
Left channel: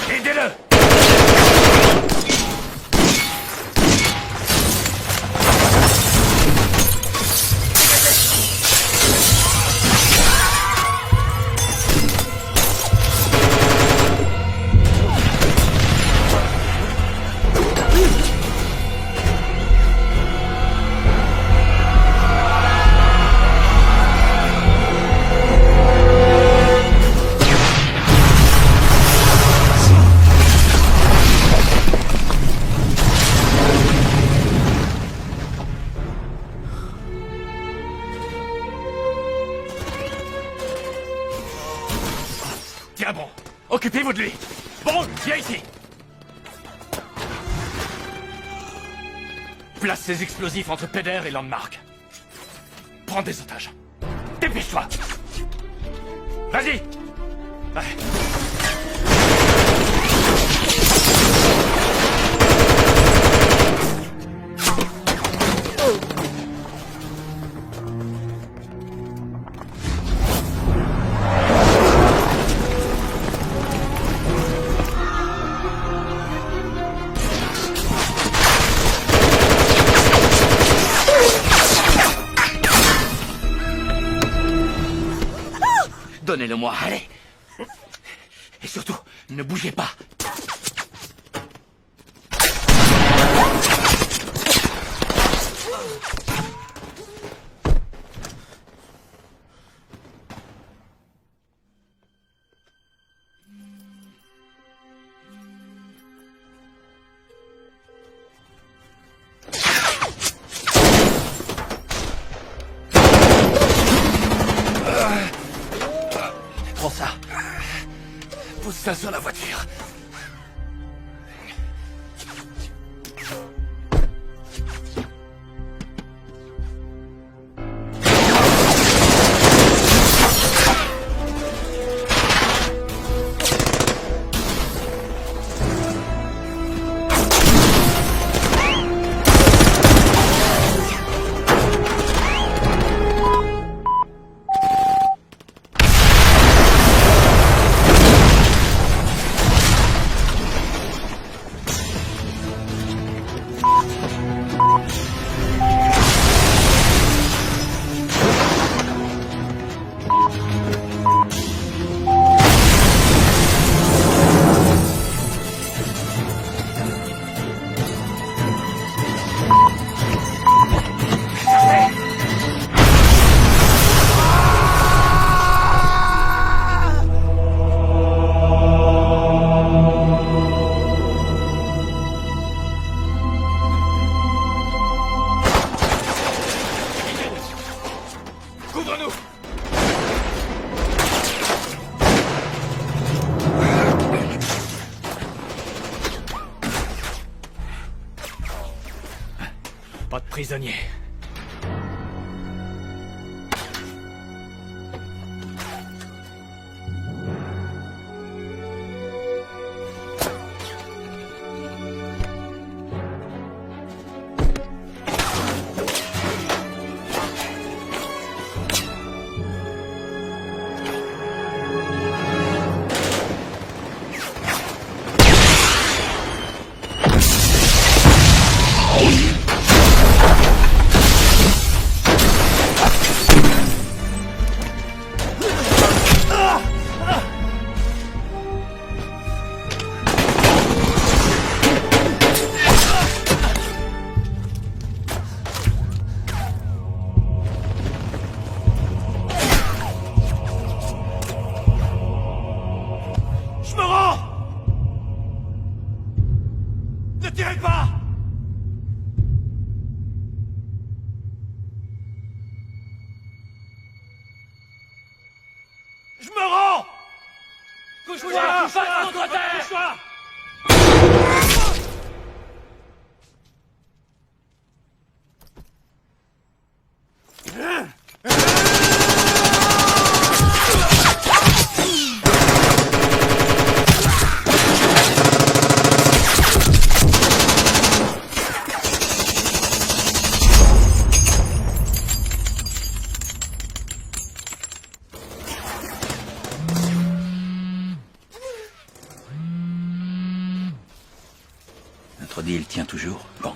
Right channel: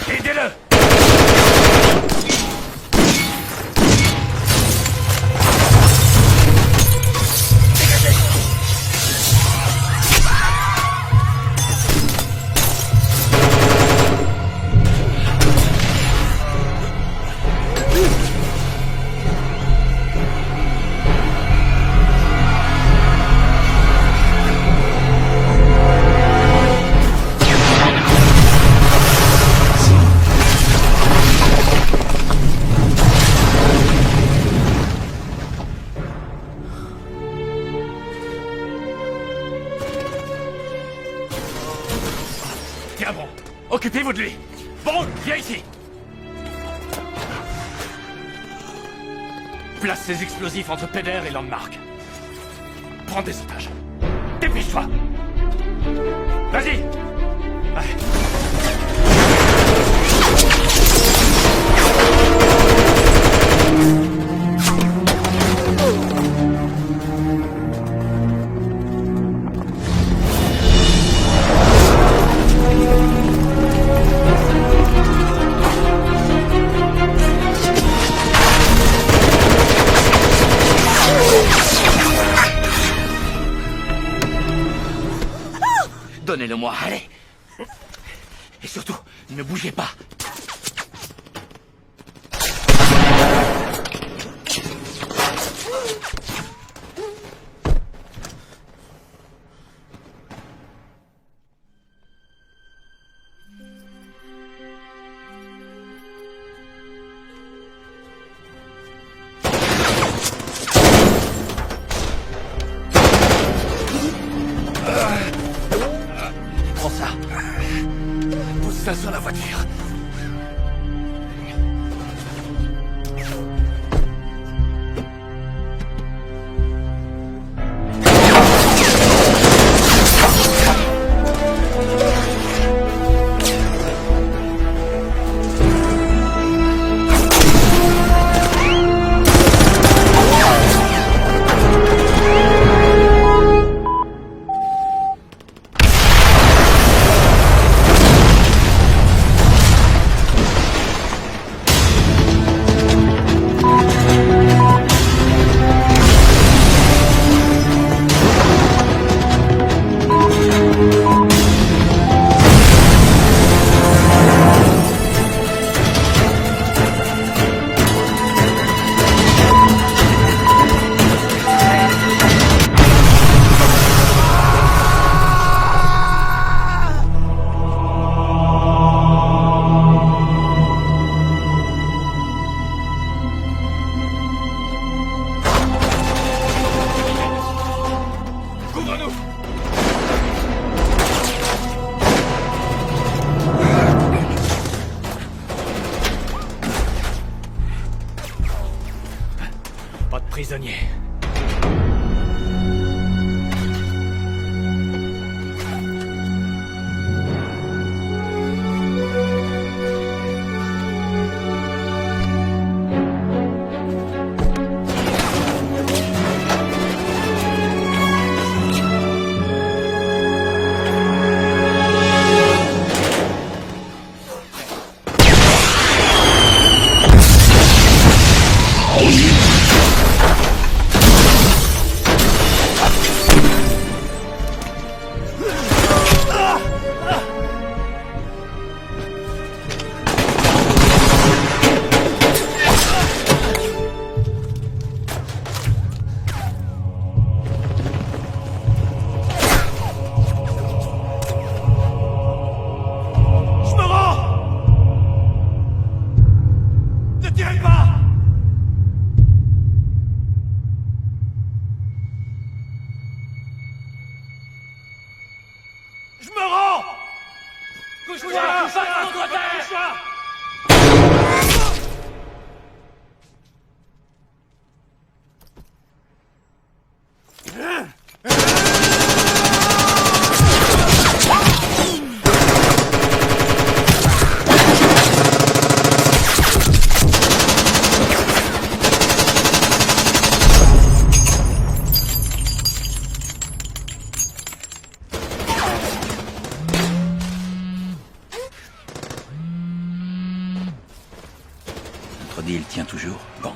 Aidez-le! Tiens bon, occupez-vous de lui. Bon, viens ici. Place ces explosifs entre Peder et Landmark. Prends des otages. Dépêche-toi. Vas-y. Donnez-le-moi, allez. Et surtout, ne bougez pas. Prends ça. Pose ça sur la voiture. Couvre-nous! Pas de prisonniers. Je me rends! Couche-toi! Couche-toi! Notre deal tient toujours, Bang.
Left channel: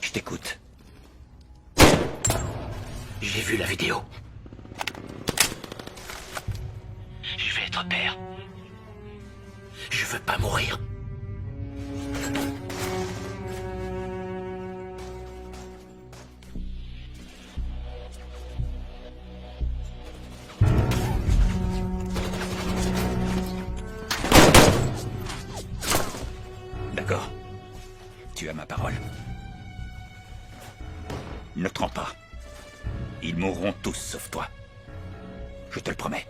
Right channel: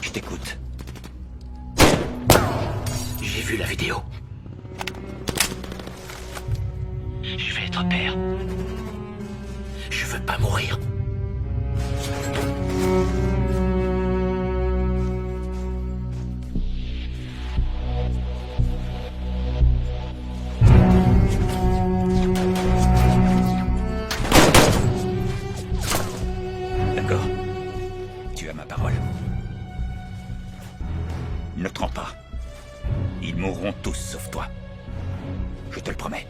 Je t'écoute. J'ai vu la vidéo. Je vais être père. Je veux pas mourir. D'accord. Tu as ma parole. Ne te rends pas. Ils mourront tous sauf toi. Je te le promets.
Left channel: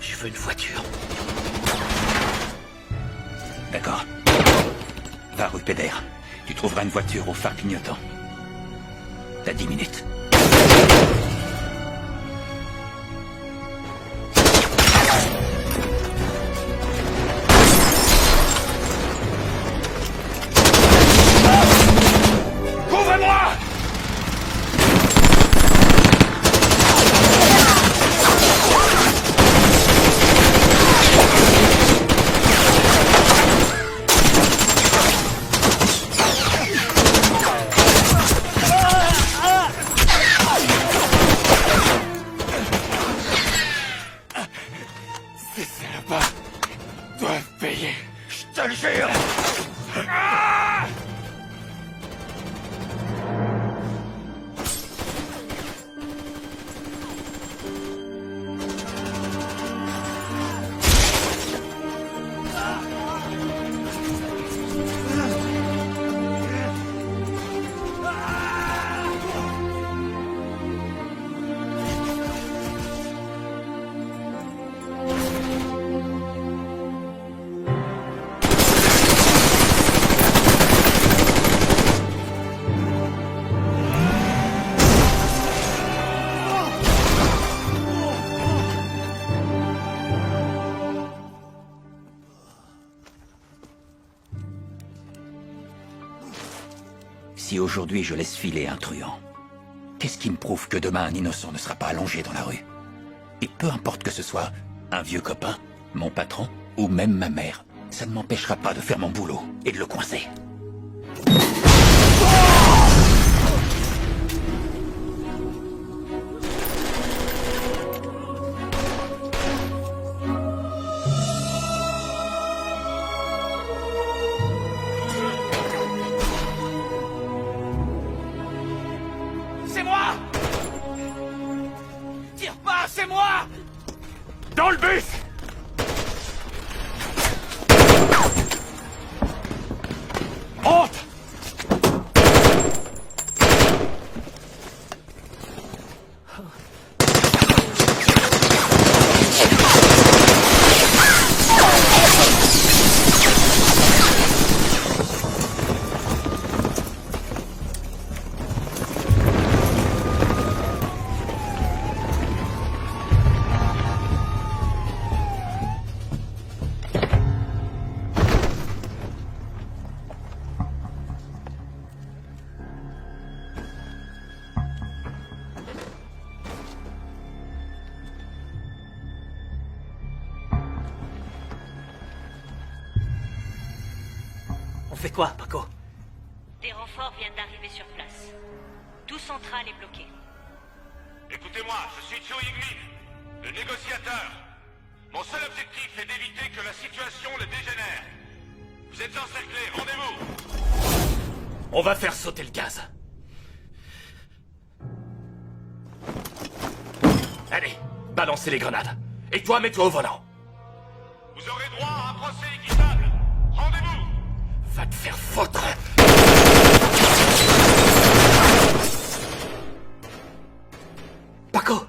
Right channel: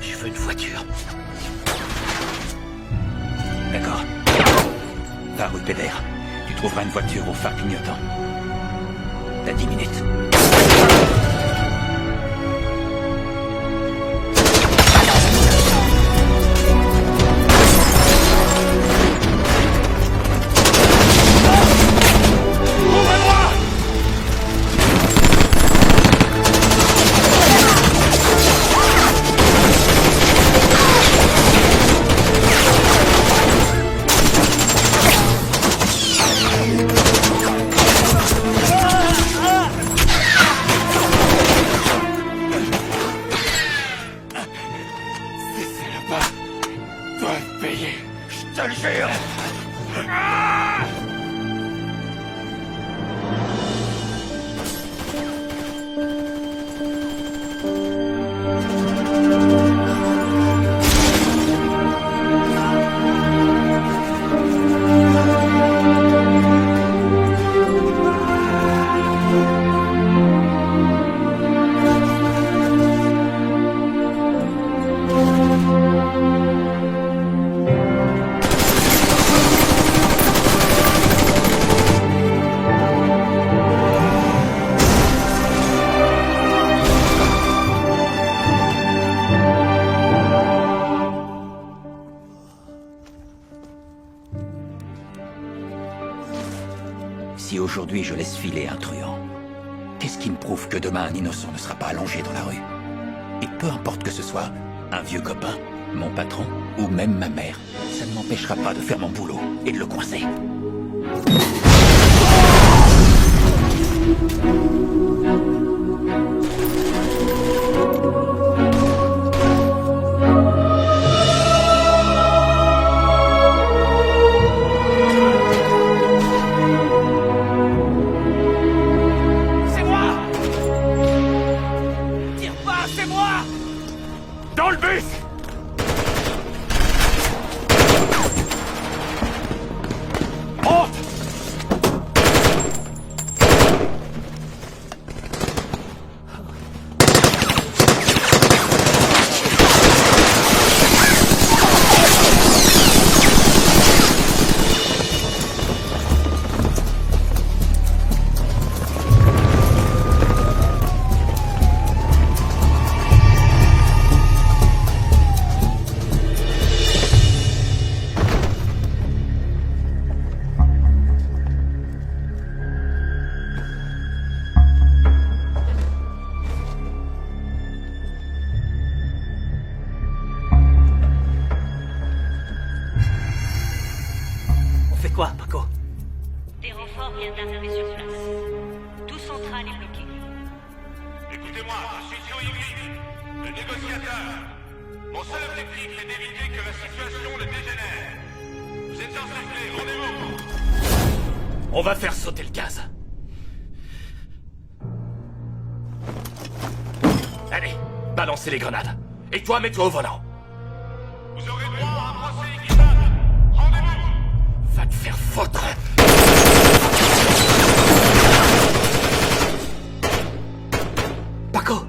Je veux une voiture. D'accord. Va rue Pédère. Tu trouveras une voiture au phare clignotant. T'as 10 minutes. Couvrez-moi! Ces salopards doivent payer. Je te le jure! Ah! Si aujourd'hui je laisse filer un truand, qu'est-ce qui me prouve que demain un innocent ne sera pas allongé dans la rue? Et peu importe que ce soit un vieux copain, mon patron ou même ma mère, ça ne m'empêchera pas de faire mon boulot et de le coincer. C'est moi! Tire pas, c'est moi! Dans le bus! Monte! On fait quoi, Paco? Des renforts viennent d'arriver sur place. Tout central est bloqué. Écoutez-moi, je suis Tsuigui, le négociateur. Mon seul objectif est d'éviter que la situation ne dégénère. Vous êtes encerclés, rendez-vous! On va faire sauter le gaz. Allez, balancez les grenades. Et toi, mets-toi au volant. Vous aurez droit à un procès équitable. Rendez-vous! Va te faire foutre! Paco!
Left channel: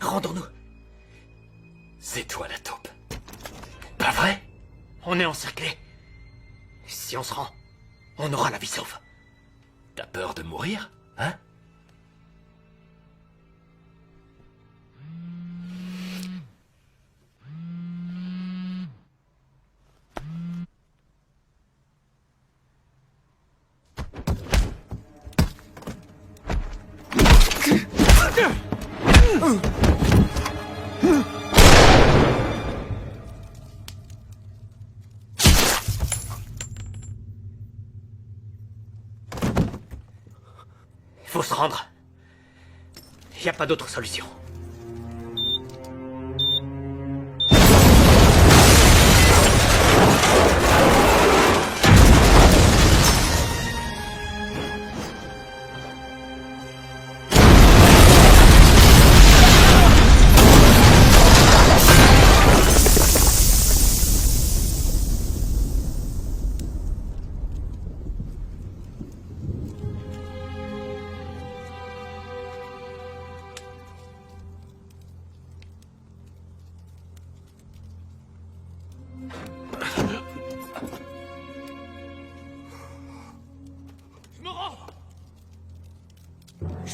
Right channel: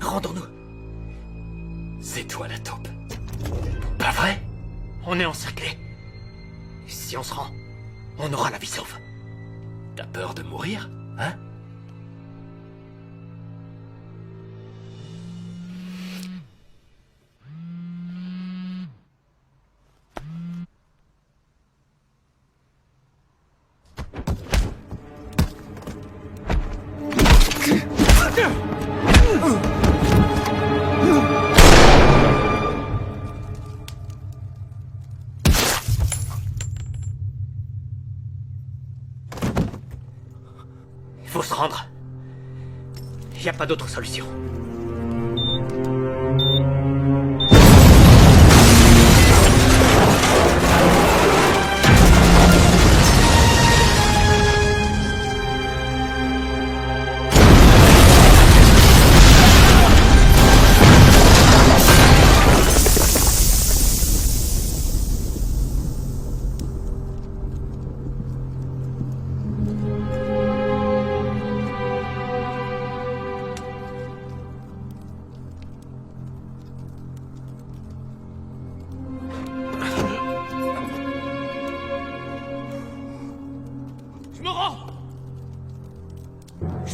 Rendons-nous. C'est toi la taupe. Pas vrai? On est encerclés. Si on se rend, on aura la vie sauve. T'as peur de mourir, hein? Il faut se rendre. Il n'y a pas d'autre solution.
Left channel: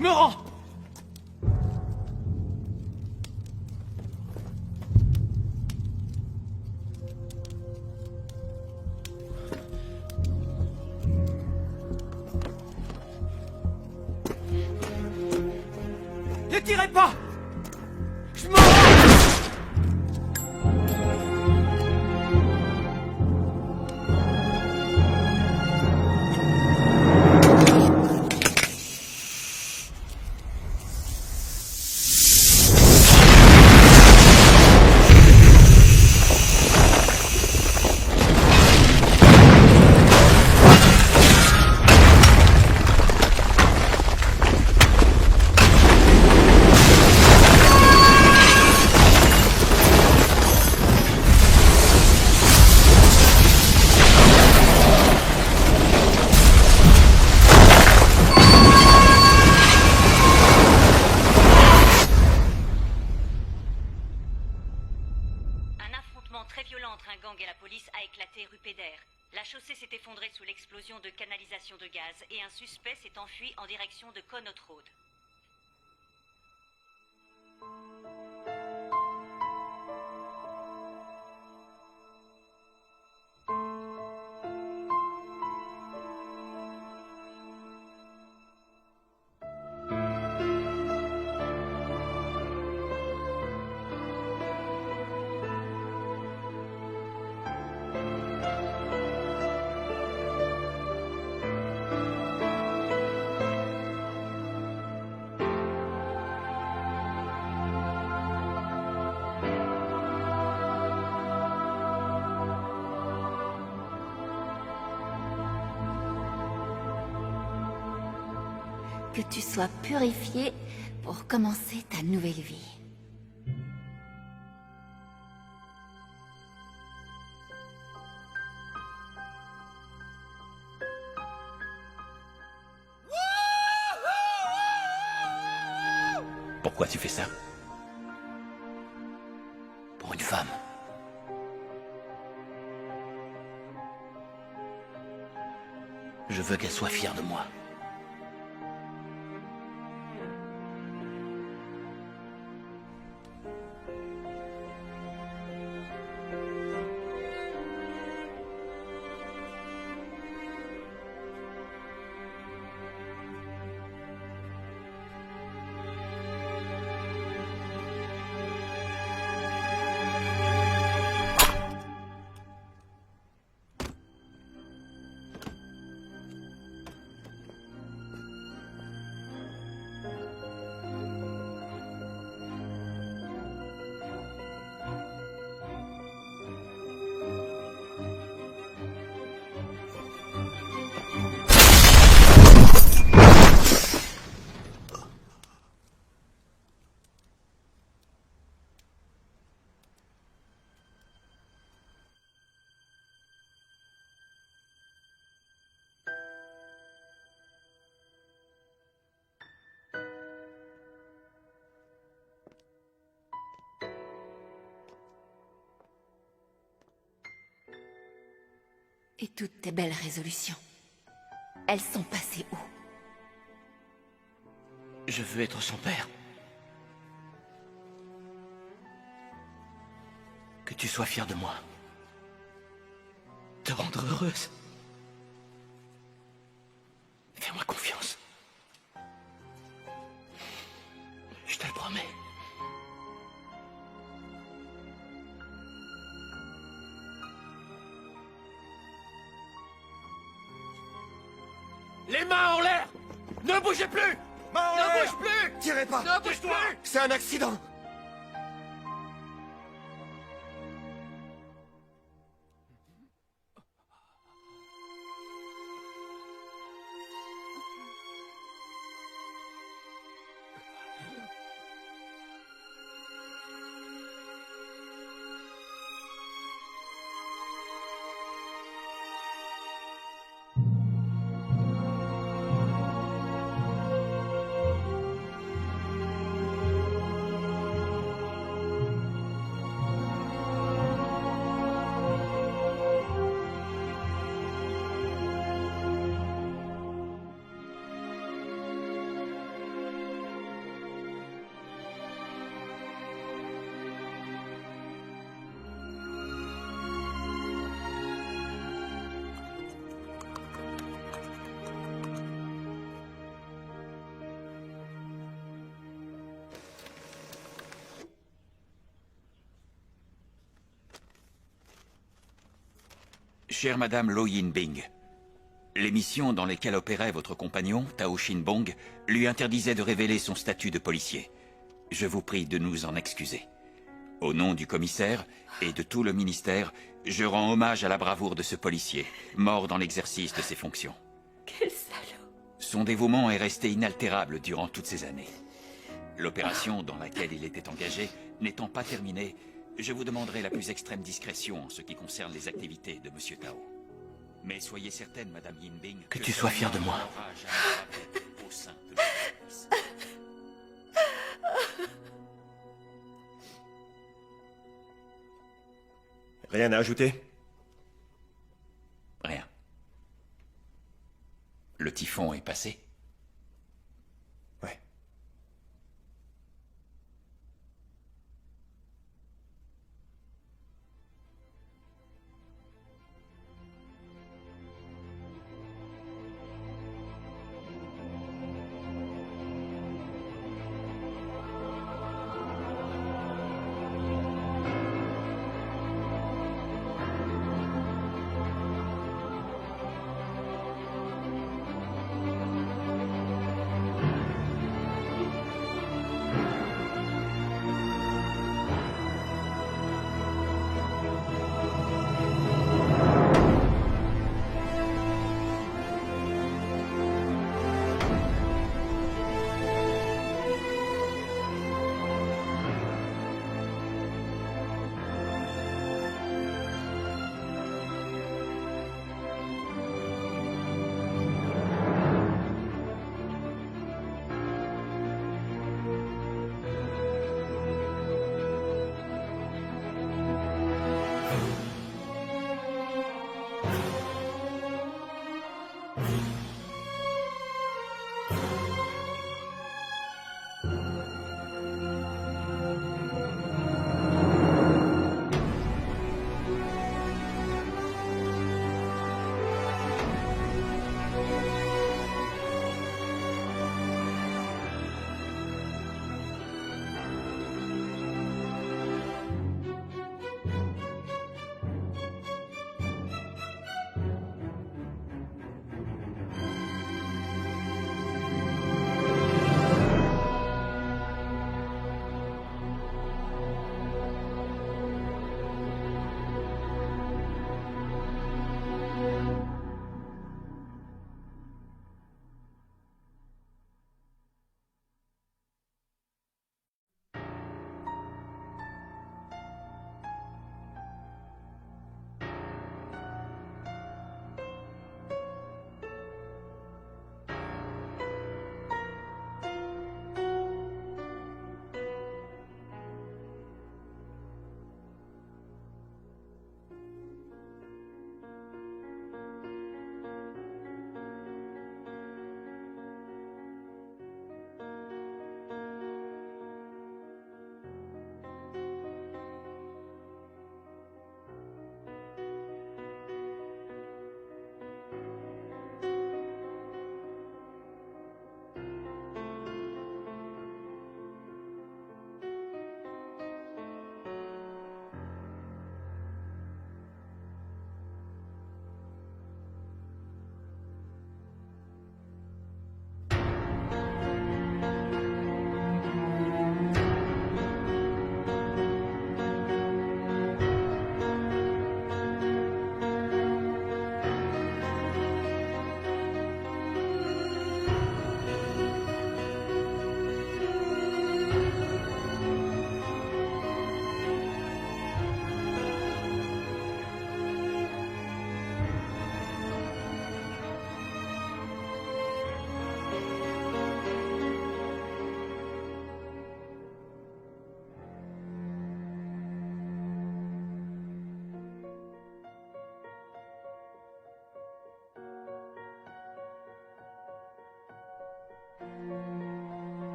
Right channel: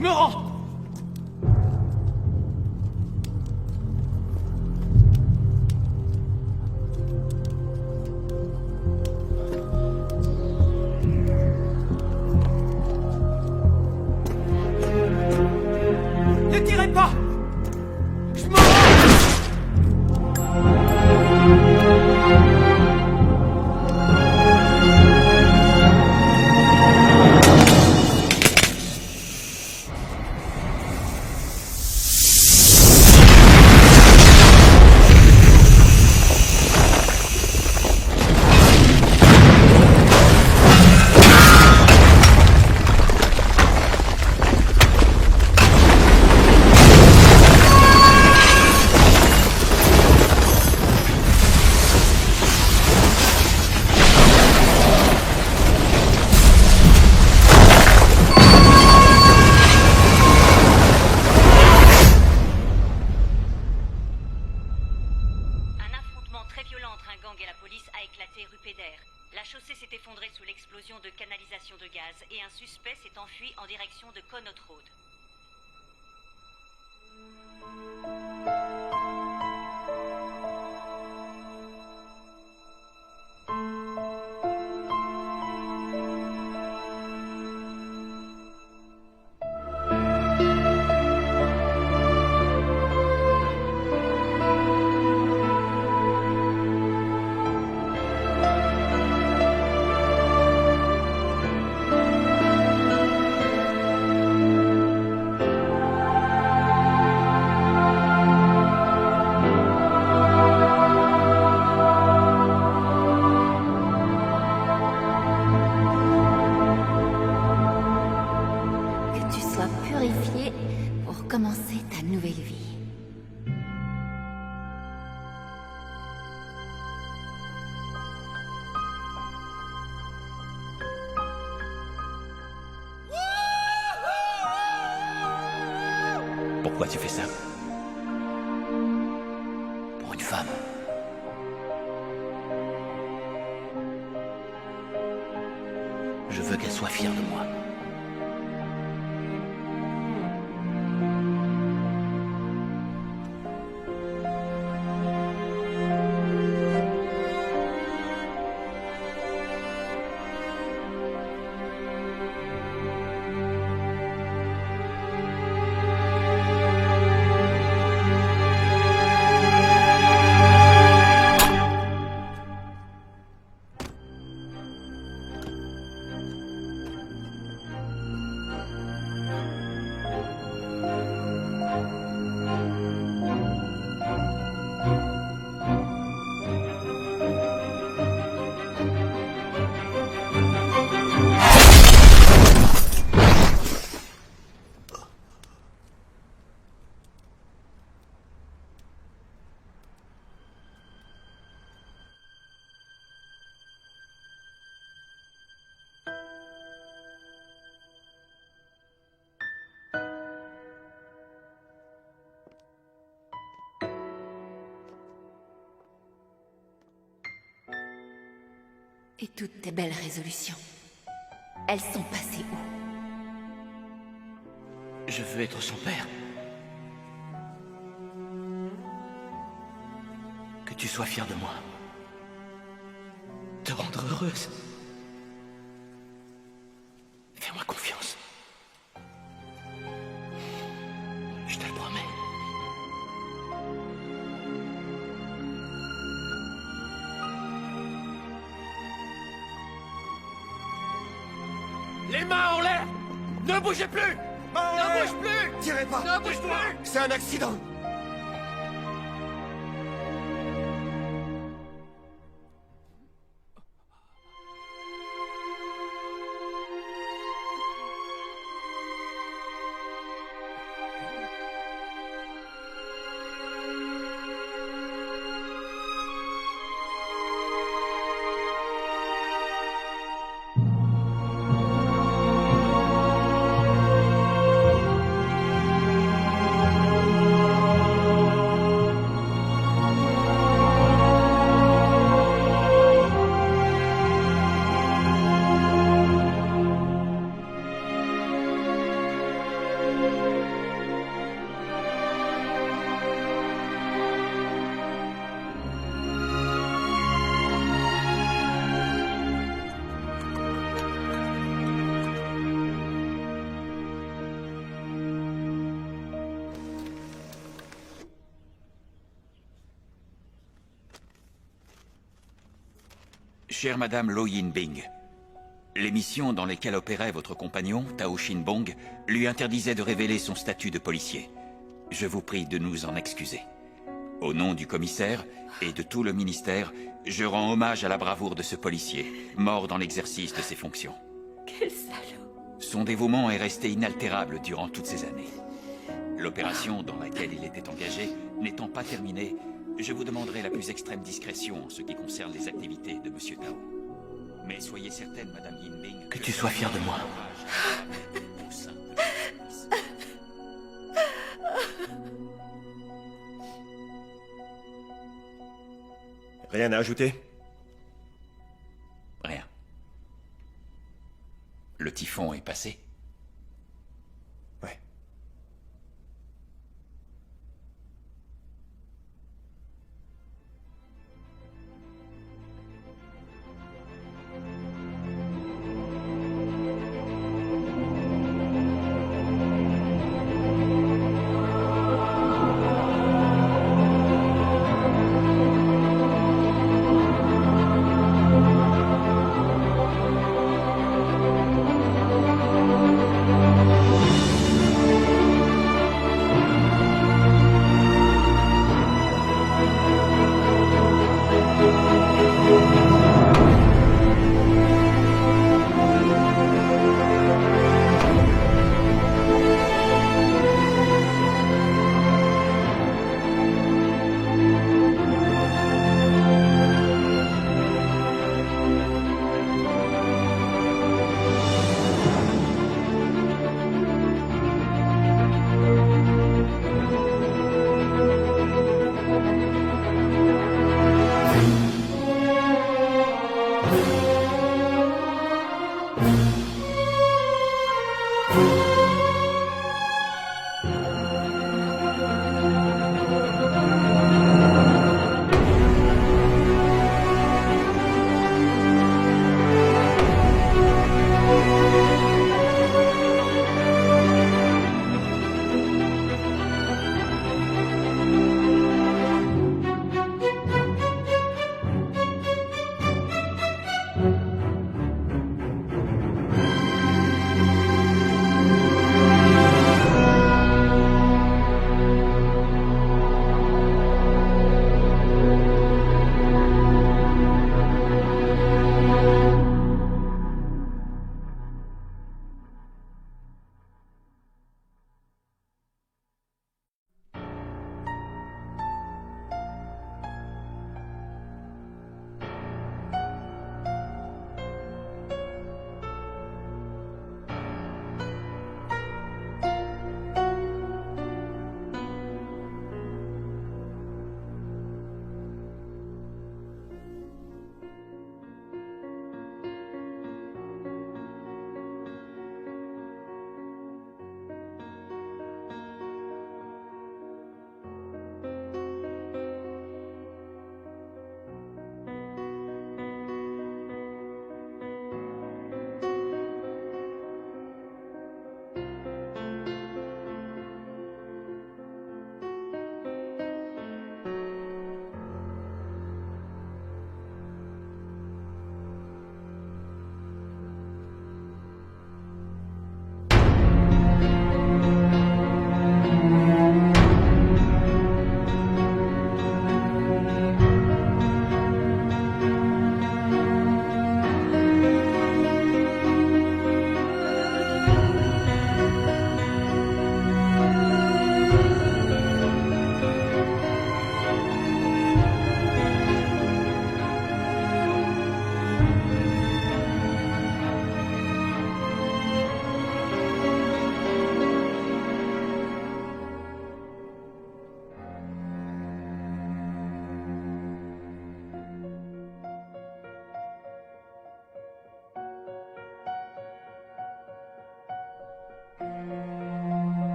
Je me rends! Ne tirez pas! Je me rends! La chaussée s'est effondrée sous l'explosion de canalisation de gaz et un suspect s'est enfui en direction de Connaught Road. Que tu sois purifié pour commencer ta nouvelle vie. Pourquoi tu fais ça? Pour une femme. Je veux qu'elle soit fière de moi. Et toutes tes belles résolutions, elles sont passées où? Je veux être son père. Que tu sois fier de moi. Te rendre heureuse. Fais-moi confiance. Je te le promets. Les mains en l'air! Ne bougez plus! Ne bouge plus! Tirez pas! Ne bouge plus! C'est un accident! Chère Madame Lo Yin-bing, les missions dans lesquelles opérait votre compagnon, Tao Shin-bong, lui interdisaient de révéler son statut de policier. Je vous prie de nous en excuser. Au nom du commissaire et de tout le ministère, je rends hommage à la bravoure de ce policier, mort dans l'exercice de ses fonctions. Quel salaud. Son dévouement est resté inaltérable durant toutes ces années. L'opération dans laquelle il était engagé n'étant pas terminée, je vous demanderai la plus extrême discrétion en ce qui concerne les activités de Monsieur Tao. Mais soyez certaine, Madame Yin-bing, Que tu sois fière de moi. Au sein de notre service. Rien à ajouter? Rien. Le typhon est passé.